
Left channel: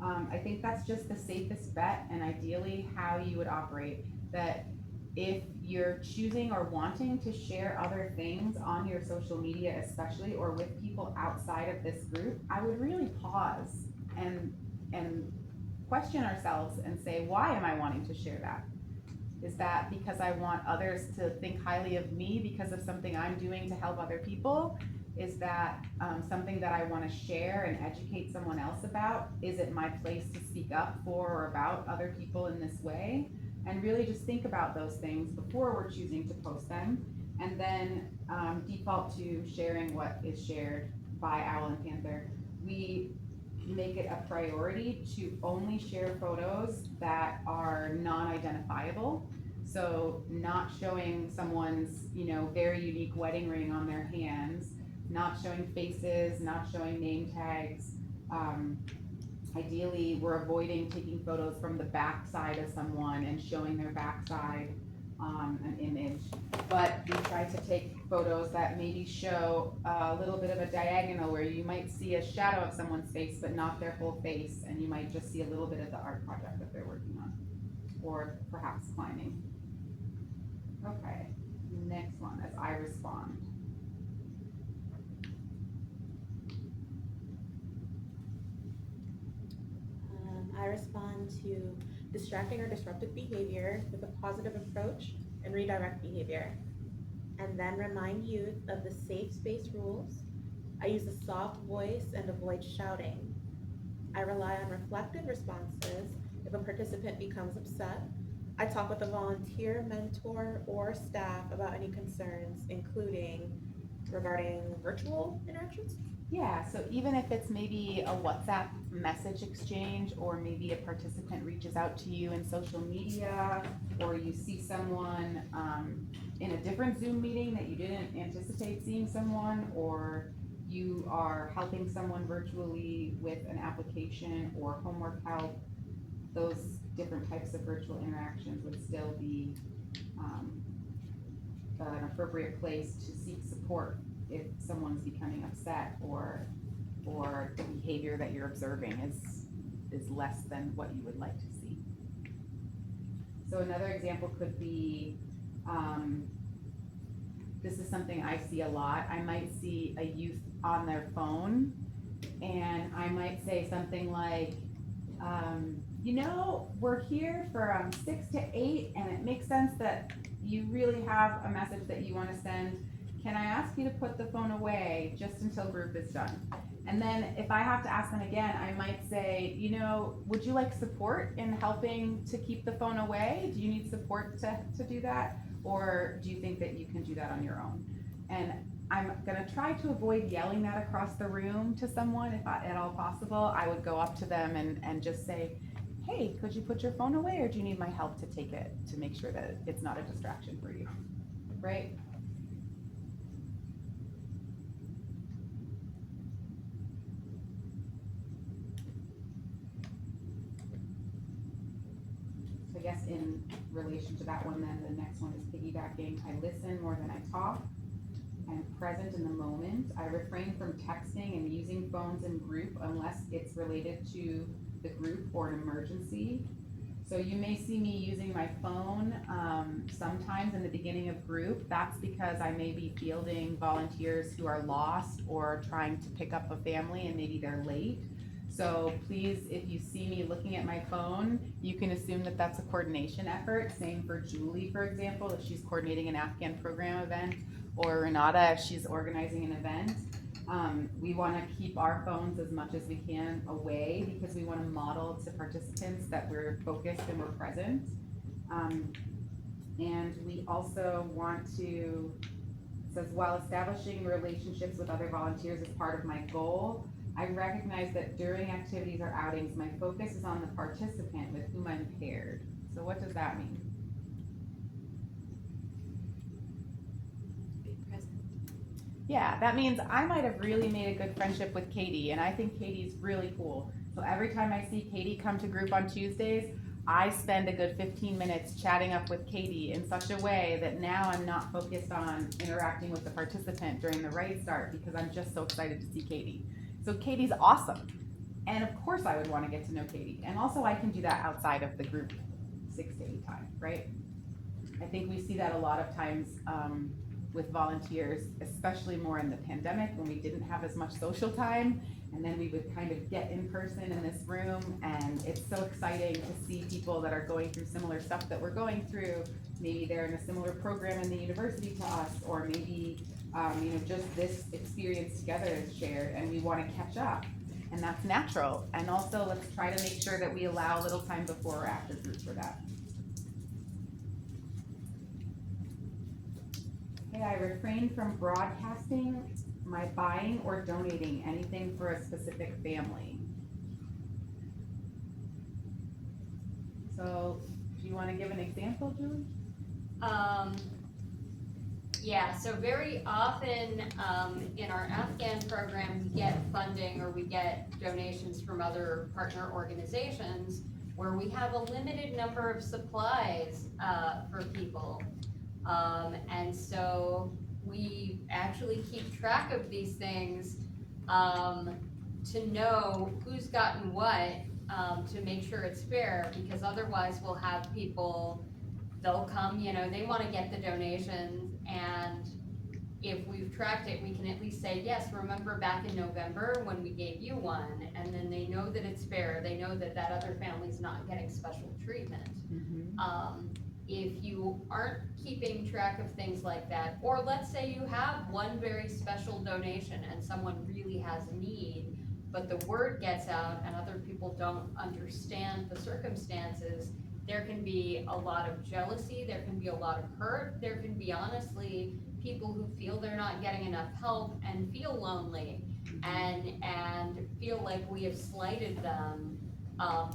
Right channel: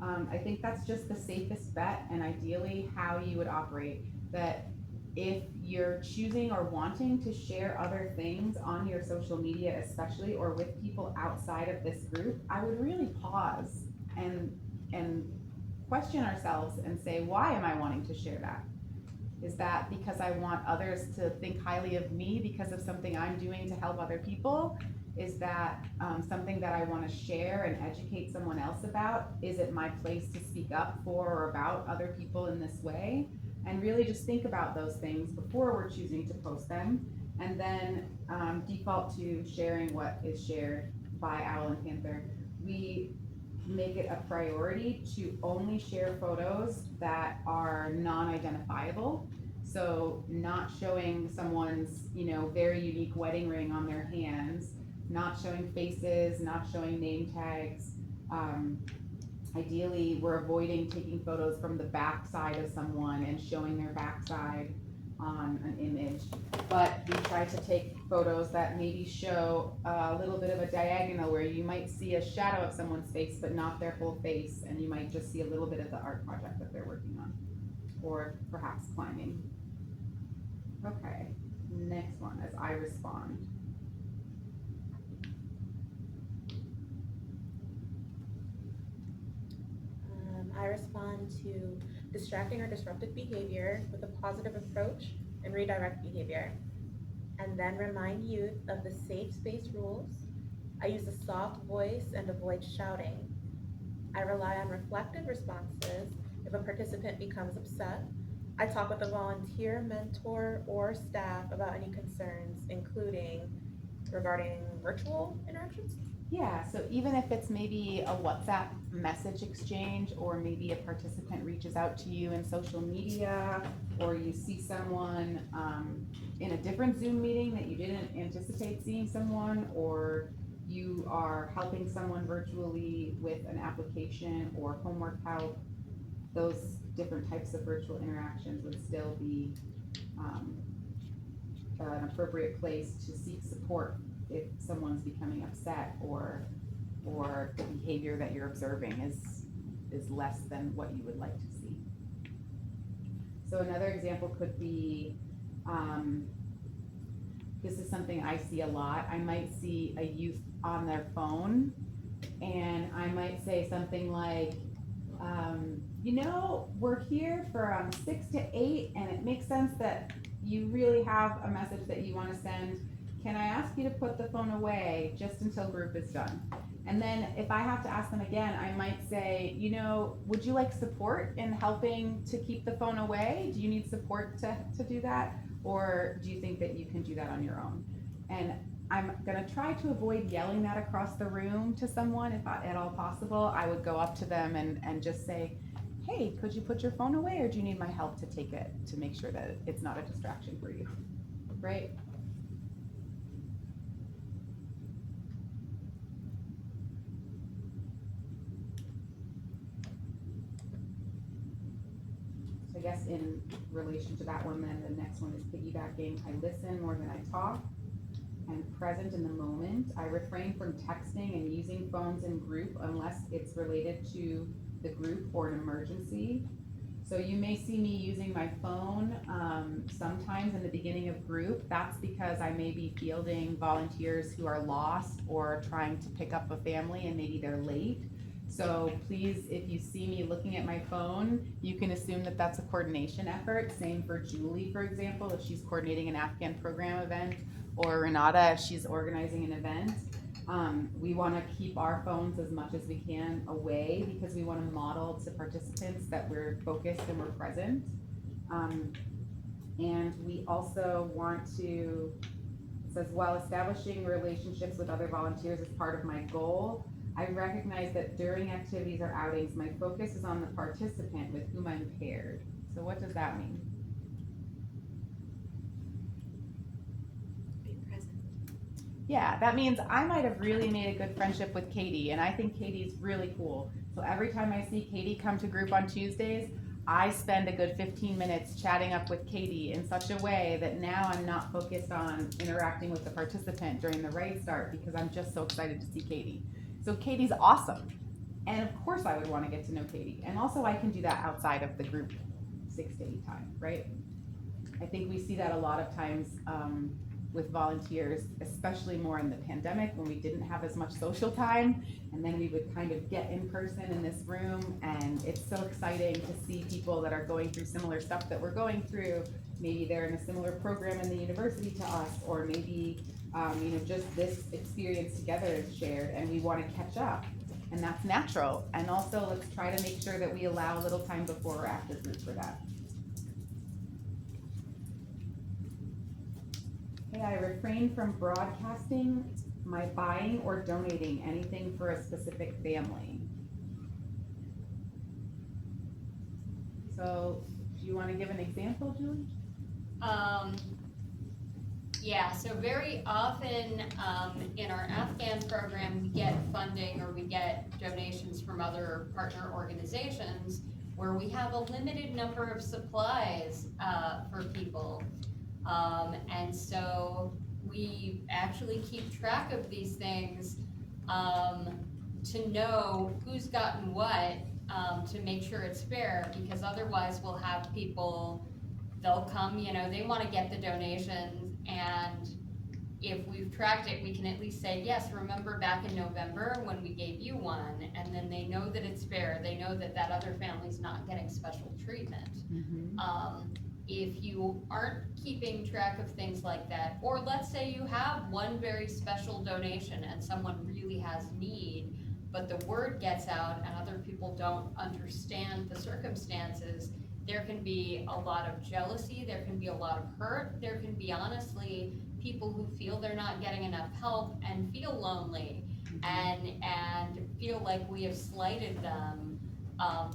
I think that's just the safest bet and ideally how you would operate. That if you're choosing or wanting to share other things on your social media especially, or with people outside of this group, I would really pause and question ourselves and say, why am I wanting to share that? Is that because I want others to think highly of me because of something I'm doing to help other people? Is that something that I want to share and educate someone else about? Is it my place to speak up for or about other people in this way? And really just think about those things before we're choosing to post them, and then default to sharing what is shared by Owl and Panther. We make it a priority to only share photos that are non-identifiable. So not showing someone's, you know, very unique wedding ring on their hands, not showing faces, not showing name tags. Ideally, we're avoiding taking photos from the backside of someone and showing their backside on an image. But we try to take photos that maybe show a little bit of a diagonal where you might see a shadow of someone's face but not their whole face, and you might just see a little bit of the art project that they're working on, or perhaps climbing. Okay, next one as I respond. I respond to distracting or disruptive behavior with a positive approach and redirect behavior. And then remind youth of the safe space rules. I use a soft voice and avoid shouting. I rely on reflective responses if a participant becomes upset. I talk with a volunteer, mentor, or staff about any concerns, including regarding virtual interactions. Yeah, so even if it's maybe a WhatsApp message exchange, or maybe a participant reaches out to you in social media, or you see someone in a different Zoom meeting that you didn't anticipate seeing someone, or you are helping someone virtually with an application or homework help, those different types of virtual interactions would still be an appropriate place to seek support if someone's becoming upset, or the behavior that you're observing is less than what you would like to see. So another example could be, this is something I see a lot. I might see a youth on their phone, and I might say something like, we're here from 6 to 8, and it makes sense that you really have a message that you want to send. Can I ask you to put the phone away just until group is done? And then if I have to ask them again, I might say, would you like support in helping to keep the phone away? Do you need support to do that? Or do you think that you can do that on your own? And I'm gonna try to avoid yelling that across the room to someone if at all possible. I would go up to them and just say, hey, could you put your phone away, or do you need my help to take it to make sure that it's not a distraction for you, right? So I guess in relation to that one, then the next one is piggybacking. I listen more than I talk, and present in the moment. I refrain from texting and using phones in group unless it's related to the group or an emergency. So you may see me using my phone sometimes in the beginning of group. That's because I may be fielding volunteers who are lost or trying to pick up a family and maybe they're late. So please, if you see me looking at my phone, you can assume that that's a coordination effort. Same for Julie, for example, if she's coordinating an Afghan program event, or Renata if she's organizing an event. We want to keep our phones as much as we can away, because we want to model to participants that we're focused and we're present. And we also want to, it says, while establishing relationships with other volunteers is part of my goal, I recognize that during activities or outings, my focus is on the participant with whom I'm paired. So what does that mean? Yeah, that means I might have really made a good friendship with Katie, and I think Katie's really cool. So every time I see Katie come to group on Tuesdays, I spend a good 15 minutes chatting up with Katie in such a way that now I'm not focused on interacting with the participant during the right start, because I'm just so excited to see Katie. So Katie's awesome. And of course I would want to get to know Katie. And also I can do that outside of the group 6 to 8 time, right? I think we see that a lot of times with volunteers, especially more in the pandemic when we didn't have as much social time, and then we would kind of get in person in this room, and it's so exciting to see people that are going through similar stuff that we're going through. Maybe they're in a similar program in the university to us, or maybe just this experience together is shared and we want to catch up, and that's natural. And also let's try to make sure that we allow a little time before or after group for that. I refrain from broadcasting my buying or donating anything for a specific family. So, do you want to give an example, Julie? Yeah, so very often in our Afghan program, we get funding or we get donations from other partner organizations where we have a limited number of supplies for people. And so we actually keep track of these things to know who's gotten what, to make sure it's fair, because otherwise we'll have people, they'll come, they want to get the donations, and if we've tracked it, we can at least say, yes, remember back in November when we gave you one, and then they know that it's fair, they know that that other family's not getting special treatment. If you aren't keeping track of things like that, or let's say you have one very special donation and someone really has need, but the word gets out and other people don't understand the circumstances, there can be a lot of jealousy, there can be a lot of hurt, there can be honestly people who feel they're not getting enough help and feel lonely. and feel like we have slighted them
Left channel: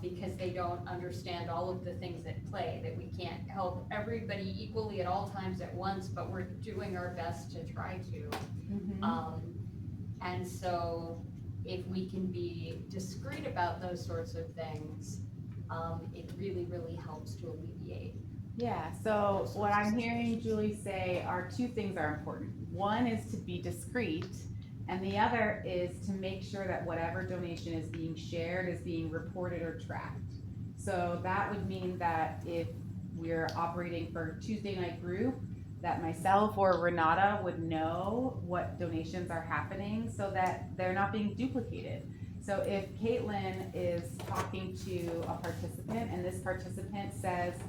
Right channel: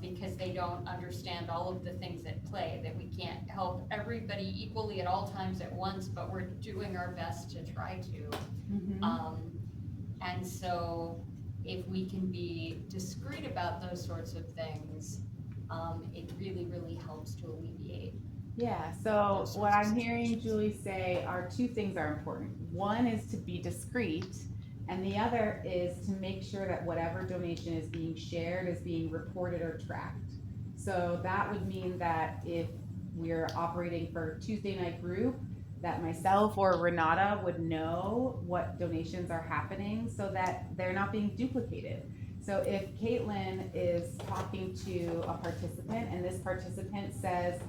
because they don't understand all of the things at play, that we can't help everybody equally at all times at once, but we're doing our best to try to. And so if we can be discreet about those sorts of things, it really, really helps to alleviate. Yeah, so what I'm hearing Julie say are two things are important. One is to be discreet, and the other is to make sure that whatever donation is being shared is being reported or tracked. So that would mean that if we're operating for a Tuesday night group, that myself or Renata would know what donations are happening so that they're not being duplicated. So if Caitlin is talking to a participant and this participant says,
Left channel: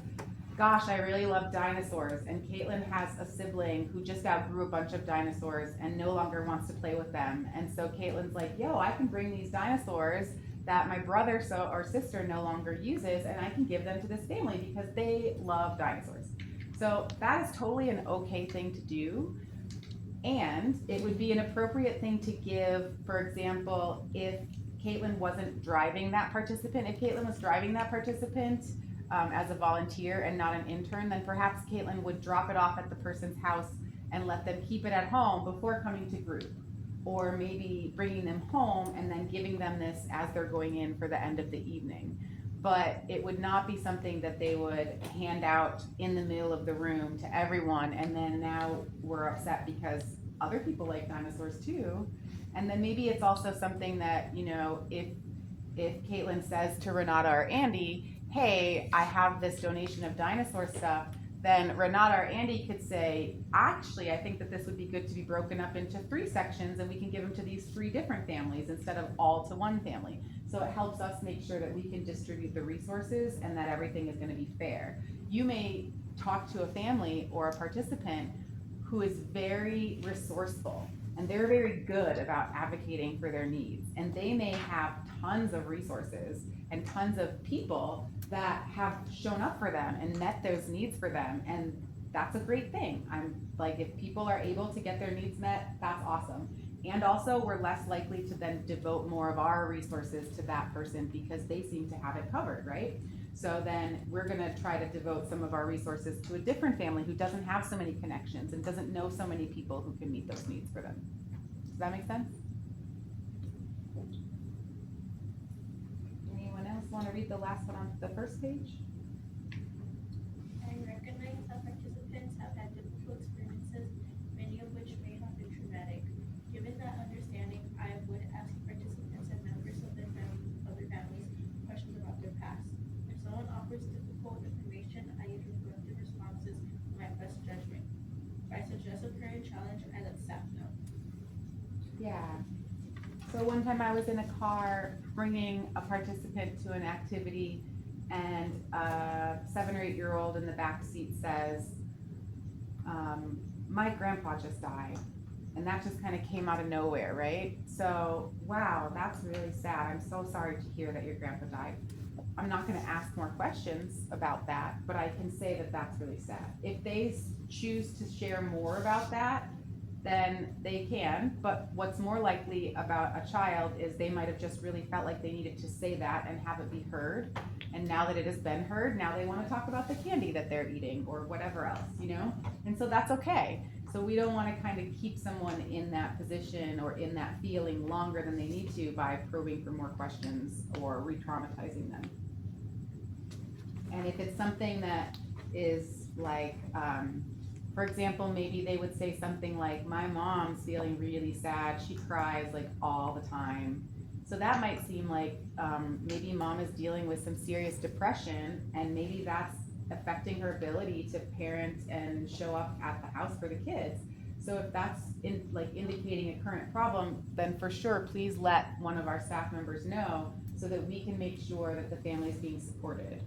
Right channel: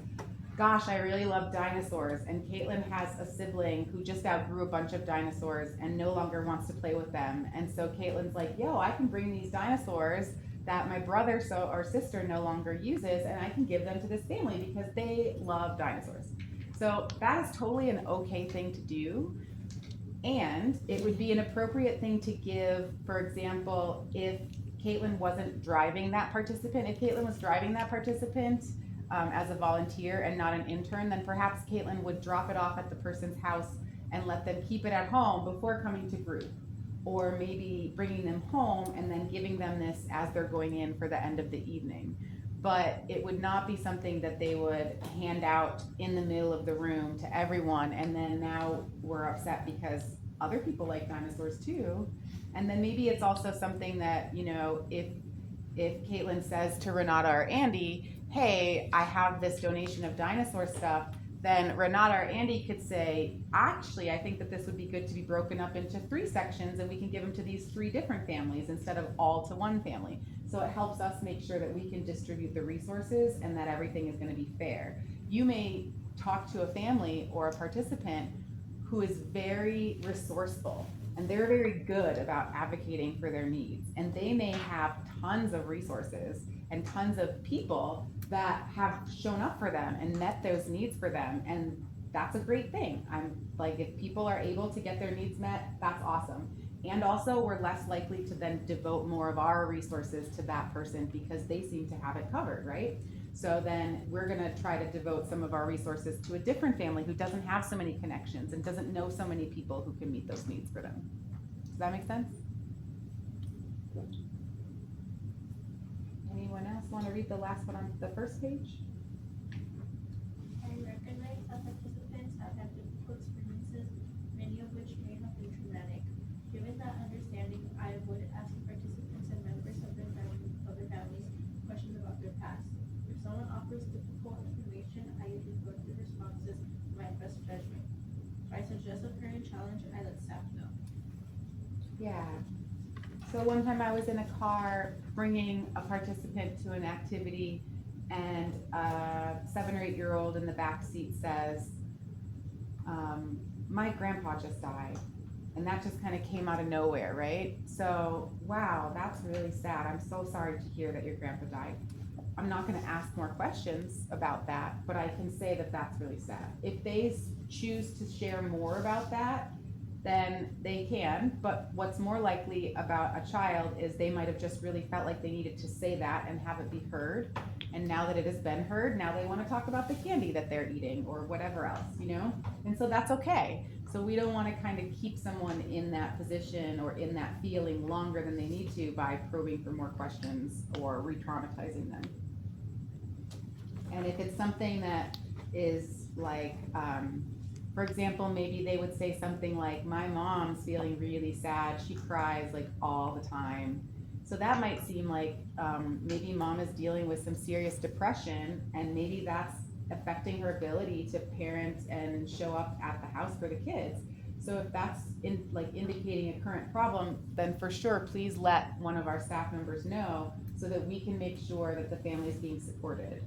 gosh, I really love dinosaurs, and Caitlin has a sibling who just outgrew a bunch of dinosaurs and no longer wants to play with them, and so Caitlin's like, yo, I can bring these dinosaurs that my brother or sister no longer uses, and I can give them to this family because they love dinosaurs. So that is totally an okay thing to do, and it would be an appropriate thing to give, for example, if Caitlin wasn't driving that participant. If Caitlin was driving that participant as a volunteer and not an intern, then perhaps Caitlin would drop it off at the person's house and let them keep it at home before coming to group. Or maybe bringing them home and then giving them this as they're going in for the end of the evening. But it would not be something that they would hand out in the middle of the room to everyone, and then now we're upset because other people like dinosaurs too. And then maybe it's also something that, you know, if Caitlin says to Renata or Andy, hey, I have this donation of dinosaur stuff, then Renata or Andy could say, actually, I think that this would be good to be broken up into 3 sections, and we can give them to these 3 different families instead of all to one family. So it helps us make sure that we can distribute the resources and that everything is going to be fair. You may talk to a family or a participant who is very resourceful, and they're very good about advocating for their needs, and they may have tons of resources and tons of people that have shown up for them and met those needs for them, and that's a great thing. I'm like, if people are able to get their needs met, that's awesome. And also, we're less likely to then devote more of our resources to that person because they seem to have it covered, right? So then we're gonna try to devote some of our resources to a different family who doesn't have so many connections and doesn't know so many people who can meet those needs for them. Does that make sense? Anyone else want to read the last one on the first page? I recognize that participants have had difficult experiences, many of which may have been traumatic. Given that understanding, I would ask participants and members of their families questions about their past. If someone offers difficult information, I use reflective responses in my best judgment. If I suggest a current challenge, I let staff know. Yeah. So one time I was in a car bringing a participant to an activity, and a 7 or 8 year old in the back seat says, my grandpa just died. And that just kind of came out of nowhere, right? So, wow, that's really sad. I'm so sorry to hear that your grandpa died. I'm not going to ask more questions about that, but I can say that that's really sad. If they choose to share more about that, then they can, but what's more likely about a child is they might have just really felt like they needed to say that and have it be heard. And now that it has been heard, now they want to talk about the candy that they're eating or whatever else, you know? And so that's okay. So we don't want to kind of keep someone in that position or in that feeling longer than they need to by probing for more questions or re-traumatizing them. And if it's something that is like, for example, maybe they would say something like, my mom's feeling really sad. She cries like all the time. So that might seem like maybe mom is dealing with some serious depression, and maybe that's affecting her ability to parent and show up at the house for the kids. So if that's indicating a current problem, then for sure, please let one of our staff members know so that we can make sure that the family is being supported.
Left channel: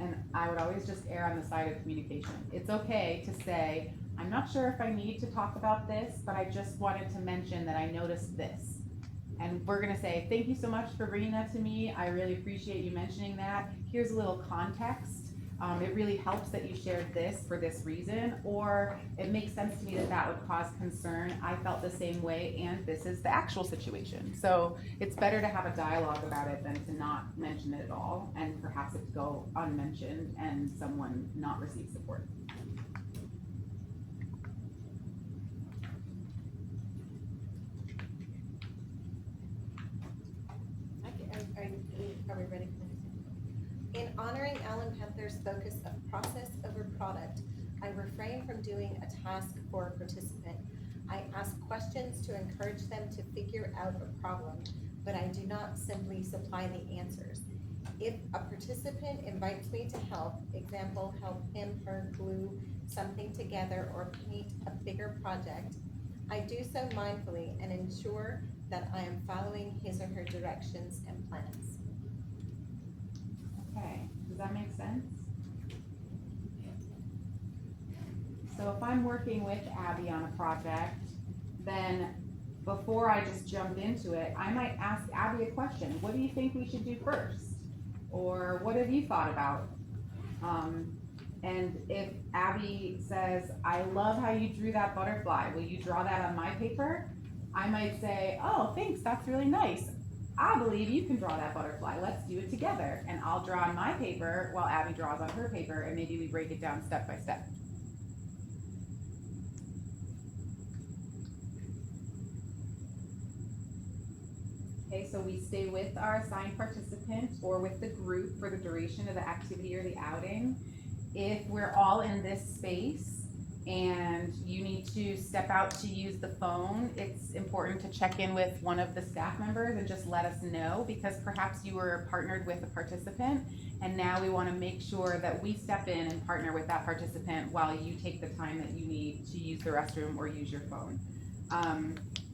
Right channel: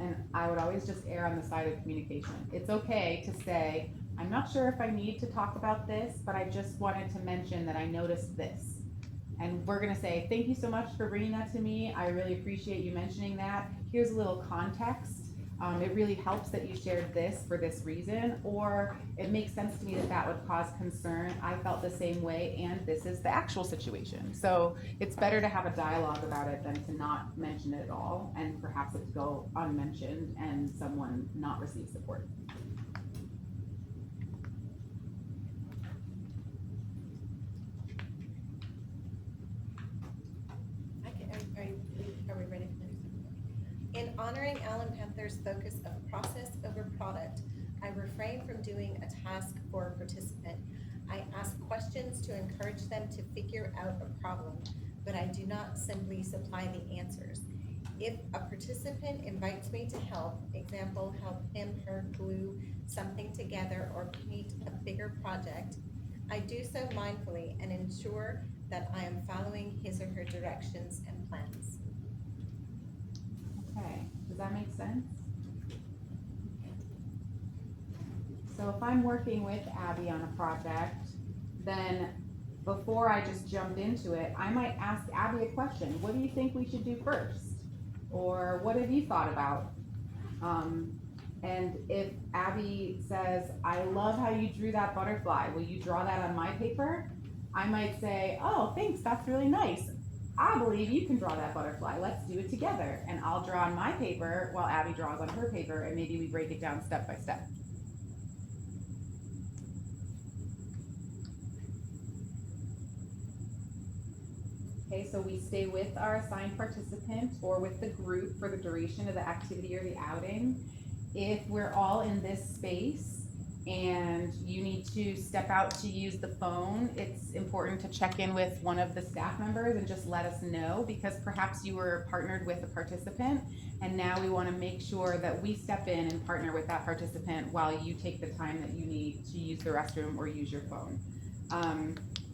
And I would always just err on the side of communication. It's okay to say, I'm not sure if I need to talk about this, but I just wanted to mention that I noticed this. And we're gonna say, thank you so much for bringing that to me. I really appreciate you mentioning that. Here's a little context. it really helps that you shared this for this reason, or it makes sense to me that that would cause concern. I felt the same way, and this is the actual situation. So it's better to have a dialogue about it than to not mention it at all, and perhaps it to go unmentioned and someone not receive support. Are we ready for this? In honoring Allen Panther's focus of process over product, I refrain from doing a task for a participant. I ask questions to encourage them to figure out a problem, but I do not simply supply the answers. If a participant invites me to help, example, help him, her glue something together or paint a bigger project, I do so mindfully and ensure that I am following his or her directions and plans. Okay, does that make sense? So if I'm working with Abby on a project, then before I just jumped into it, I might ask Abby a question. What do you think we should do first? Or what have you thought about? And if Abby says, I love how you drew that butterfly, will you draw that on my paper? I might say, oh, thanks, that's really nice. I believe you can draw that butterfly. Let's do it together. And I'll draw on my paper while Abby draws on her paper, and maybe we break it down step by step. Okay, so we stay with our assigned participant or with the group for the duration of the activity or the outing. If we're all in this space and you need to step out to use the phone, it's important to check in with one of the staff members and just let us know, because perhaps you were partnered with a participant and now we want to make sure that we step in and partner with that participant while you take the time that you need to use the restroom or use your phone.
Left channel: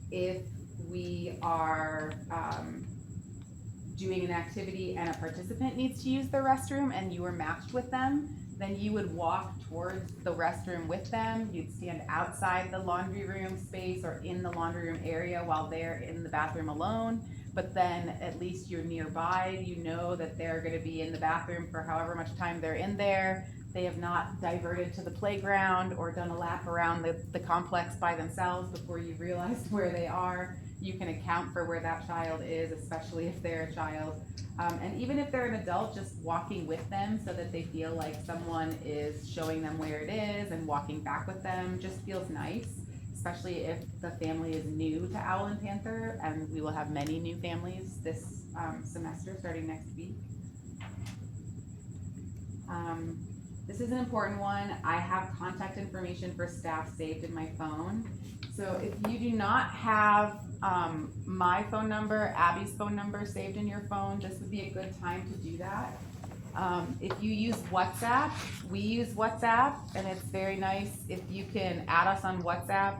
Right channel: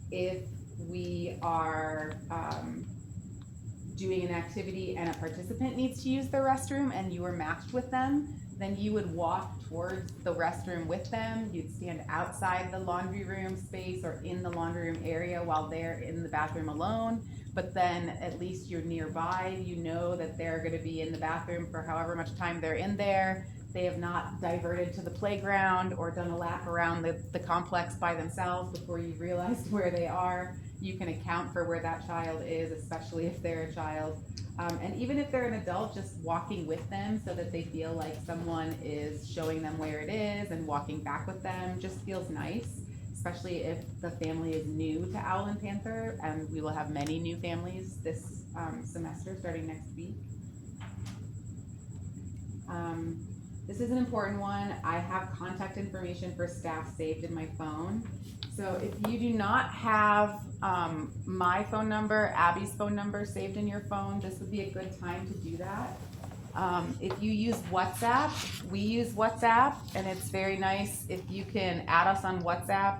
If we are doing an activity and a participant needs to use the restroom and you are matched with them, then you would walk towards the restroom with them. You'd stand outside the laundry room space or in the laundry room area while they're in the bathroom alone. But then at least you're nearby. You know that they're going to be in the bathroom for however much time they're in there. They have not diverted to the playground or done a lap around the complex by themselves before you realized where they are. You can account for where that child is, especially if they're a child. And even if they're an adult, just walking with them so that they feel like someone is showing them where it is and walking back with them just feels nice, especially if the family is new to Owl and Panther, and we will have many new families this semester starting next week. This is an important one. I have contact information for staff saved in my phone. So if you do not have my phone number, Abby's phone number saved in your phone, this would be a good time to do that. If you use WhatsApp, we use WhatsApp, and it's very nice if you can add us on WhatsApp.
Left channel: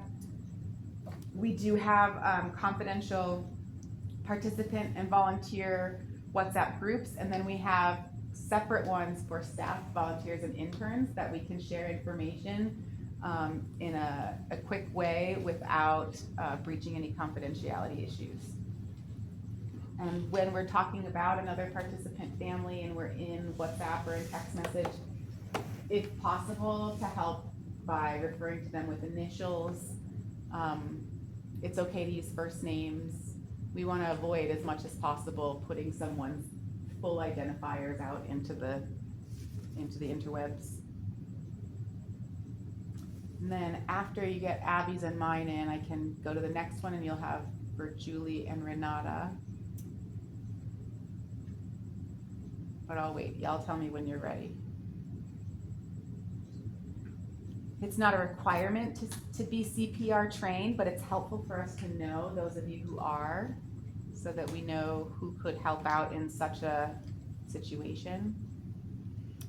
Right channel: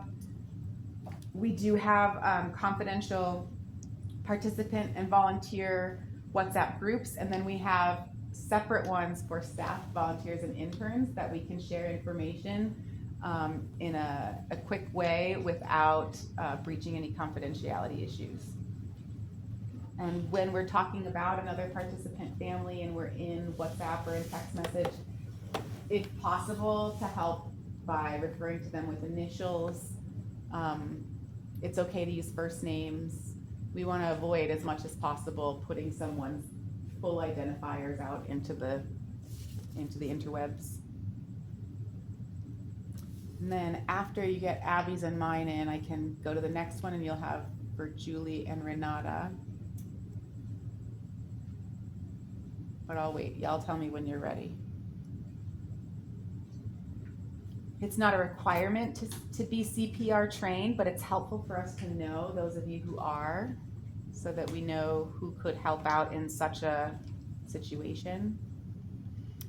We do have confidential participant and volunteer WhatsApp groups, and then we have separate ones for staff, volunteers, and interns that we can share information in a quick way without breaching any confidentiality issues. And when we're talking about another participant family and we're in WhatsApp or in text message, if possible, to help by referring to them with initials. It's okay to use first names. We want to avoid as much as possible putting someone's full identifiers out into the interwebs. And then after you get Abby's and mine in, I can go to the next one and you'll have for Julie and Renata. But I'll wait, y'all tell me when you're ready. It's not a requirement to be CPR trained, but it's helpful for us to know, those of you who are, so that we know who could help out in such a situation.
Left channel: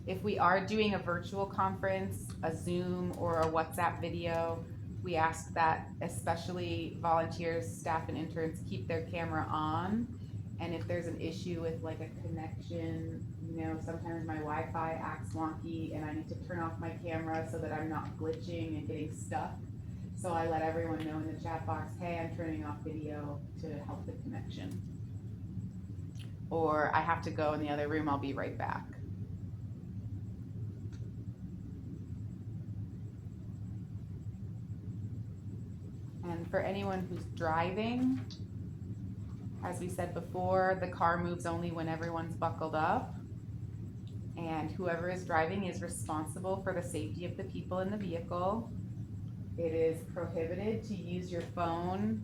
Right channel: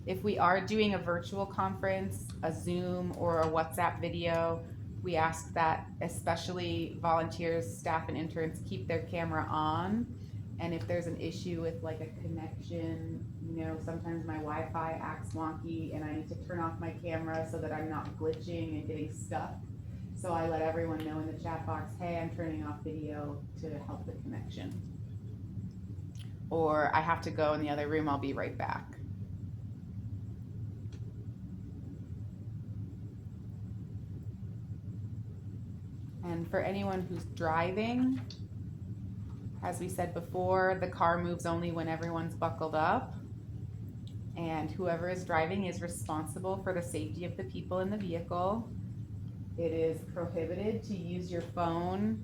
If we are doing a virtual conference, a Zoom or a WhatsApp video, we ask that especially volunteers, staff, and interns keep their camera on. And if there's an issue with like a connection, you know, sometimes my Wi-Fi acts wonky and I need to turn off my camera so that I'm not glitching and getting stuck. So I let everyone know in the chat box, hey, I'm turning off video to help the connection. Or I have to go in the other room, I'll be right back. And for anyone who's driving, as we said before, the car moves only when everyone's buckled up. And whoever is driving is responsible for the safety of the people in the vehicle. It is prohibited to use your phone,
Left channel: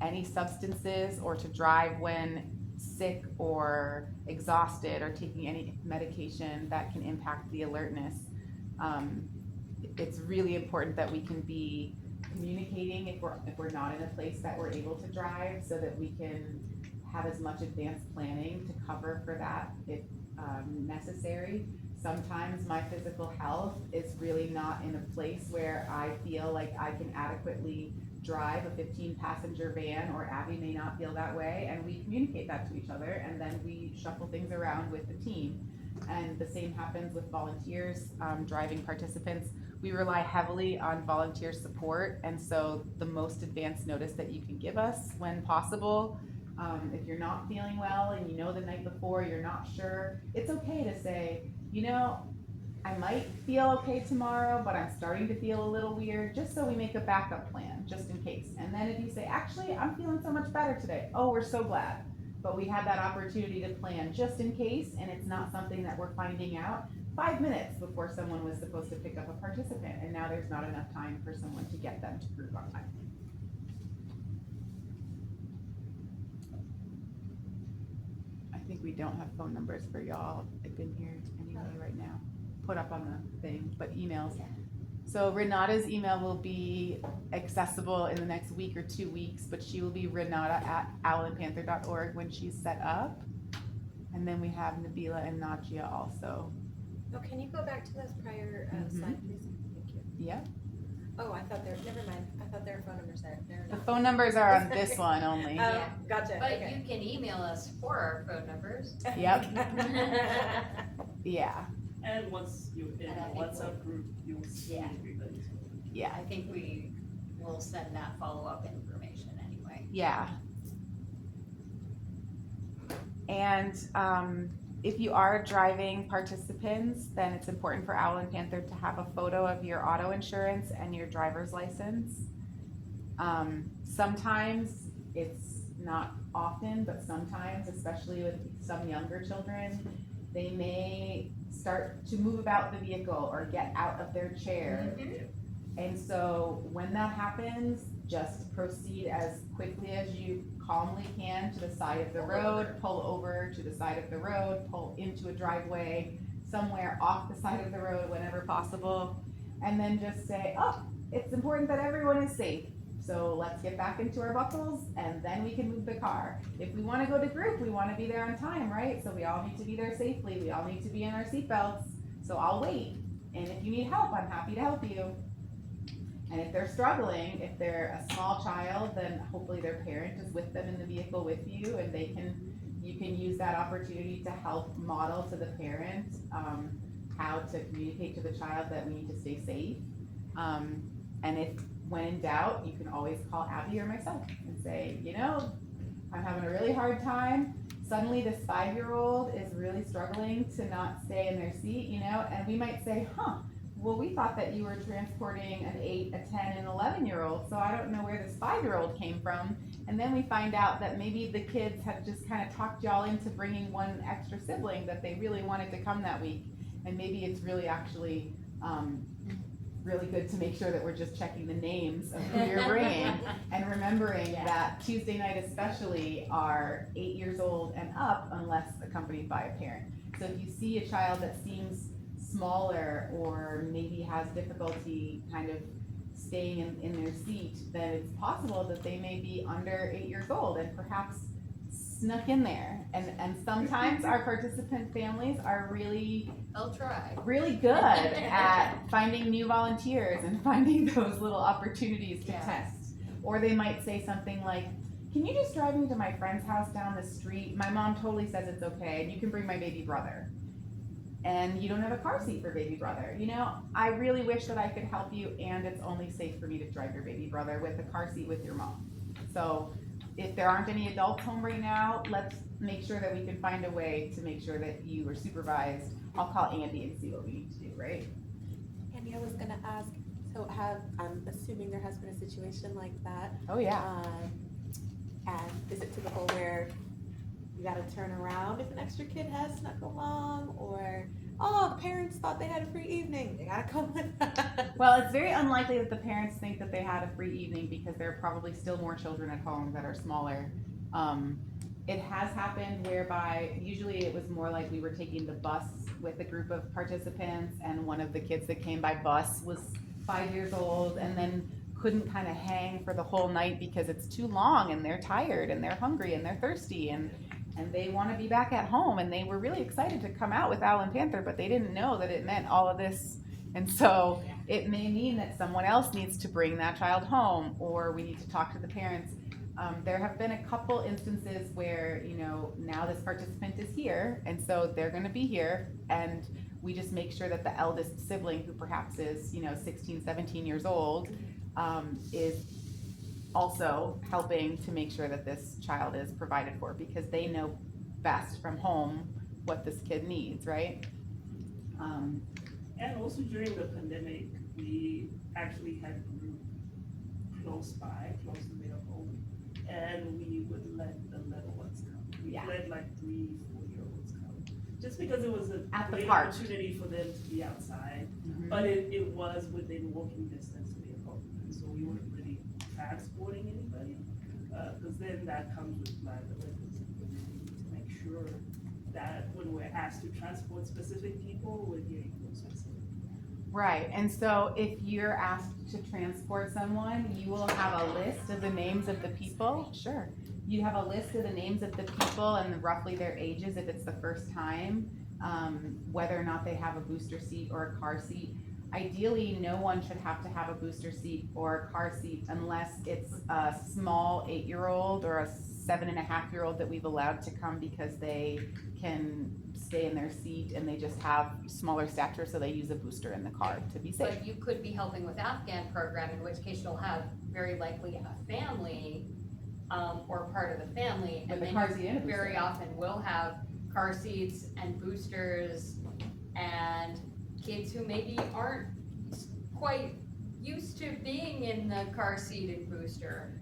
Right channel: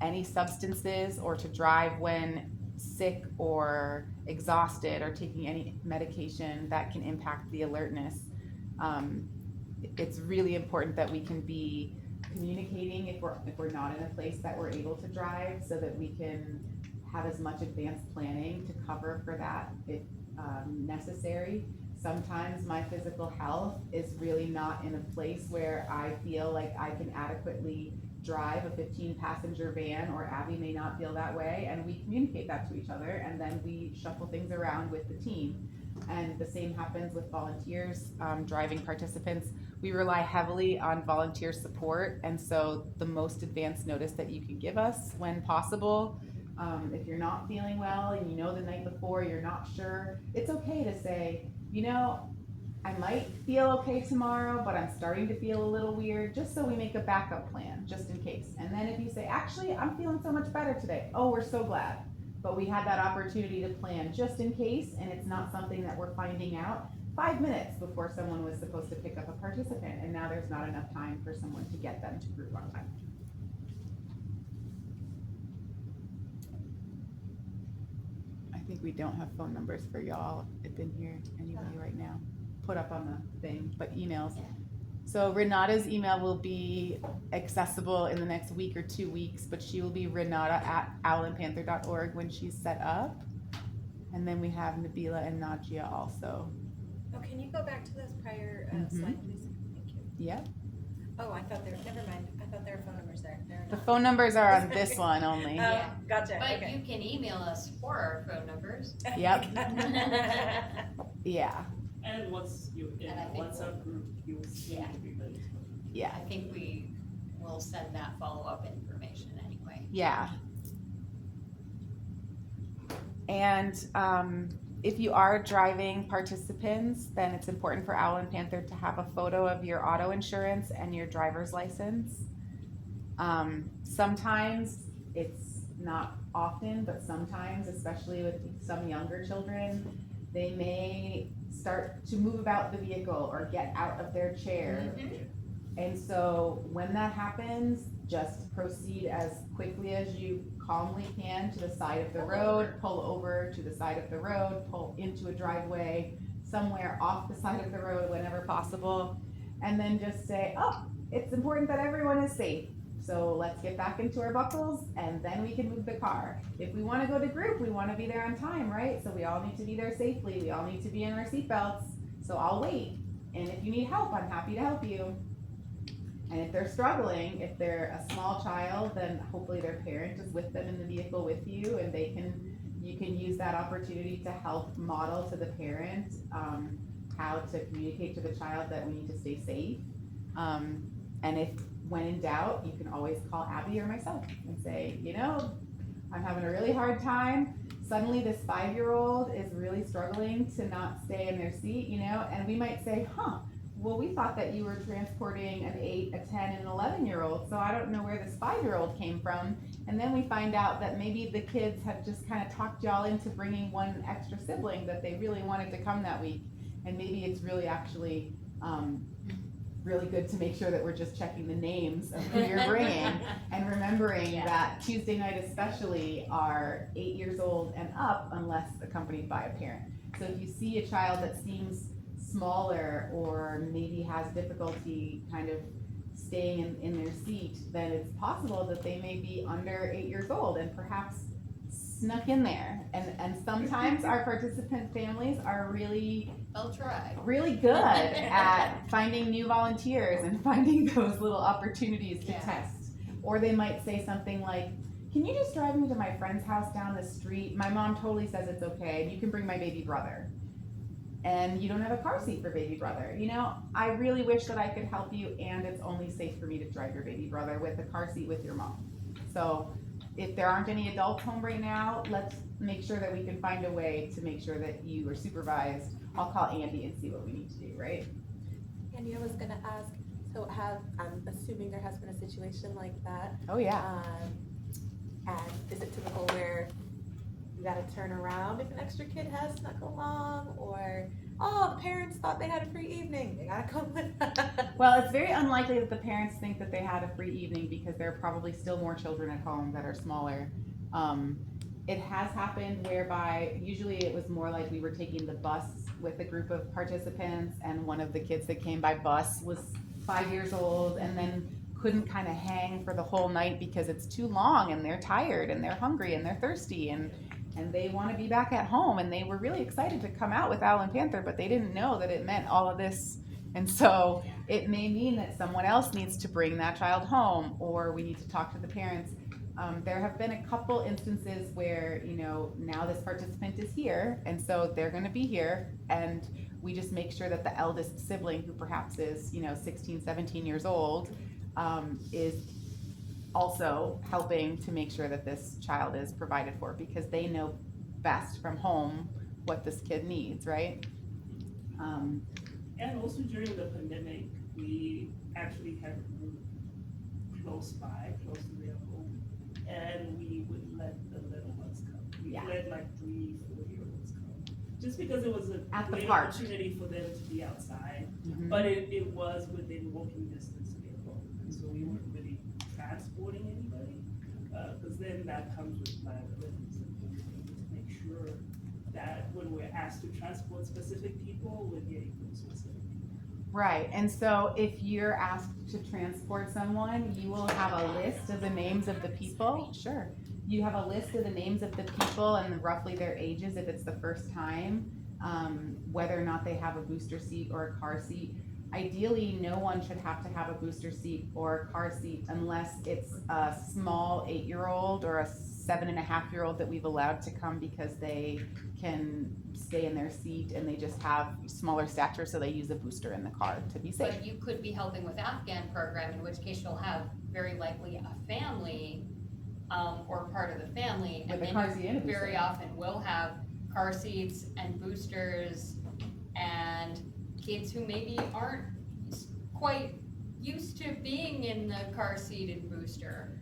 any substances, or to drive when sick or exhausted or taking any medication that can impact the alertness. It's really important that we can be communicating if we're not in a place that we're able to drive, so that we can have as much advanced planning to cover for that if necessary. Sometimes my physical health is really not in a place where I feel like I can adequately drive a 15-passenger van, or Abby may not feel that way, and we communicate that to each other, and then we shuffle things around with the team. And the same happens with volunteers, driving participants. We rely heavily on volunteer support, and so the most advanced notice that you can give us when possible. If you're not feeling well and you know the night before you're not sure, it's okay to say, you know, I might feel okay tomorrow, but I'm starting to feel a little weird, just so we make a backup plan, just in case. And then if you say, actually, I'm feeling so much better today, oh, we're so glad. But we had that opportunity to plan just in case, and it's not something that we're finding out 5 minutes before someone was supposed to pick up a participant, and now there's not enough time for someone to get them to group on time. I think we don't have phone numbers for y'all in here anyway right now, put up on the thing, but emails. So Renata's email will be accessible in the next week or 2 weeks, but she will be renata@owlandpanther.org when she's set up. And then we have Nabila and Najia also. Oh, can you go back to those prior slide, please? Thank you. Yeah. Oh, I thought never mind. I thought there were phone numbers there. They're The not. phone numbers are on this one only. Yeah. Gotcha, But okay. you can email us for our phone numbers. Yep. Yeah. And once you're in And I a think WhatsApp group, you'll see Yeah. everybody's phone. Yeah. I think we will send that follow-up information anyway. Yeah. And if you are driving participants, then it's important for Owl and Panther to have a photo of your auto insurance and your driver's license. Sometimes, it's not often, but sometimes, especially with some younger children, they may start to move about the vehicle or get out of their chair. And so when that happens, just proceed as quickly as you calmly can to the side of the road, pull over to the side of the road, pull into a driveway, somewhere off the side of the road whenever possible, and then just say, oh, it's important that everyone is safe. So let's get back into our buckles, and then we can move the car. If we want to go to group, we want to be there on time, right? So we all need to be there safely. We all need to be in our seatbelts. So I'll wait. And if you need help, I'm happy to help you. And if they're struggling, if they're a small child, then hopefully their parent is with them in the vehicle with you, and you can use that opportunity to help model to the parent how to communicate to the child that we need to stay safe. And if, when in doubt, you can always call Abby or myself and say, you know, I'm having a really hard time. Suddenly this 5-year-old is really struggling to not stay in their seat, you know, and we might say, well, we thought that you were transporting an 8, a 10, and 11-year-old, so I don't know where this 5-year-old came from. And then we find out that maybe the kids have just kind of talked y'all into bringing one extra sibling that they really wanted to come that week. And maybe it's really actually really good to make sure that we're just checking the names of who you're bringing and remembering that Tuesday night especially are 8 years old and up unless accompanied by a parent. So if you see a child that seems smaller or maybe has difficulty kind of staying in their seat, then it's possible that they may be under 8 years old and perhaps snuck in there. And sometimes our participant families are They'll try. really good at finding new volunteers and finding those little opportunities to test. Or they might say something like, can you just drive me to my friend's house down the street? My mom totally says it's okay, and you can bring my baby brother. And you don't have a car seat for baby brother. You know, I really wish that I could help you, and it's only safe for me to drive your baby brother with a car seat with your mom. So if there aren't any adults home right now, let's make sure that we can find a way to make sure that you are supervised. I'll call Andy and see what we need to do, right? Andy, I was gonna ask, I'm assuming there has been a situation like that. Oh, yeah. And is it to the whole where you gotta turn around if an extra kid has snuck along, or, oh, the parents thought they had a free evening, they gotta come with us? Well, it's very unlikely that the parents think that they had a free evening because there are probably still more children at home that are smaller. It has happened whereby usually it was more like we were taking the bus with a group of participants, and one of the kids that came by bus was 5 years old and then couldn't kind of hang for the whole night because it's too long and they're tired and they're hungry and they're thirsty and they want to be back at home, and they were really excited to come out with Owl and Panther, but they didn't know that it meant all of this. And so it may mean that someone else needs to bring that child home, or we need to talk to the parents. There have been a couple instances where, now this participant is here, and so they're going to be here, and we just make sure that the eldest sibling, who perhaps is, 16, 17 years old, is also helping to make sure that this child is provided for, because they know best from home what this kid needs, right? And also during the pandemic, we actually had a group close to their home, and we would let the little ones come. We Yeah. let like 3-4-year-olds come, just because it was a At the great park. opportunity for them to be outside. Mhm. But it was within walking distance to their home, and so we weren't really transporting anybody, because then that comes with liabilities, and we need to make sure that when we're asked to transport specific people, we're getting those specific people. Right, and so if you're asked to transport someone, you will have a list of the names of the people. Sure. You have a list of the names of the people and roughly their ages if it's the first time, whether or not they have a booster seat or a car seat. Ideally, no one should have to have a booster seat or a car seat unless it's a small 8-year-old or a 7.5-year-old that we've allowed to come because they can stay in their seat and they just have smaller stature, so they use a booster in the car to be safe. But you could be helping with Afghan program, in which case you'll have very likely a family, or part of the family, and With a then car seat and a you very booster. often will have car seats and boosters and kids who maybe aren't quite used to being in the car seat and booster.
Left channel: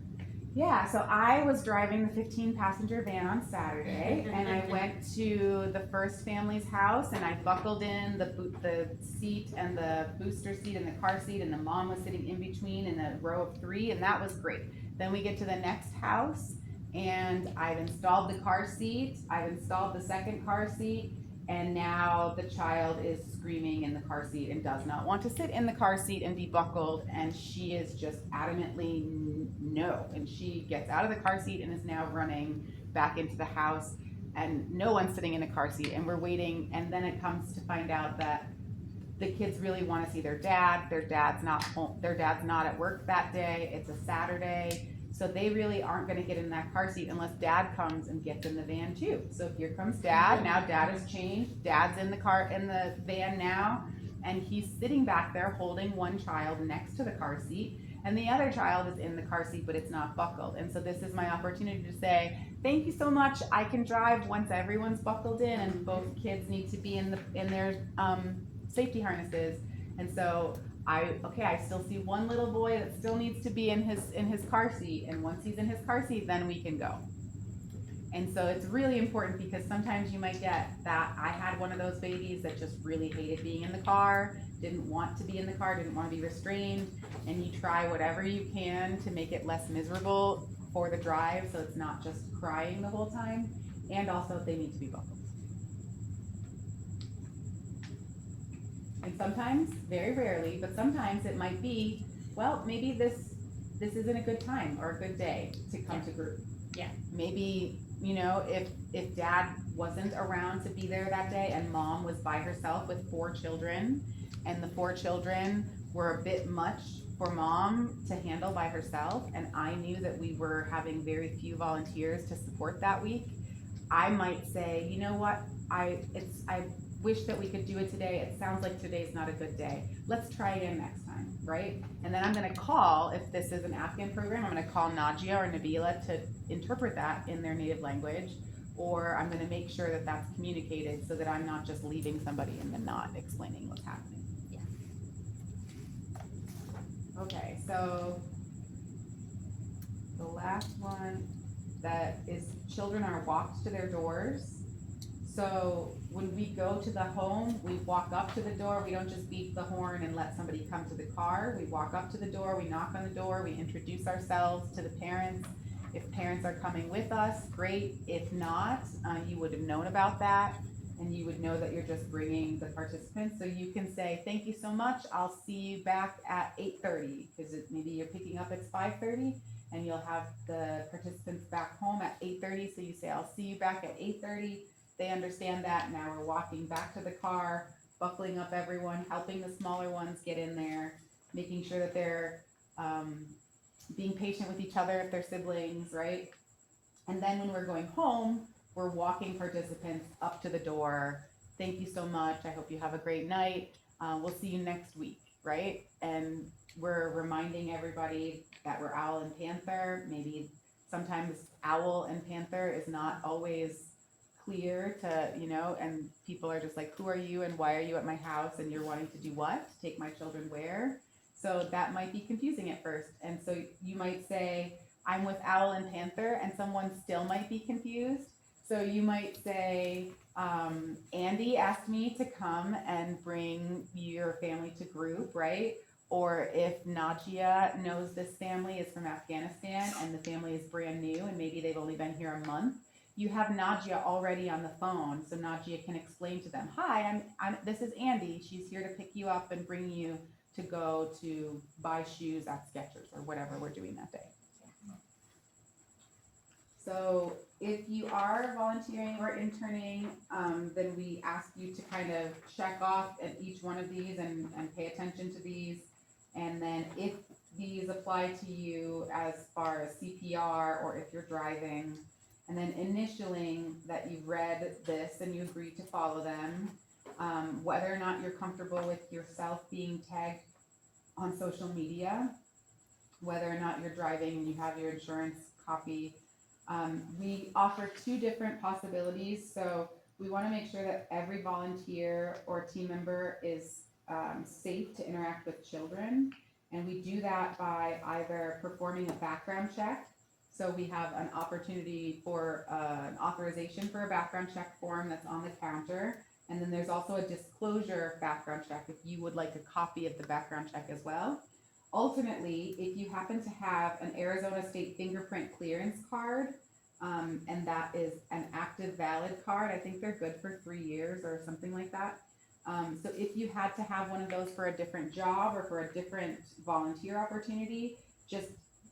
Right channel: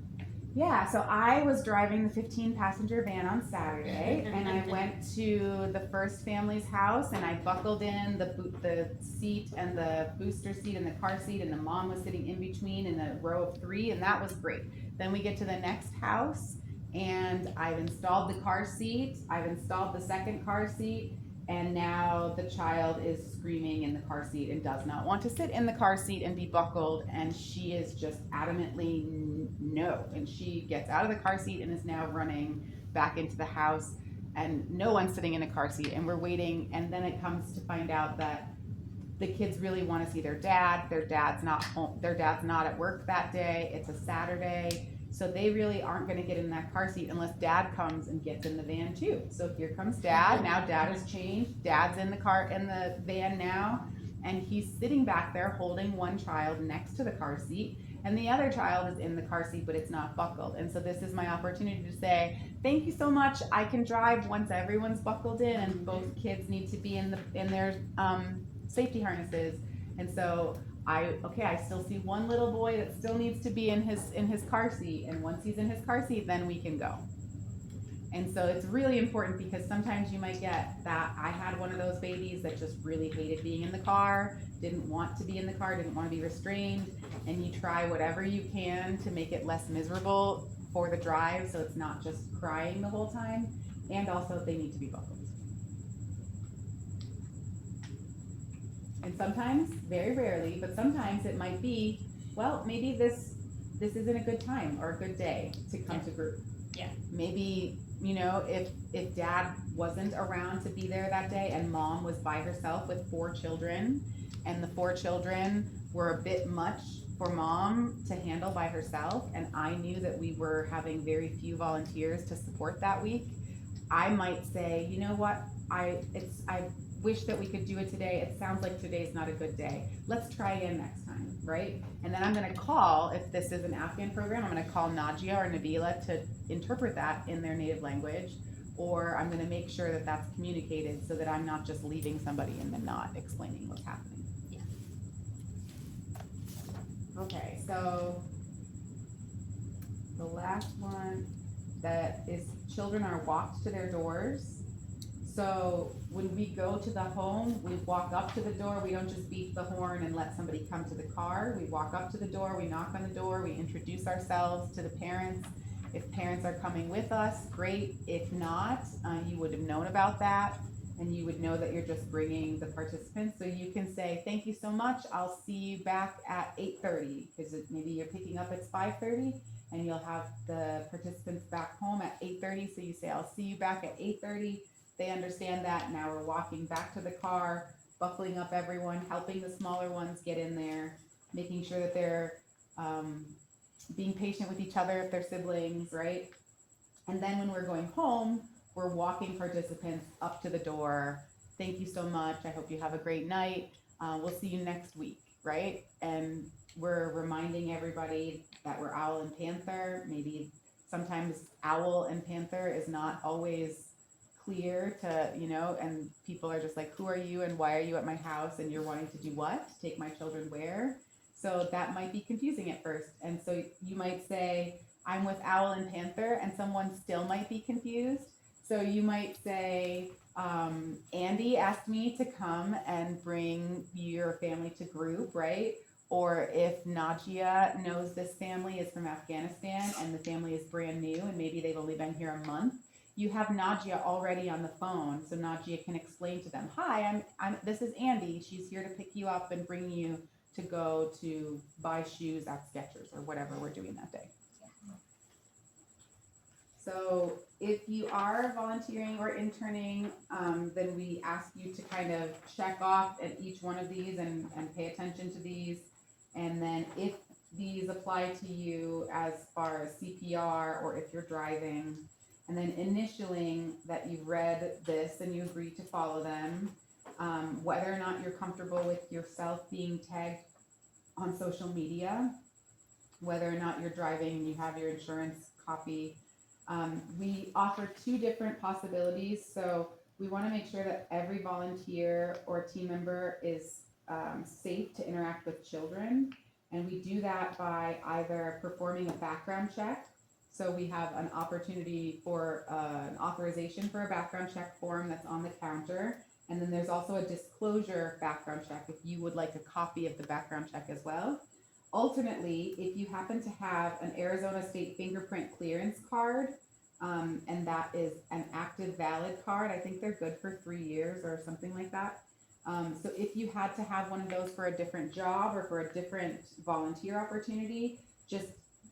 Yeah, so I was driving the 15-passenger van on Saturday, and I went to the first family's house, and I buckled in the seat and the booster seat and the car seat, and the mom was sitting in between in a row of 3, and that was great. Then we get to the next house, and I've installed the car seat, I've installed the second car seat, and now the child is screaming in the car seat and does not want to sit in the car seat and be buckled, and she is just adamantly no. And she gets out of the car seat and is now running back into the house, and no one's sitting in a car seat, and we're waiting, and then it comes to find out that the kids really want to see their dad. Their dad's not home. Their dad's not at work that day. It's a Saturday. So they really aren't going to get in that car seat unless dad comes and gets in the van too. So here comes dad. Now dad has changed. Dad's in the van now, and he's sitting back there holding one child next to the car seat, and the other child is in the car seat, but it's not buckled. And so this is my opportunity to say, thank you so much. I can drive once everyone's buckled in, and both kids need to be in their safety harnesses. And so I still see one little boy that still needs to be in his car seat, and once he's in his car seat, then we can go. And so it's really important, because sometimes you might get that. I had one of those babies that just really hated being in the car, didn't want to be in the car, didn't want to be restrained, and you try whatever you can to make it less miserable for the drive, so it's not just crying the whole time, and also they need to be buckled. And sometimes, very rarely, but sometimes it might be, well, maybe this isn't a good time or a good day to come to group. Yeah. Maybe, if dad wasn't around to be there that day and mom was by herself with 4 children, and the 4 children were a bit much for mom to handle by herself, and I knew that we were having very few volunteers to support that week, I might say, you know what, I wish that we could do it today. It sounds like today's not a good day. Let's try again next time, right? And then I'm gonna call, if this is an Afghan program, I'm gonna call Najia or Nabila to interpret that in their native language, or I'm gonna make sure that that's communicated so that I'm not just leaving somebody and then not explaining what's happening. so the last one that is children are walked to their doors. So when we go to the home, we walk up to the door, we don't just beep the horn and let somebody come to the car. We walk up to the door, we knock on the door, we introduce ourselves to the parents. If parents are coming with us, great. If not, you would have known about that and you would know that you're just bringing the participants. So you can say, thank you so much, I'll see you back at 8:30, because maybe you're picking up at 5:30 and you'll have the participants back home at 8:30. So you say, I'll see you back at 8:30. They understand that. Now we're walking back to the car, buckling up everyone, helping the smaller ones get in there, making sure that they're being patient with each other if they're siblings, right? And then when we're going home, we're walking participants up to the door. Thank you so much. I hope you have a great night. We'll see you next week, right? And we're reminding everybody that we're Owl and Panther. Maybe sometimes Owl and Panther is not always clear to, and people are just like, who are you and why are you at my house and you're wanting to do what? Take my children where? So that might be confusing at first. And so you might say, I'm with Owl and Panther, and someone still might be confused. So you might say, Andy asked me to come and bring your family to group, right? Or if Najia knows this family is from Afghanistan and the family is brand new and maybe they've only been here a month, you have Najia already on the phone, so Najia can explain to them, hi, this is Andy. She's here to pick you up and bring you to go to buy shoes at Skechers or whatever we're doing that day. So if you are volunteering or interning, then we ask you to kind of check off at each one of these and pay attention to these. And then if these apply to you as far as CPR or if you're driving, and then initialing that you've read this and you agree to follow them, whether or not you're comfortable with yourself being tagged on social media, whether or not you're driving and you have your insurance copy. We offer two different possibilities. So we want to make sure that every volunteer or team member is safe to interact with children. And we do that by either performing a background check. So we have an opportunity for an authorization for a background check form that's on the counter. And then there's also a disclosure background check if you would like a copy of the background check as well. Ultimately, if you happen to have an Arizona State fingerprint clearance card, and that is an active valid card, I think they're good for 3 years or something like that. So if you had to have one of those for a different job or for a different volunteer opportunity, just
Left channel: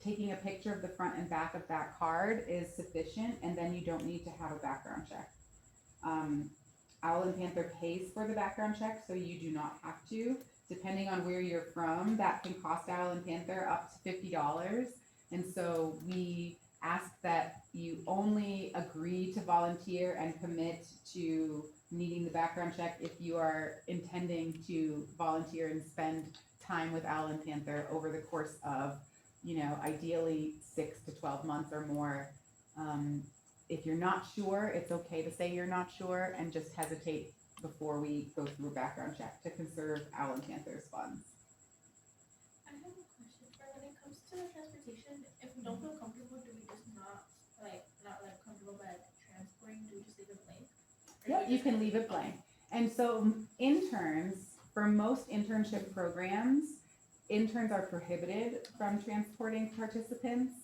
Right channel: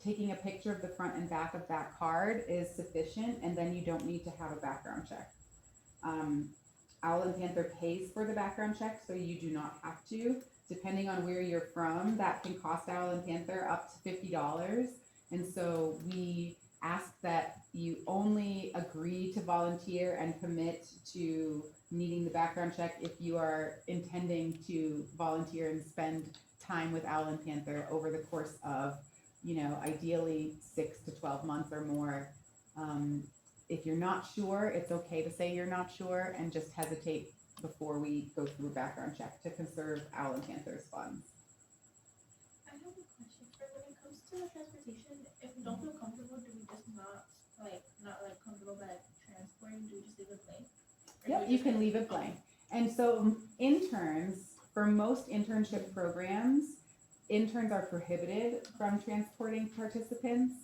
taking a picture of the front and back of that card is sufficient, and then you don't need to have a background check. Owl and Panther pays for the background check, so you do not have to. Depending on where you're from, that can cost Owl and Panther up to $50. And so we ask that you only agree to volunteer and commit to needing the background check if you are intending to volunteer and spend time with Owl and Panther over the course of, ideally 6 to 12 months or more. If you're not sure, it's okay to say you're not sure and just hesitate before we go through a background check to conserve Owl and Panther's funds. I have a question. When it comes to the transportation, if we don't feel comfortable, do we just not comfortable by transporting? Do we just leave it blank? Yeah, you can leave it blank. And so interns, for most internship programs, interns are prohibited from transporting participants.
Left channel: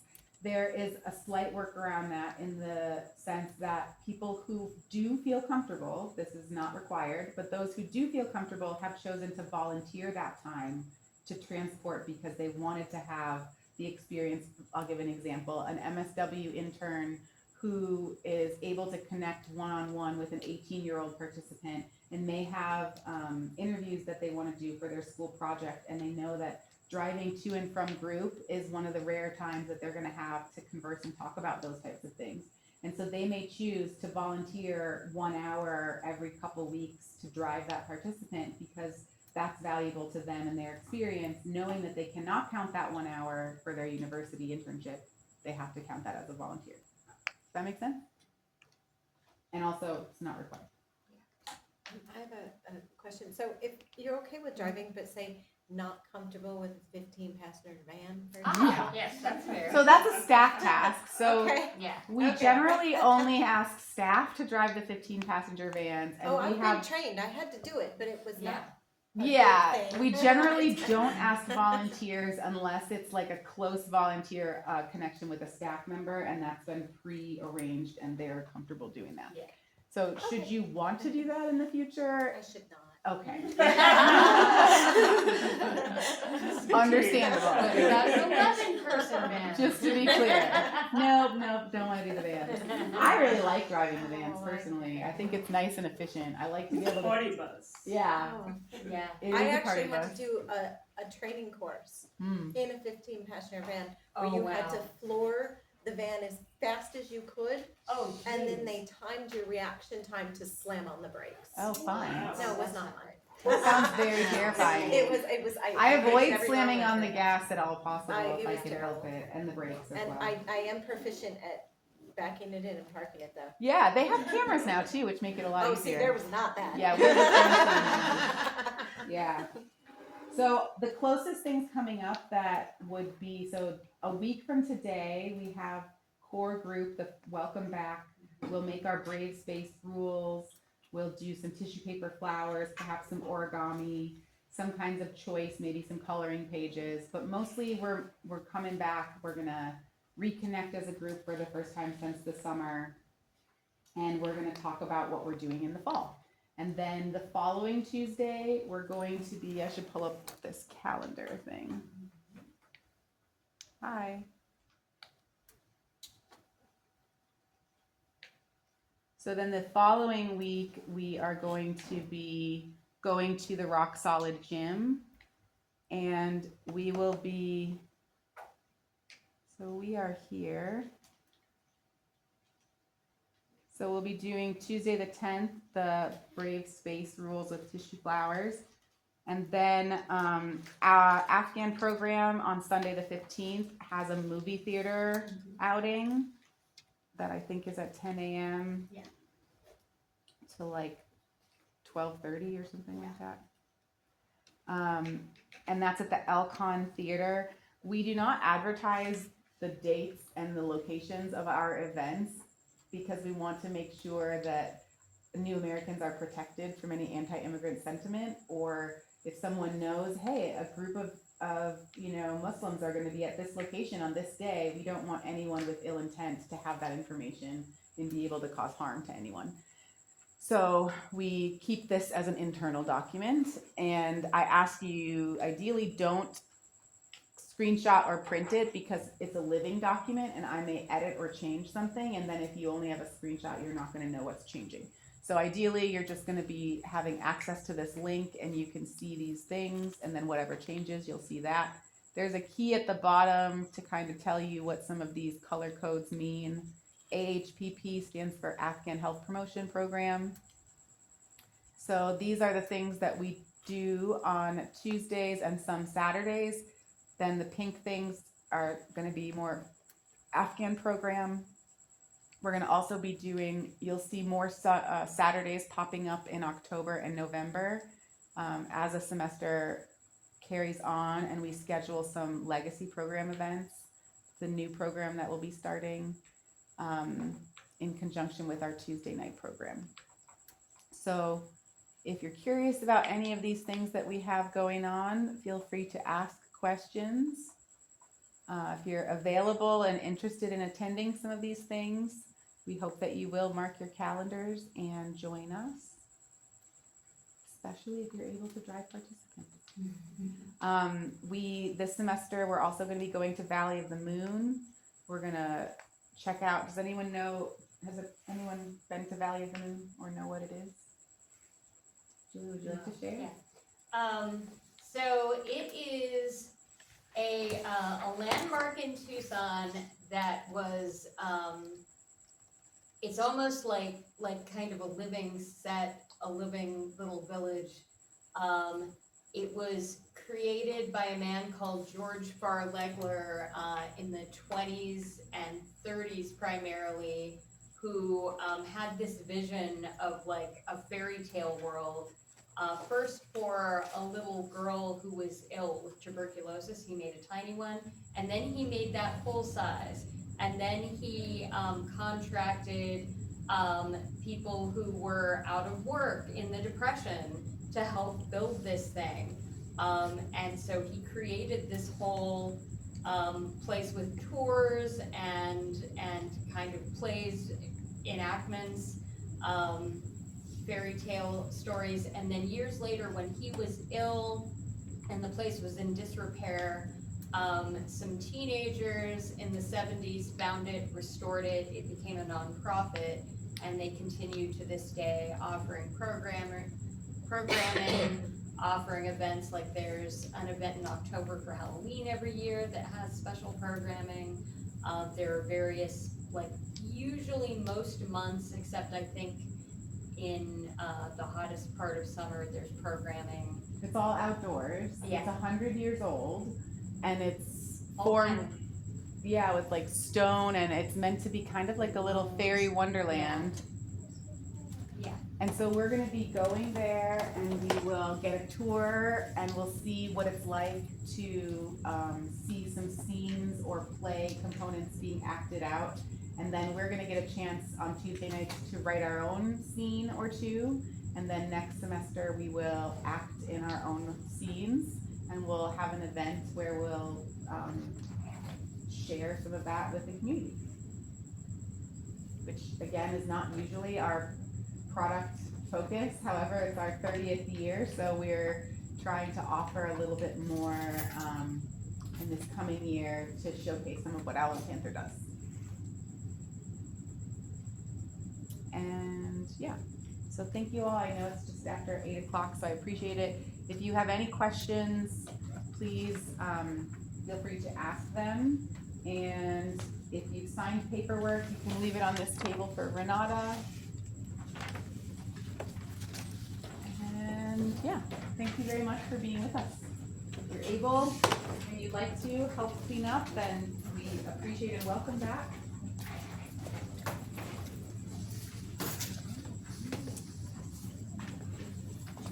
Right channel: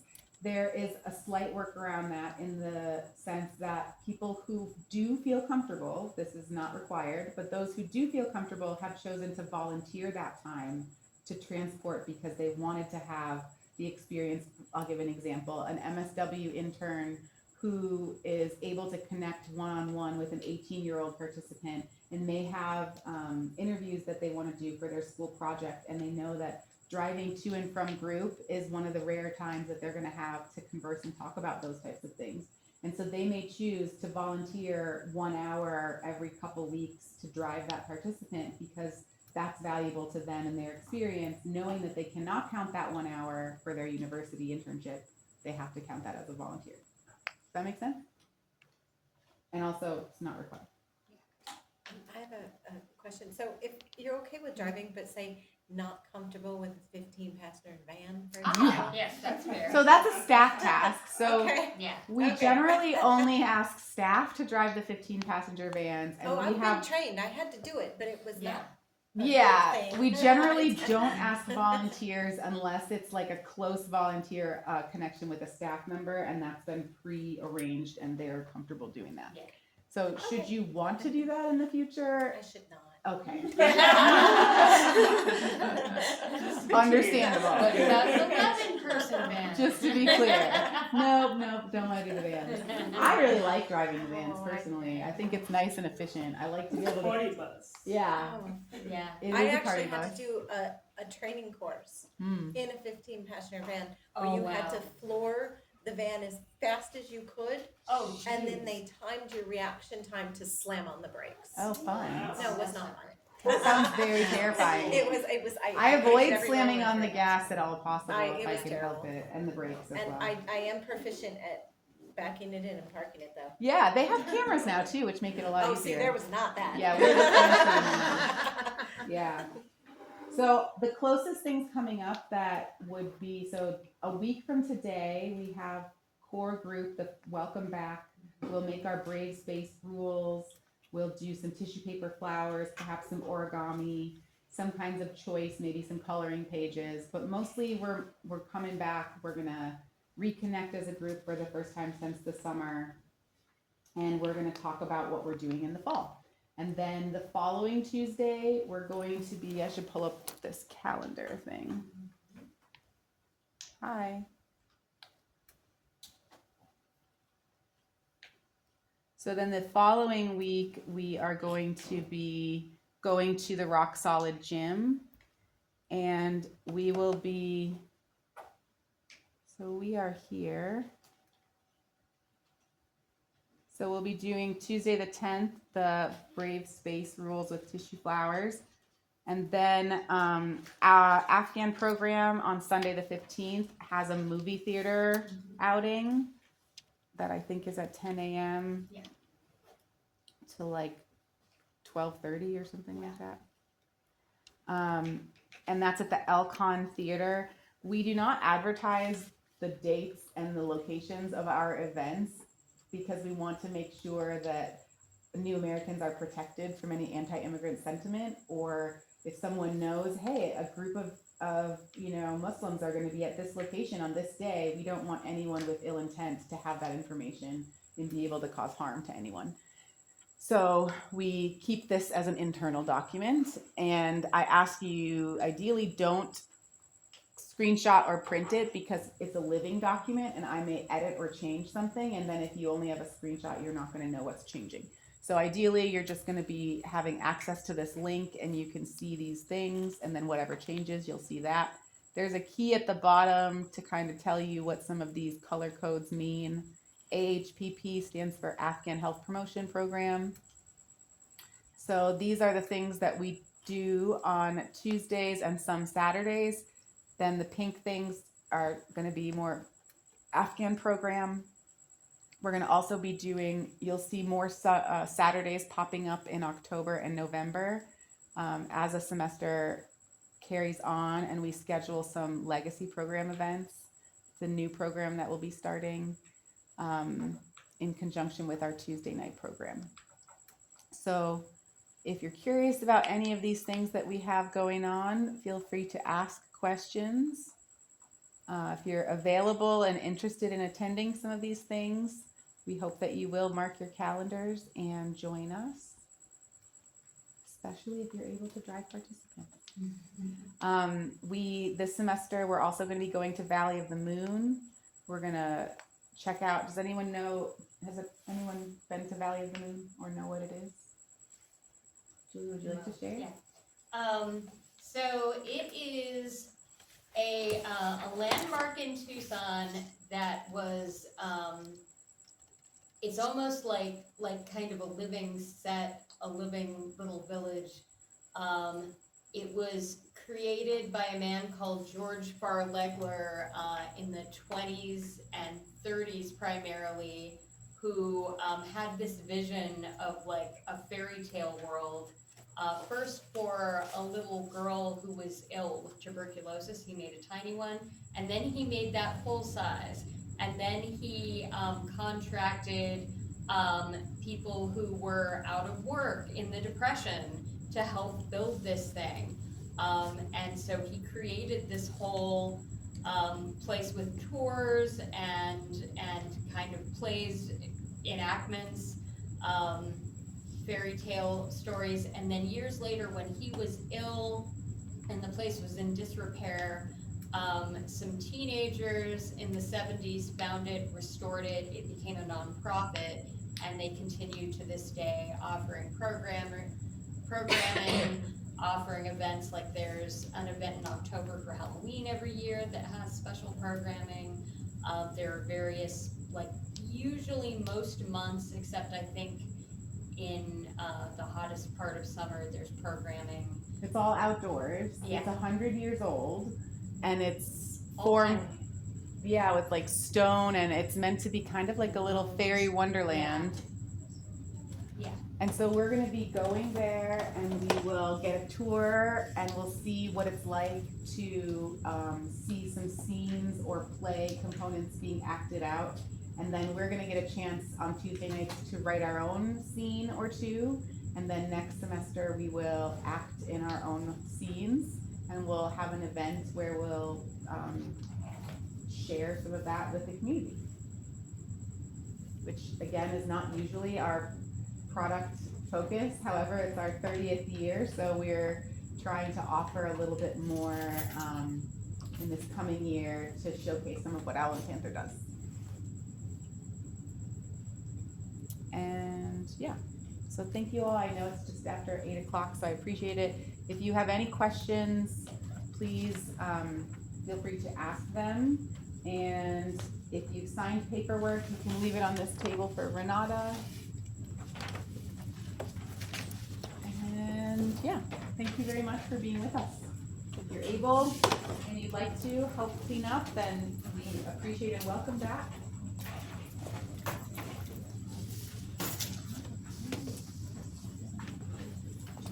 There is a slight work around that in the sense that people who do feel comfortable, this is not required, but those who do feel comfortable have chosen to volunteer that time to transport because they wanted to have the experience. I'll give an example. An MSW intern who is able to connect one-on-one with an 18-year-old participant and may have interviews that they want to do for their school project, and they know that driving to and from group is one of the rare times that they're going to have to converse and talk about those types of things. And so they may choose to volunteer 1 hour every couple weeks to drive that participant because that's valuable to them and their experience, knowing that they cannot count that 1 hour for their university internship. They have to count that as a volunteer. Does that make sense? And also, it's not required. I have a question. So if you're okay with driving, but say not comfortable with a 15-passenger van. for Ah, example. yes, that's fair. So that's a staff task, so Okay. Yeah. we Okay. generally only ask staff to drive the 15-passenger vans, and Oh, we I've been have, trained, I had to do it, but it was Yeah. not. a good yeah, thing. we generally don't ask volunteers unless it's like a close volunteer connection with a staff member, and that's been pre-arranged and they're comfortable doing that. Yeah. So should Okay. you want to do that in the future? I should not. Okay. Just Understandable. But that's 11-person van. Just to be clear. Nope, don't want to do the vans. I really like driving the vans personally. I think it's nice and efficient. I like to be It's a able to, party bus. yeah, Oh. Yeah. it is I a party actually had bus. to do a training course Hmm. in a 15-passenger van where Oh, you had wow. to floor the van as fast as you could, Oh, and then geez. they timed your reaction time to slam on the brakes. Oh, fun. No, it was not fun. That sounds very terrifying. It was, I hated avoid every slamming moment on of the it. gas at all possible It if I was can terrible. help it, and the brakes as And well. I am proficient at backing it in and parking it though. Yeah, they have cameras now too, which make it a lot Oh, easier. see, there was not that. Yeah, we're the Yeah. So the closest things coming up that would be, so a week from today, we have core group, the welcome back. We'll make our brave space rules. We'll do some tissue paper flowers, perhaps some origami, some kinds of choice, maybe some coloring pages. But mostly we're coming back. We're gonna reconnect as a group for the first time since the summer. And we're gonna talk about what we're doing in the fall. And then the following Tuesday, we're going to be, I should pull up this calendar thing. Hi. So then the following week, we are going to be going to the Rock Solid Gym. And we will be, so we are here. So we'll be doing Tuesday the 10th, the Brave Space Rules with Tissue Flowers. And then Afghan program on Sunday the 15th has a movie theater outing that I think is at 10 a.m. Yeah. to like 12:30 or something like that. And that's at the Elcon Theater. We do not advertise the dates and the locations of our events because we want to make sure that new Americans are protected from any anti-immigrant sentiment, or if someone knows, hey, a group of Muslims are going to be at this location on this day, we don't want anyone with ill intent to have that information and be able to cause harm to anyone. So we keep this as an internal document, and I ask you, ideally don't screenshot or print it because it's a living document and I may edit or change something, and then if you only have a screenshot, you're not going to know what's changing. So ideally, you're just going to be having access to this link and you can see these things, and then whatever changes, you'll see that. There's a key at the bottom to kind of tell you what some of these color codes mean. AHPP stands for Afghan Health Promotion Program. So these are the things that we do on Tuesdays and some Saturdays. Then the pink things are going to be more Afghan program. We're going to also be doing, you'll see more Saturdays popping up in October and November as a semester carries on, and we schedule some legacy program events. It's a new program that will be starting in conjunction with our Tuesday night program. So if you're curious about any of these things that we have going on, feel free to ask questions. If you're available and interested in attending some of these things, we hope that you will mark your calendars and join us, especially if you're able to drive participants. This semester, we're also going to be going to Valley of the Moon. We're going to check out, does anyone know, anyone been to Valley of the Moon or know what it is? Julie, would you like to share? Yeah. So it is a landmark in Tucson that was, it's almost like kind of a living set, a living little village. It was created by a man called George Farlegler in the 20s and 30s primarily, who had this vision of like a fairy tale world First for a little girl who was ill with tuberculosis, he made a tiny one, and then he made that full size. And then he contracted people who were out of work in the Depression to help build this thing. And so he created this whole place with tours and kind of plays, enactments, fairy tale stories. And then years later, when he was ill and the place was in disrepair, some teenagers in the 70s found it, restored it, it became a nonprofit, and they continue to this day offering programming, offering events. Like there's an event in October for Halloween every year that has special programming. There are various, like usually most months, except I think in the hottest part of summer, there's programming. It's all outdoors. Yeah. It's 100 years old, and it's All formed, kind yeah, with like stone, and it's meant to be kind of like a little fairy wonderland. Yeah. And so we're gonna be going there, and we will get a tour, and we'll see what it's like to see some scenes or play components being acted out. And then we're gonna get a chance on Tuesday nights to write our own scene or two. And then next semester, we will act in our own scenes, and we'll have an event where we'll share some of that with the community. Which again is not usually our product focus, however, it's our 30th year, so we're trying to offer a little bit more in this coming year to showcase some of what Owl and Panther does. And yeah, so thank you all. I know it's just after 8 o'clock, so I appreciate it. If you have any questions, please feel free to ask them. And if you've signed paperwork, you can leave it on this table for Renata. And yeah, thank you very much for being with us. If you're able and you'd like to help clean up, then we appreciate and welcome back.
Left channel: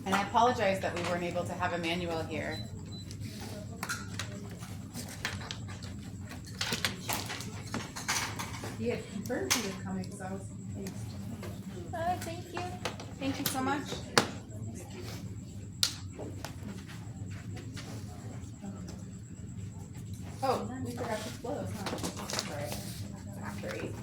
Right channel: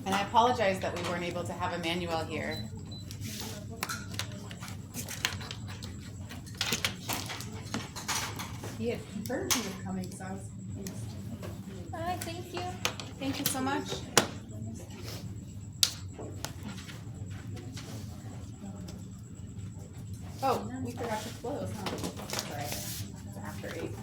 And I apologize that we weren't able to have Emmanuel here. He had confirmed he was coming, so I was confused. Thank you. Thank you so much. Oh, we forgot to close, huh? All right. After 8.